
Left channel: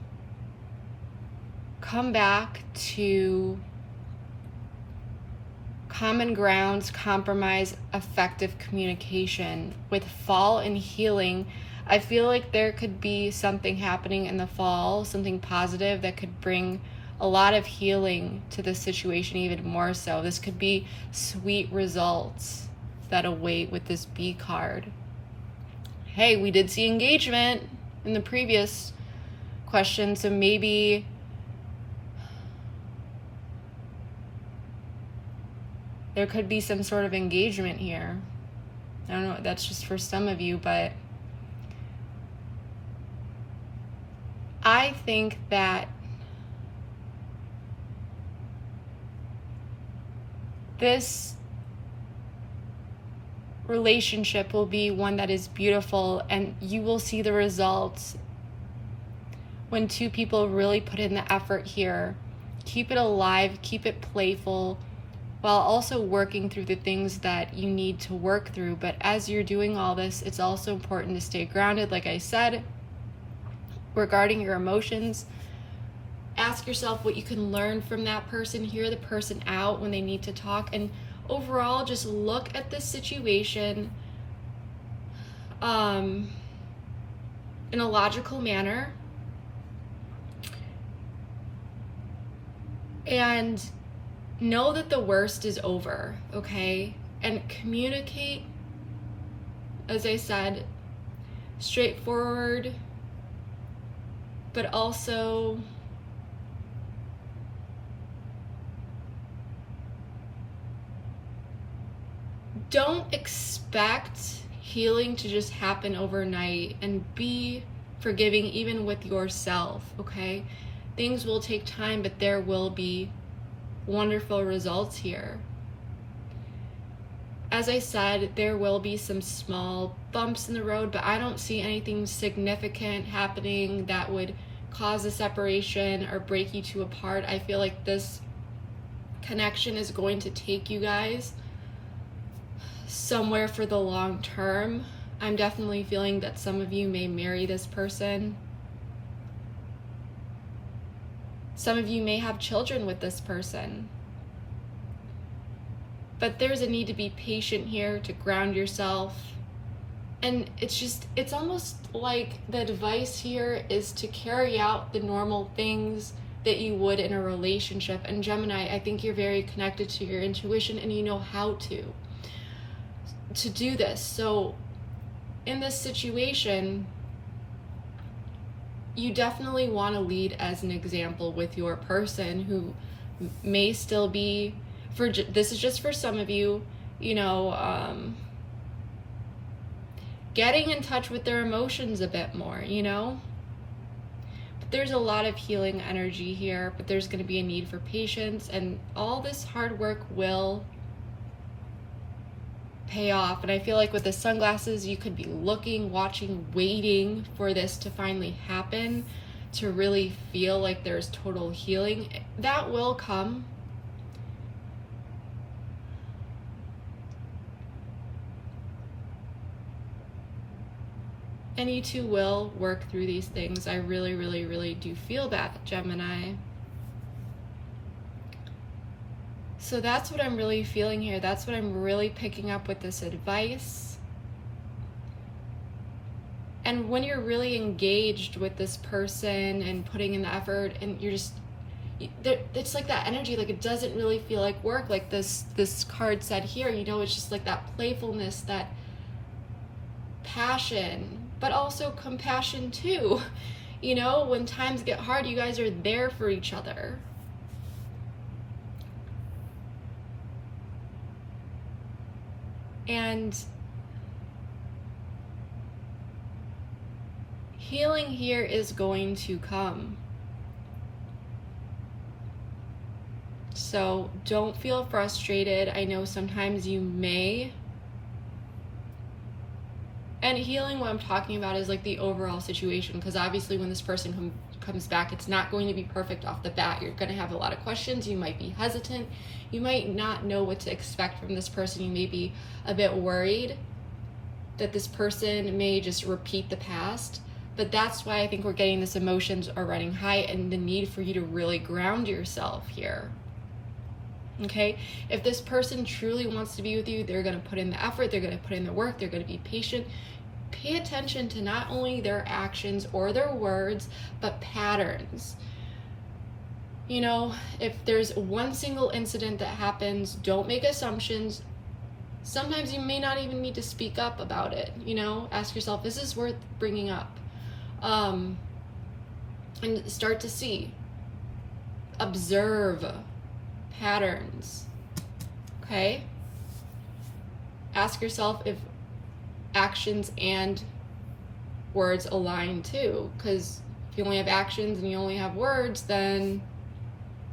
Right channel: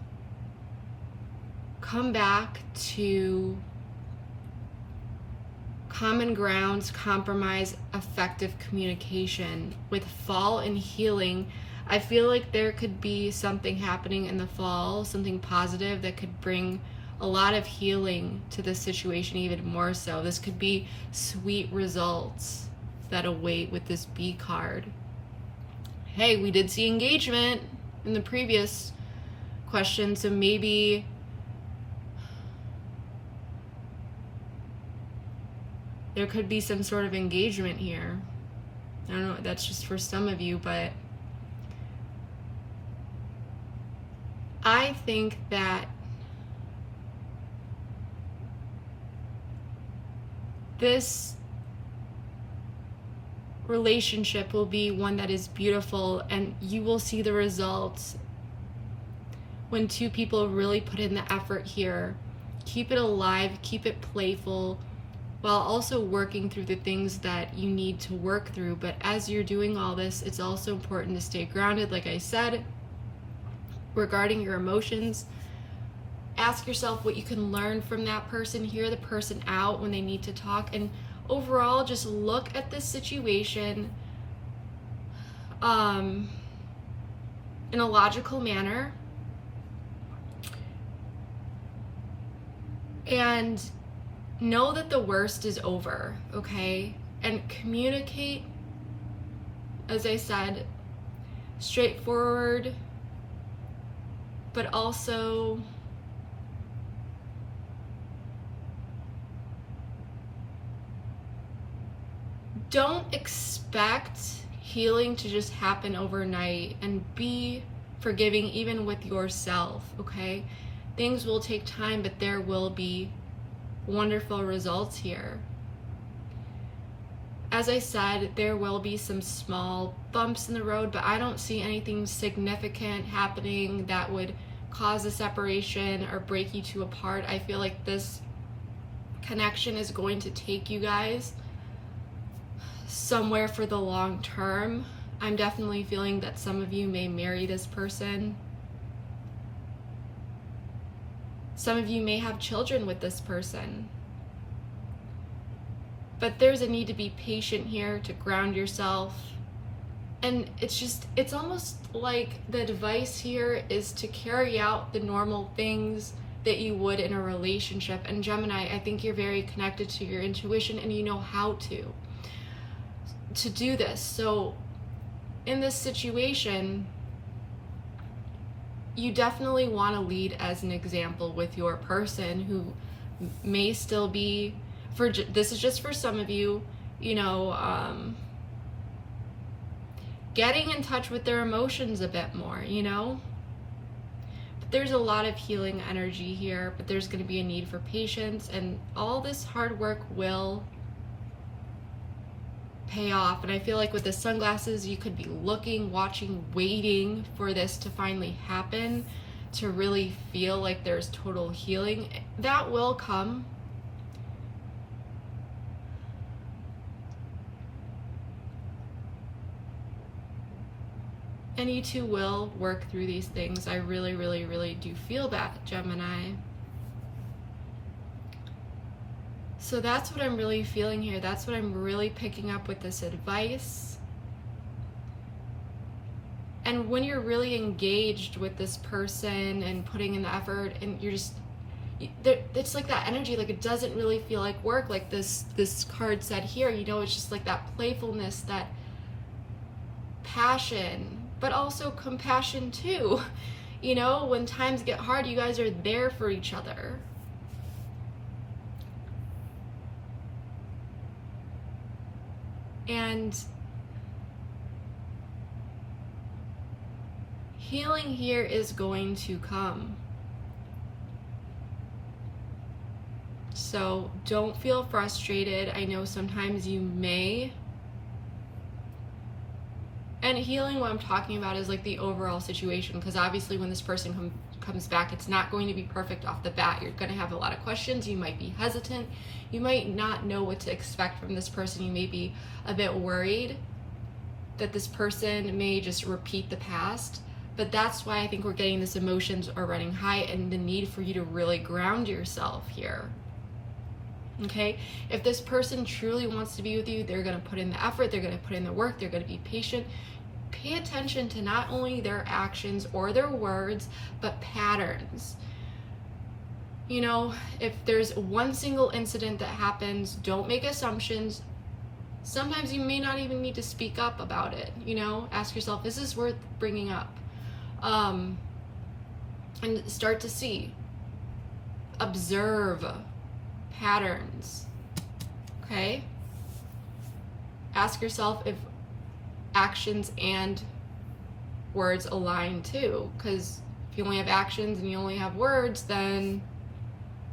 come back to common grounds, compromise, effective communication. With fall and healing, I feel like there could be something happening in the fall, something positive that could bring a lot of healing to the situation, even more so. This could be sweet results that await with this B card. Hey, we did see engagement in the previous question, so maybe there could be some sort of engagement here. I don't know, that's just for some of you, but I think that this relationship will be one that is beautiful, and you will see the results when two people really put in the effort here. Keep it alive, keep it playful, while also working through the things that you need to work through. But as you're doing all this, it's also important to stay grounded, like I said, regarding your emotions. Ask yourself what you can learn from that person, hear the person out when they need to talk, and overall just look at the situation in a logical manner, and know that the worst is over, okay? And communicate, as I said, straightforward, but also don't expect healing to just happen overnight, and be forgiving even with yourself, okay? Things will take time, but there will be wonderful results here. As I said, there will be some small bumps in the road, but I don't see anything significant happening that would cause a separation or break you two apart. I feel like this connection is going to take you guys somewhere for the long term. I'm definitely feeling that some of you may marry this person. Some of you may have children with this person. But there's a need to be patient here, to ground yourself. And it's almost like the advice here is to carry out the normal things that you would in a relationship. And Gemini, I think you're very connected to your intuition, and you know how to do this. So in this situation, you definitely want to lead as an example with your person, who may still be, this is just for some of you, getting in touch with their emotions a bit more, But there's a lot of healing energy here, but there's going to be a need for patience, and all this hard work will pay off. And I feel like with the sunglasses, you could be looking, watching, waiting for this to finally happen, to really feel like there's total healing. That will come. And you two will work through these things. I really, really, really do feel that, Gemini. So that's what I'm really feeling here. That's what I'm really picking up with this advice. And when you're really engaged with this person and putting in the effort, and it's like that energy, like it doesn't really feel like work, like this card said here, you know, it's just like that playfulness, that passion, but also compassion too. You know, when times get hard, you guys are there for each other. And healing here is going to come. So don't feel frustrated. I know sometimes you may. And healing, what I'm talking about is like the overall situation, because obviously when this person comes back, it's not going to be perfect off the bat. You're going to have a lot of questions. You might be hesitant. You might not know what to expect from this person. You may be a bit worried that this person may just repeat the past. But that's why I think we're getting this emotions are running high and the need for you to really ground yourself here. Okay? If this person truly wants to be with you, they're going to put in the effort, they're going to put in the work, they're going to be patient. Pay attention to not only their actions or their words, but patterns. You know, if there's one single incident that happens, don't make assumptions. Sometimes you may not even need to speak up about it. You know, ask yourself, is this worth bringing up? And start to see, observe patterns. Okay? Ask yourself if actions and words align too, because if you only have actions and you only have words, then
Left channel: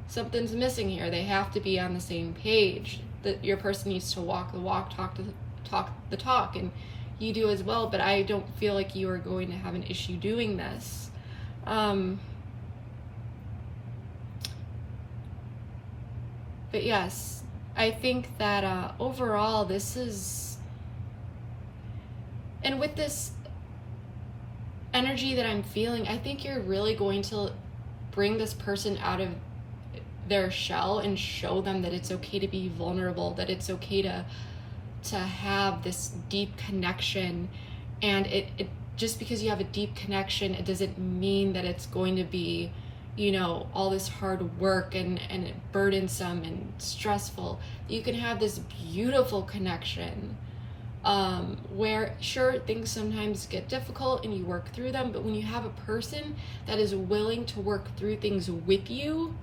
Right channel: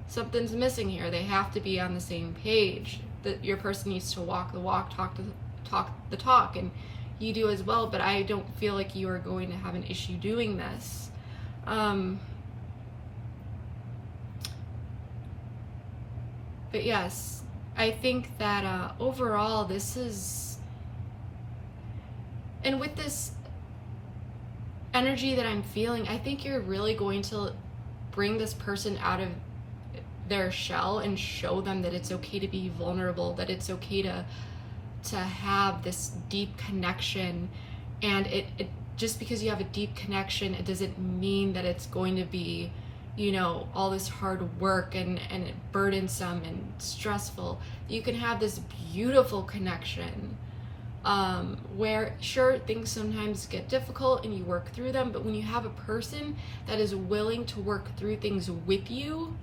something's missing here. They have to be on the same page. That your person needs to walk the walk, talk the talk, and you do as well. But I don't feel like you are going to have an issue doing this. But yes, I think that overall this is, and with this energy that I'm feeling, I think you're really going to bring this person out of their shell and show them that it's okay to be vulnerable, that it's okay to have this deep connection. And it just because you have a deep connection, it doesn't mean that it's going to be, you know, all this hard work and burdensome and stressful. You can have this beautiful connection where sure, things sometimes get difficult and you work through them, but when you have a person that is willing to work through things with you,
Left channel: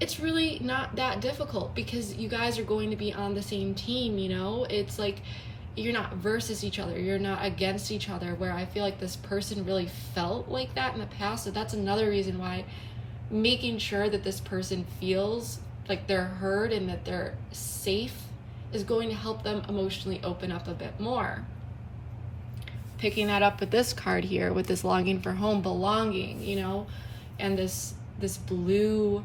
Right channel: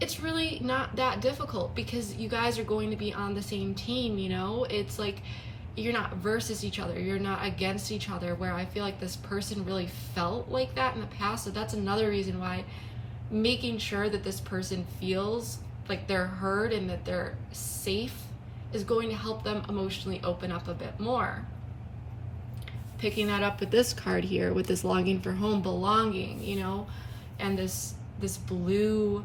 it's really not that difficult, because you guys are going to be on the same team. You know, it's like you're not versus each other, you're not against each other, where I feel like this person really felt like that in the past. So that's another reason why making sure that this person feels like they're heard and that they're safe is going to help them emotionally open up a bit more. Picking that up with this card here, with this longing for home, belonging, you know, and this blue,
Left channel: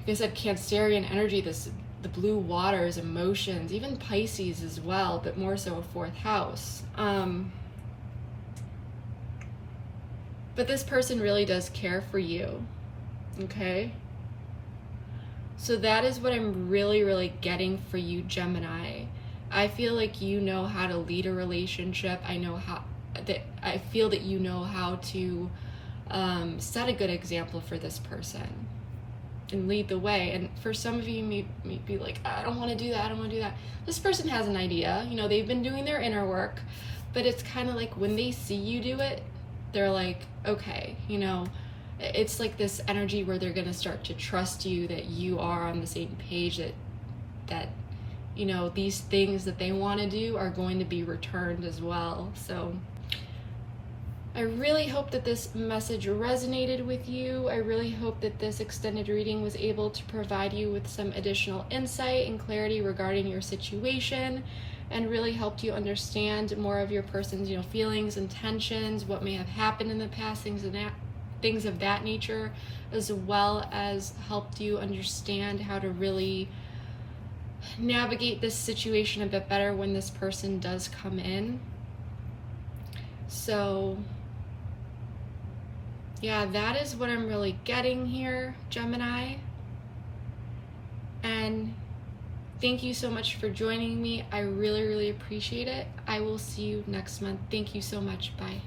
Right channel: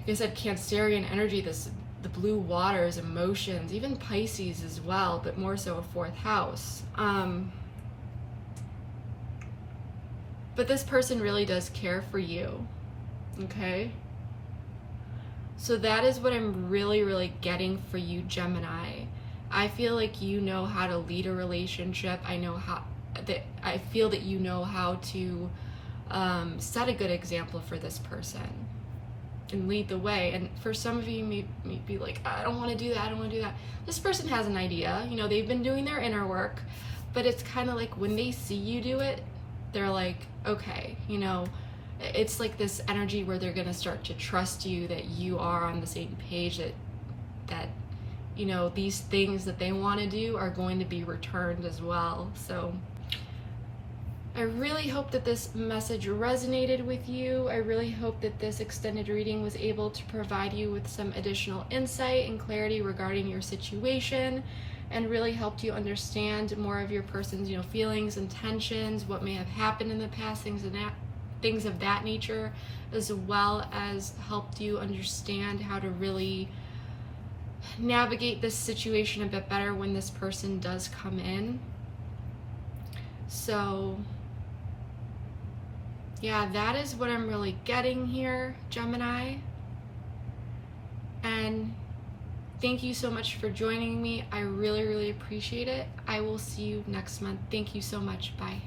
like I said, Cancerian energy, the blue waters, emotions, even Pisces as well, but more so a fourth house. But this person really does care for you, okay? So that is what I'm really, really getting for you, Gemini. I feel like you know how to lead a relationship. I feel that you know how to set a good example for this person and lead the way. And for some of you, you may be like, I don't want to do that, I don't want to do that. This person has an idea, you know, they've been doing their inner work, but it's kind of like when they see you do it, they're like, okay, you know, it's like this energy where they're going to start to trust you, that you are on the same page, that you know, these things that they want to do are going to be returned as well. So I really hope that this message resonated with you. I really hope that this extended reading was able to provide you with some additional insight and clarity regarding your situation, and really helped you understand more of your person's, you know, feelings, intentions, what may have happened in the past, things of that nature, as well as helped you understand how to really navigate this situation a bit better when this person does come in. So yeah, that is what I'm really getting here, Gemini. And thank you so much for joining me. I really, really appreciate it. I will see you next month. Thank you so much. Bye.